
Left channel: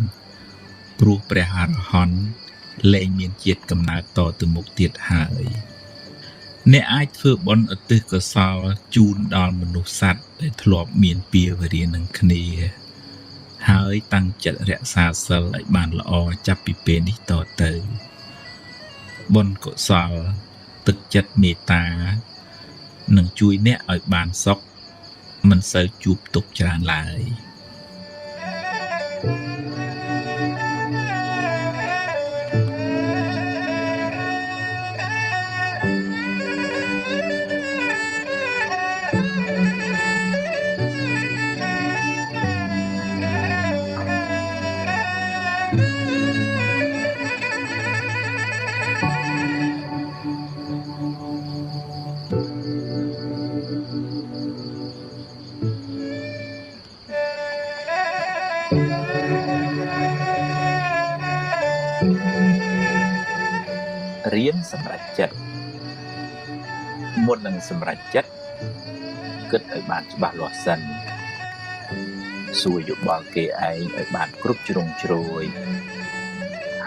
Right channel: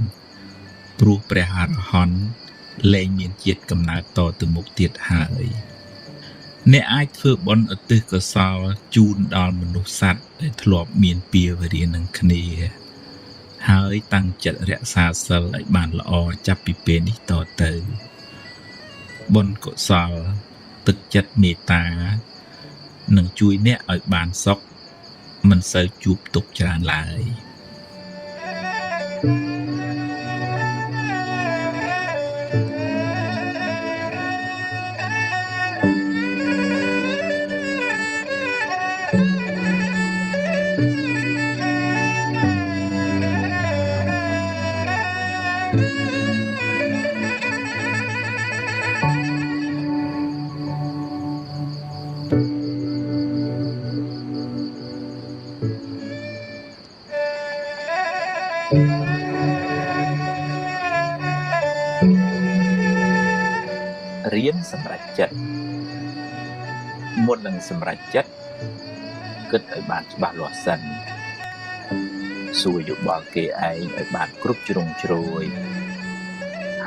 ព្រោះព្រះអរហន្តលែងមានជាតិកំណើតតទៅមុខទៀតហើយអ្នកអាចធ្វើបុណ្យឧទ្ទិសកុសលជូនដល់មនុស្សសត្វដែលធ្លាប់មានពាវនានឹងគ្នាហើយតាំងចិត្តរក្សាសិលឲ្យបានល្អចាប់ពីពេលនេះតទៅបុណ្យកុសលទឹកចិត្តមេត្តានឹងជួយអ្នកឲ្យបានសុខមិនសូវជួបទុក្ខច្រើនឡើយរៀនសម្រេចចិត្តមុននឹងសម្រេចចិត្តគិតឲ្យបានច្បាស់លាស់សិនសួរយោបល់គេឯងឲ្យបានគ្រប់ជ្រុងជ្រោយ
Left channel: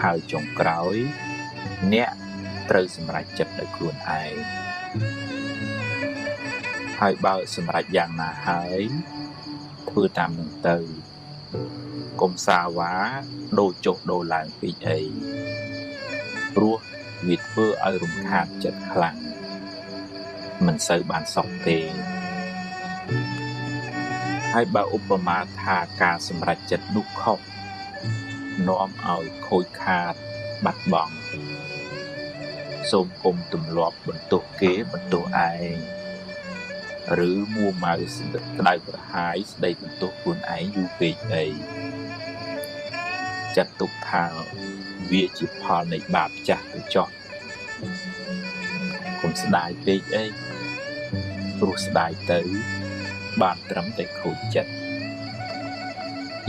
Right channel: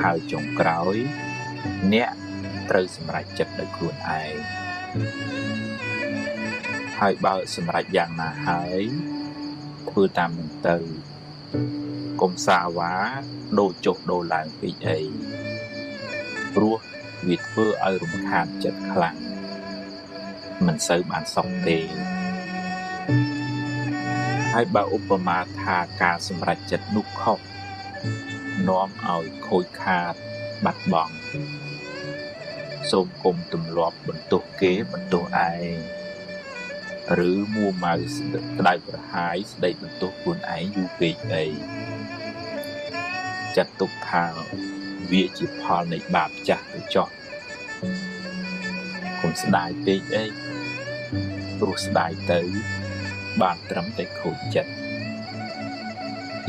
ហើយចុងក្រោយអ្នកត្រូវសម្រេចចិត្តដោយខ្លួនឯងហើយបើសម្រេចយ៉ាងណាហើយធ្វើតាមនឹងទៅកុំសាវ៉ាដូរចុះដូរឡើងពេកអីព្រោះវាធ្វើឲ្យរំខានចិត្តខ្លាំងមិនសូវបានសុខទេហើយបើឧបមាថាការសម្រេចចិត្តនោះខុសនាំឲ្យខូចខាតបាត់បង់សូមគុំទម្លាប់បន្ទោសគេបន្ទោសឯងឬមួម៉ៅស្ដាយប្រហាយស្ដីបន្ទោសខ្លួនឯងយូរពេកអីចាត់ទុកថាវាជាផលនៃបាបចាស់ទៅចោះកុំស្ដាយពេកអីព្រោះស្ដាយទៅបានត្រឹមតែខូចចិត្ត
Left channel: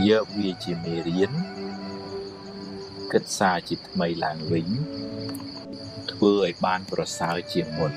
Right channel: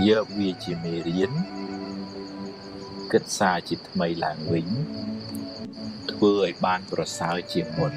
យកវាជាមេរៀនគិតសារជាថ្មីឡើងវិញធ្វើឲ្យបានប្រសើរជាងមុន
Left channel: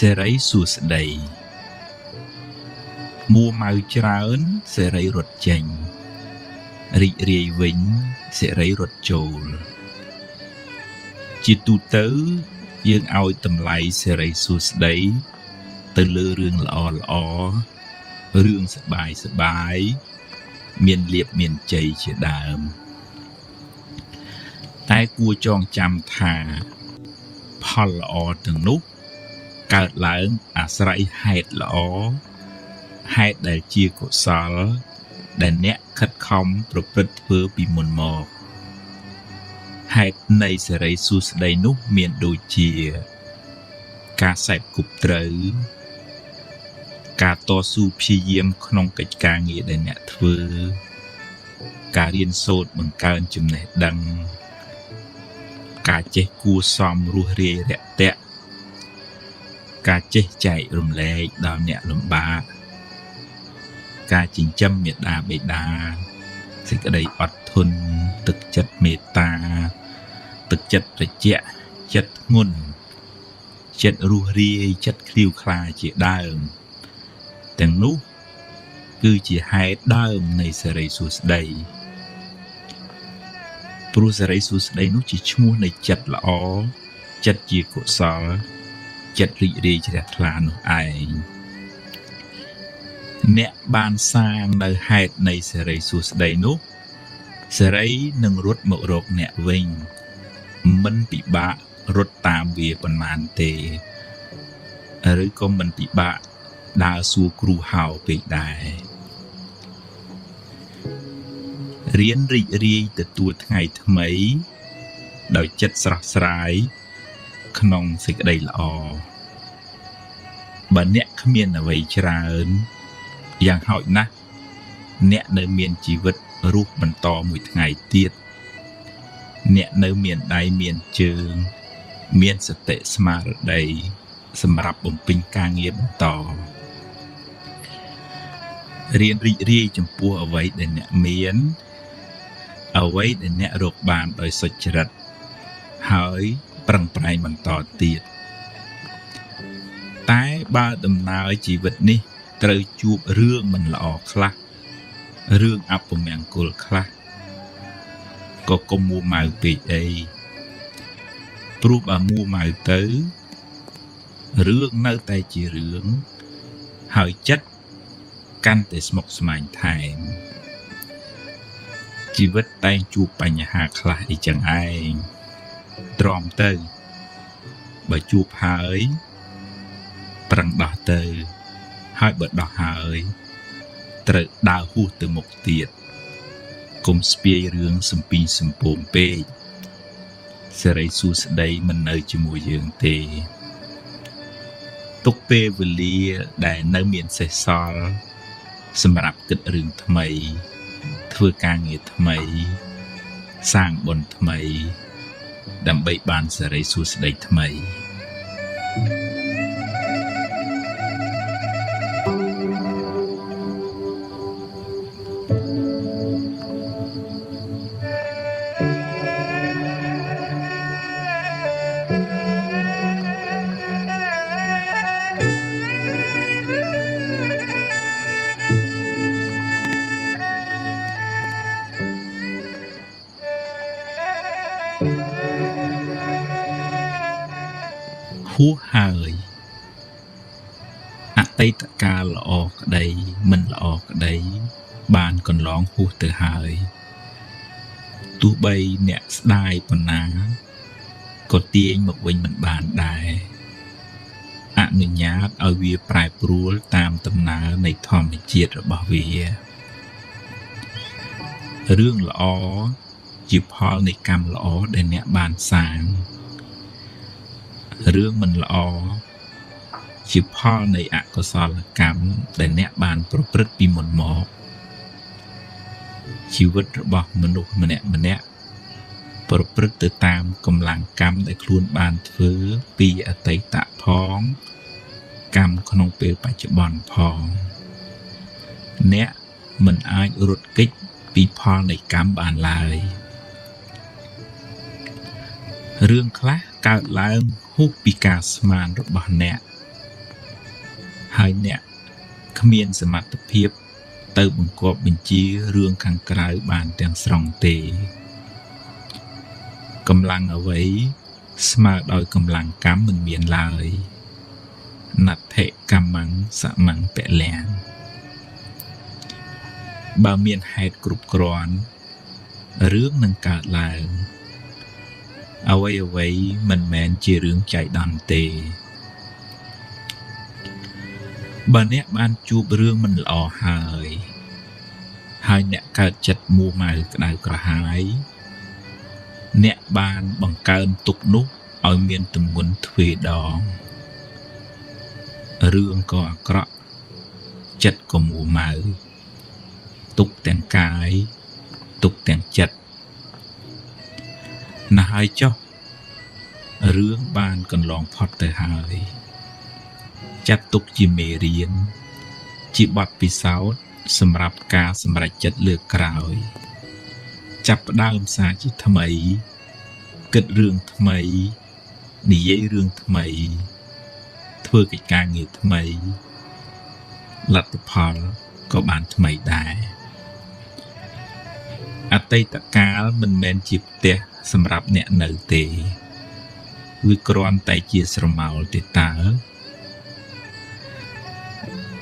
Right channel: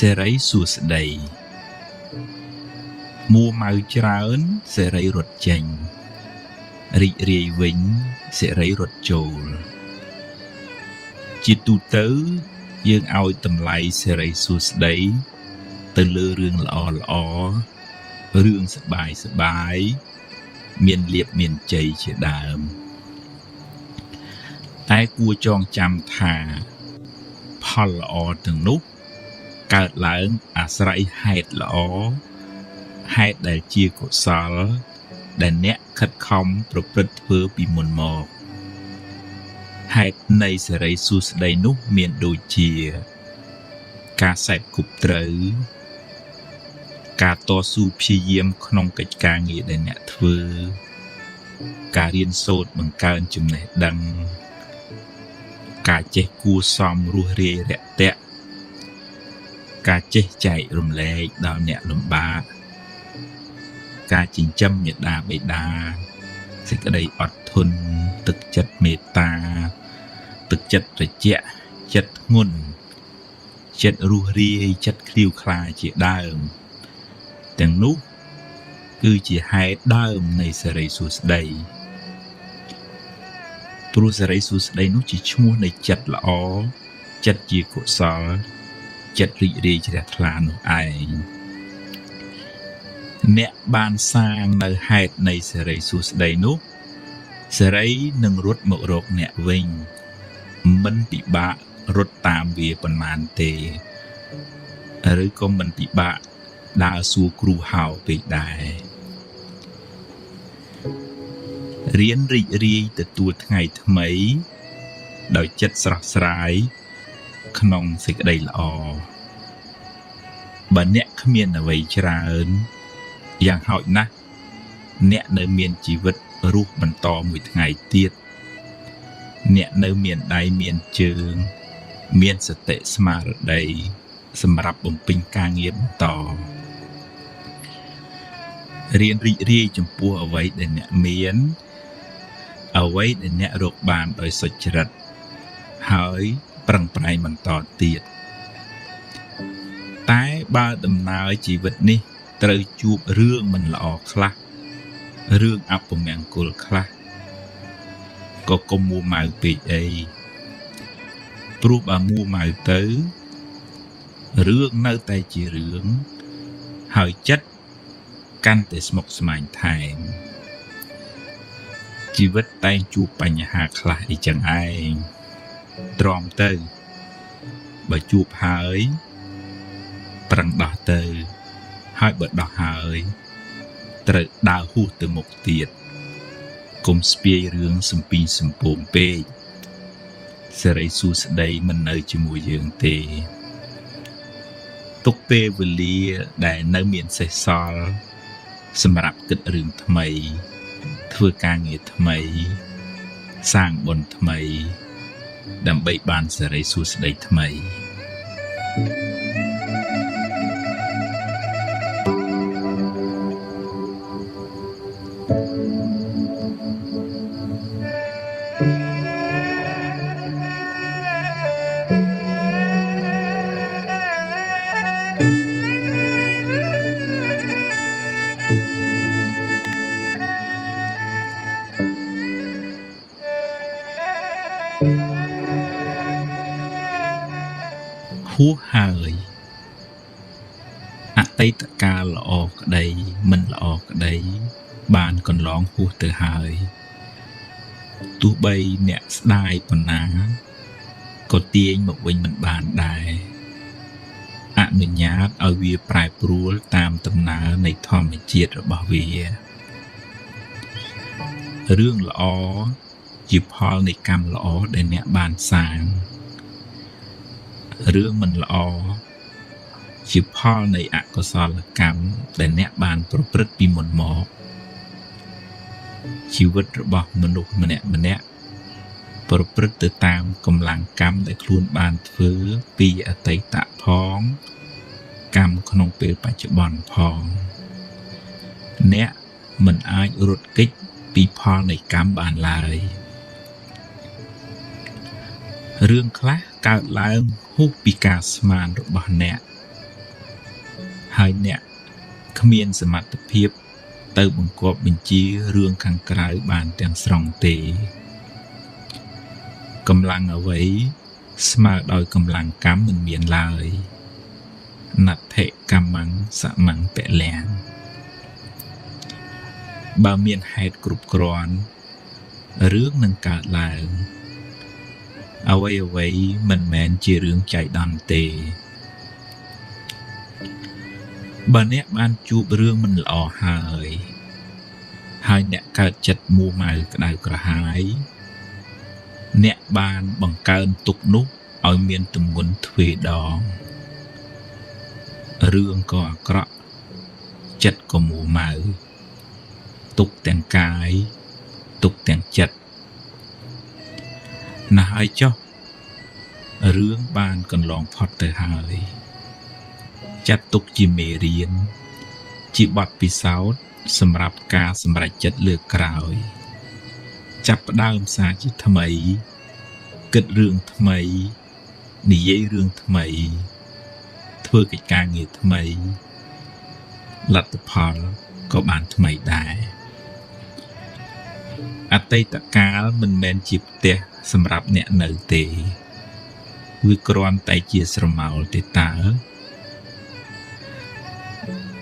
សេរីសួស្តីមួម៉ៅច្រើនសេរីរត់ចេញរីករាយវិញសេរីរត់ចូលជាទូទៅយើងឲ្យតម្លៃសេរីសួស្តីទៅលើរឿងល្អរឿងសប្បាយមានលាភមានជ័យជាដើមតែគួរចងចាំថាផលល្អទាំងនោះកើតឡើងអាស្រ័យហេតុល្អហេតុដែលជាកុសល ដែលអ្នកខិតខំប្រព្រឹត្តធ្វើពីមុនមកហេតុនៃសេរីសួស្តីនោះមានដូចជាការសេពគប់ត្រូវការតស៊ូព្យាយាមក្នុងកិច្ចការងារដែលអ្នកធ្វើការរៀនសូត្របង្កើនចំណេះដឹងការចេះគួរសមរស់រាយរាក់ទាក់ការចេះចែករំលែកដល់អ្នកលំបាកការចិញ្ចឹមមេត្តាបិតាសេចក្តីអត់ធន់ទឹកចិត្តមេត្តាទឹកចិត្តត្រជាក់ចិត្តធ្ងន់ចិត្តរស់រាយចិត្តឃ្លាវខ្លាជាដើមទាំងនោះគឺជាហេតុដើមនៃសេរីសួស្តីព្រោះសេរីសួស្តីនោះជាឈ្មោះនៃចិត្តល្អចិត្តជាកុសលចិត្តរីករាយជ្រះថ្លានោះឯងអ្នកបានសាងនៅហេតុនៃសេរីសួស្តីនោះសេរីនឹងរត់មករកអ្នកវិញមិនពិបាករត់តាមវាប៉ុន្មានទេឬក៏មិនពិបាកដើរសួរគ្រូហៅពេកដែររៀនរីករាយទទួលថ្ងៃថ្មីដោយចិត្តស្រស់ស្រាយក្នុងសេចក្តីល្អបើអ្នកគ្មានអ្វីច្រើនយ៉ាងហោចណាស់អ្នកនៅមានជីវិតរស់បន្តមួយថ្ងៃទៀតអ្នកនៅមានដៃមានជើងមានសតិស្មារតីសម្រាប់បំពេញការងារបន្តរៀនរីករាយចំពោះអ្វីដែលអ្នកមានអ្វីដែលអ្នករកបានដោយសុចរិតហើយប្រឹងប្រែងបន្តទៀតតែបើដំណើរជីវិតនេះត្រូវជួបរឿងមិនល្អខ្លះរឿងអពមង្គលខ្លះក៏កុំមួម៉ៅពេកអីព្រោះបើមួម៉ៅទៅរឿងនៅតែជារឿងហើយចិត្តកាន់តែស្មុគស្មាញថែមជីវិតតែងជួបបញ្ហាខ្លះអីចឹងឯងទ្រាំទៅបើជួបហើយប្រឹងដោះទៅហើយបើដោះហើយត្រូវដើរហួសទៅមុខទៀតកុំស្ពាយរឿងសំពីងសំពងពេកសេរីសួស្តីមិននៅជាមួយយើងទេទុកពេលវេលាដែលនៅមានសេសសល់សម្រាប់គិតរឿងថ្មីធ្វើការងារថ្មីសាងបុណ្យថ្មីដើម្បីបានសេរីសួស្តីថ្មីហួសហើយអតីតកាលល្អក្តីមិនល្អក្តីបានកន្លងហួសទៅហើយទោះបីអ្នកស្ដាយប៉ុណ្ណាក៏ទាញមកវិញមិនបានដែរអនុញ្ញាតឲ្យវាប្រែប្រួលតាមដំណើរនៃធម្មជាតិរបស់វារឿងល្អជាផលនៃកម្មល្អដែលអ្នកបានសាងរឿងមិនល្អជាផលនៃអកុសលកម្មដែលអ្នកបានប្រព្រឹត្តពីមុនមកជីវិតរបស់មនុស្សម្នាក់ប្រព្រឹត្តទៅតាមកម្លាំងកម្មដែលខ្លួនបានធ្វើពីអតីតផងកម្មក្នុងពេលបច្ចុប្បន្នផងអ្នកមិនអាចរត់គេចពីផលនៃកម្មបានឡើយរឿងខ្លះកើតឡើងហួសពីការស្មានរបស់អ្នកហើយអ្នកគ្មានសមត្ថភាពទៅបង្គាប់បញ្ជារឿងខាងក្រៅបានទាំងស្រុងទេកម្លាំងអ្វីស្មើដោយកម្លាំងកម្មមិនមានឡើយណដ្ឋិកម្មੰសមੰពលៈបើមានហេតុគ្រប់គ្រាន់រឿងនឹងកើតឡើងអ្វីមិនមែនជារឿងចៃដន្យទេបើអ្នកបានជួបរឿងមិនល្អហើយ ហើយអ្នកកើតចិត្តមូម៉ៅក្តៅក្រហាយអ្នកបានបង្កើនទុកនោះឲ្យមានទម្ងន់ទ្វេដងរឿងក៏អាក្រក់ចិត្តក៏មូម៉ៅទុកទាំងកាយទុកទាំងចិត្តណាស់ហើយចុះរឿងបានកន្លងផុតទៅហើយចាត់ទុកជាមេរៀនជាបទពិសោធន៍សម្រាប់ការសម្រេចចិត្តលើកក្រោយចាប់ផ្ដើមសារជាថ្មីគិតរឿងថ្មីនិយាយរឿងថ្មីធ្វើកិច្ចការងារថ្មីលទ្ធផលក៏បានថ្មីដែរអតីតកាលមិនមែនជាផ្ទះសម្រាប់អ្នកនៅទេវាគ្រាន់តែជាស្រមោលទេតើ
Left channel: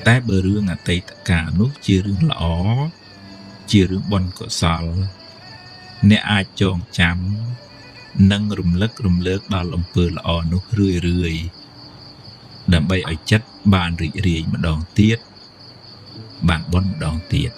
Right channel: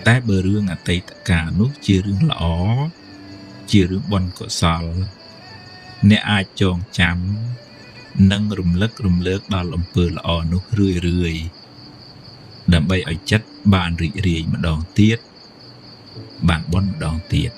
តែបើរឿងអតីតកាលនោះជារឿងល្អជារឿងបុណ្យកុសលអ្នកអាចចងចាំនិងរំលឹករំលើកដល់អំពើល្អនោះរឿយដើម្បីឲ្យចិត្តបានរីករាយម្ដងទៀតបានបុណ្យម្ដងទៀត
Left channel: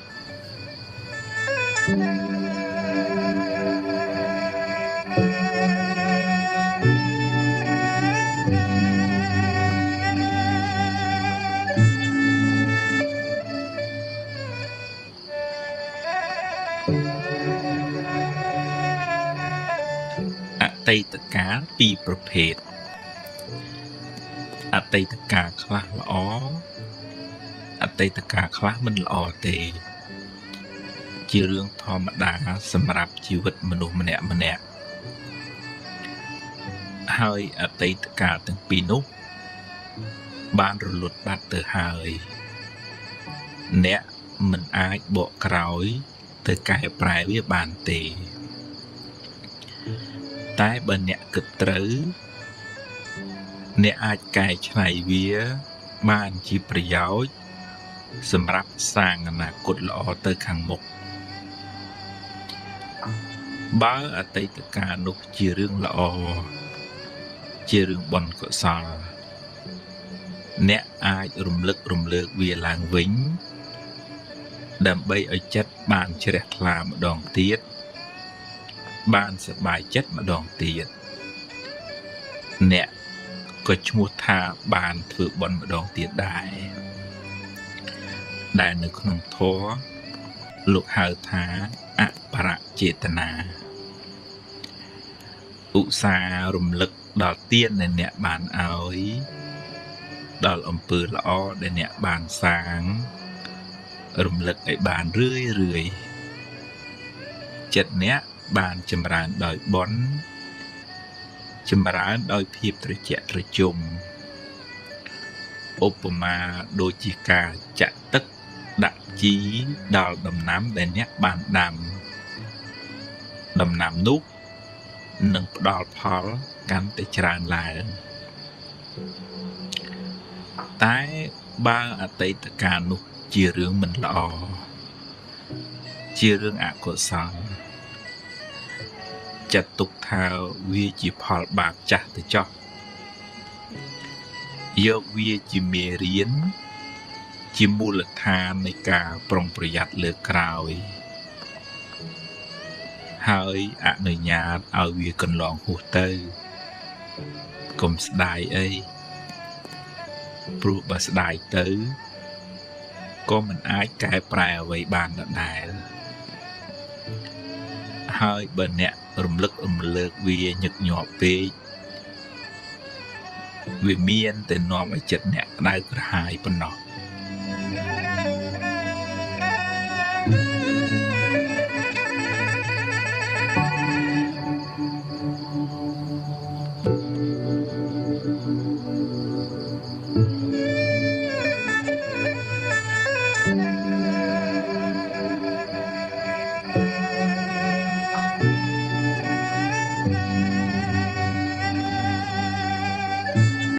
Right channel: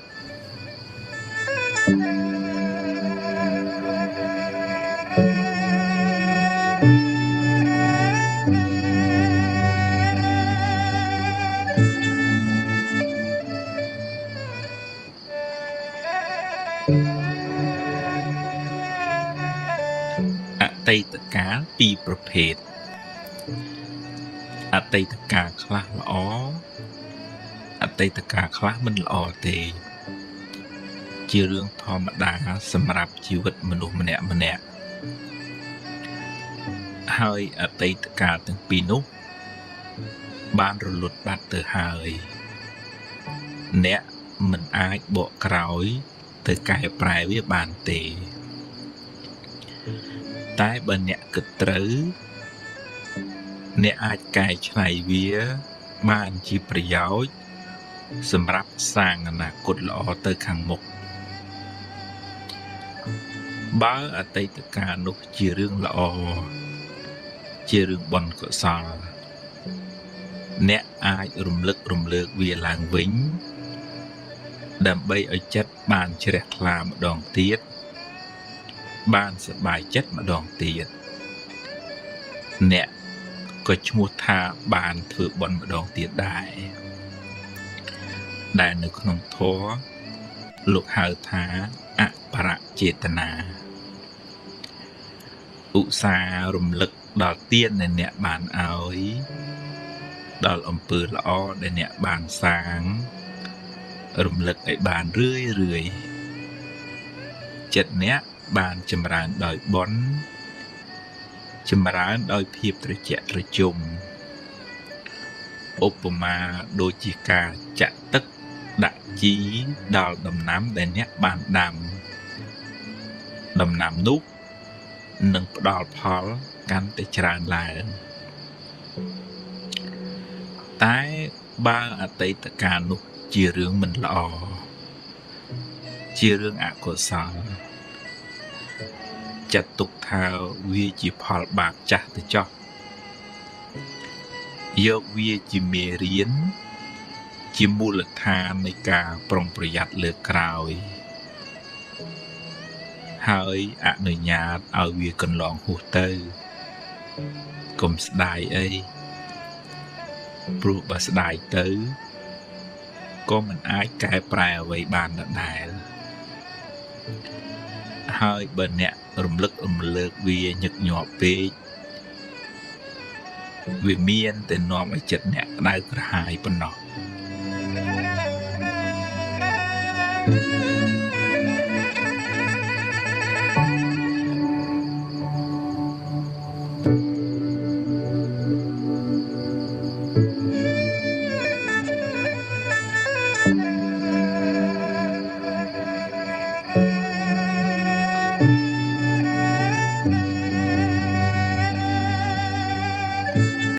អតីតកាលពីរប្រភេទអតីតកាលខ្លះល្អអតីតកាលខ្លះមិនល្អទេជារឿងធម្មតាសម្រាប់ជីវិតមនុស្សម្នាក់ហើយអតីតកាលទាំងពីរនោះបានរលត់បាត់ទៅហើយអ្នកមិនអាចបកក្រោយទៅកែប្រែវាបានទេតែបើអ្នកគិតត្រូវអ្នកអាចកែច្នៃវាបានជាប្រយោជន៍សម្រាប់សាងអនាគតល្អទៅខាងមុខបើអតីតកាលនោះជារឿងល្អជារឿងបុណ្យកុសលអ្នកអាចរំលឹករំលើកវាឡើងវិញដើម្បីឲ្យចិត្តបានជ្រះថ្លាម្ដងទៀតបានសប្បាយចិត្តម្ដងទៀតអ្នកក៏ឈ្មោះថាបានធ្វើបុណ្យម្ដងទៀតដែរដែលនៅក្នុងធម៌លោកហៅថាអបរចេតនាឧស្សាហ៍រំលឹកដល់ទានដែលអ្នកបានឲ្យដល់អំពើល្អដែលអ្នកបានសាងរំលឹកឲ្យបានរឿយចិត្តអ្នកបានចម្រើនដោយបុណ្យចម្រើនដោយភាពត្រជាក់ត្រជុំឧបមាដូចជាការចាក់ទឹកដាក់ជីដល់ដំណាំដែលអ្នកបានដាំដំណាំនោះនឹងផ្ដល់ផលកាន់តែច្រើនឡើងតែបើអតីតកាលនោះជារឿងមិនល្អជារឿងអកុសលចាត់ទុកថាវាជាផលបាបចាស់ទៅចោះយកវាជាមេរៀនជាមូលដ្ឋាននៃការប្រុងប្រយ័ត្នលើក្រោយហើយអនុញ្ញាតឲ្យវាកន្លងហួសទៅកុំស្ដាយអីព្រោះបើស្ដាយទៅក៏មិនអាចកែប្រែអ្វីបានដែរហើយបើអ្នករំលឹករំលើកវាញឹកញាប់ពេកវាមានតែនាំឲ្យចិត្តអ្នកក្តៅក្រហាយប៉ុណ្ណោះ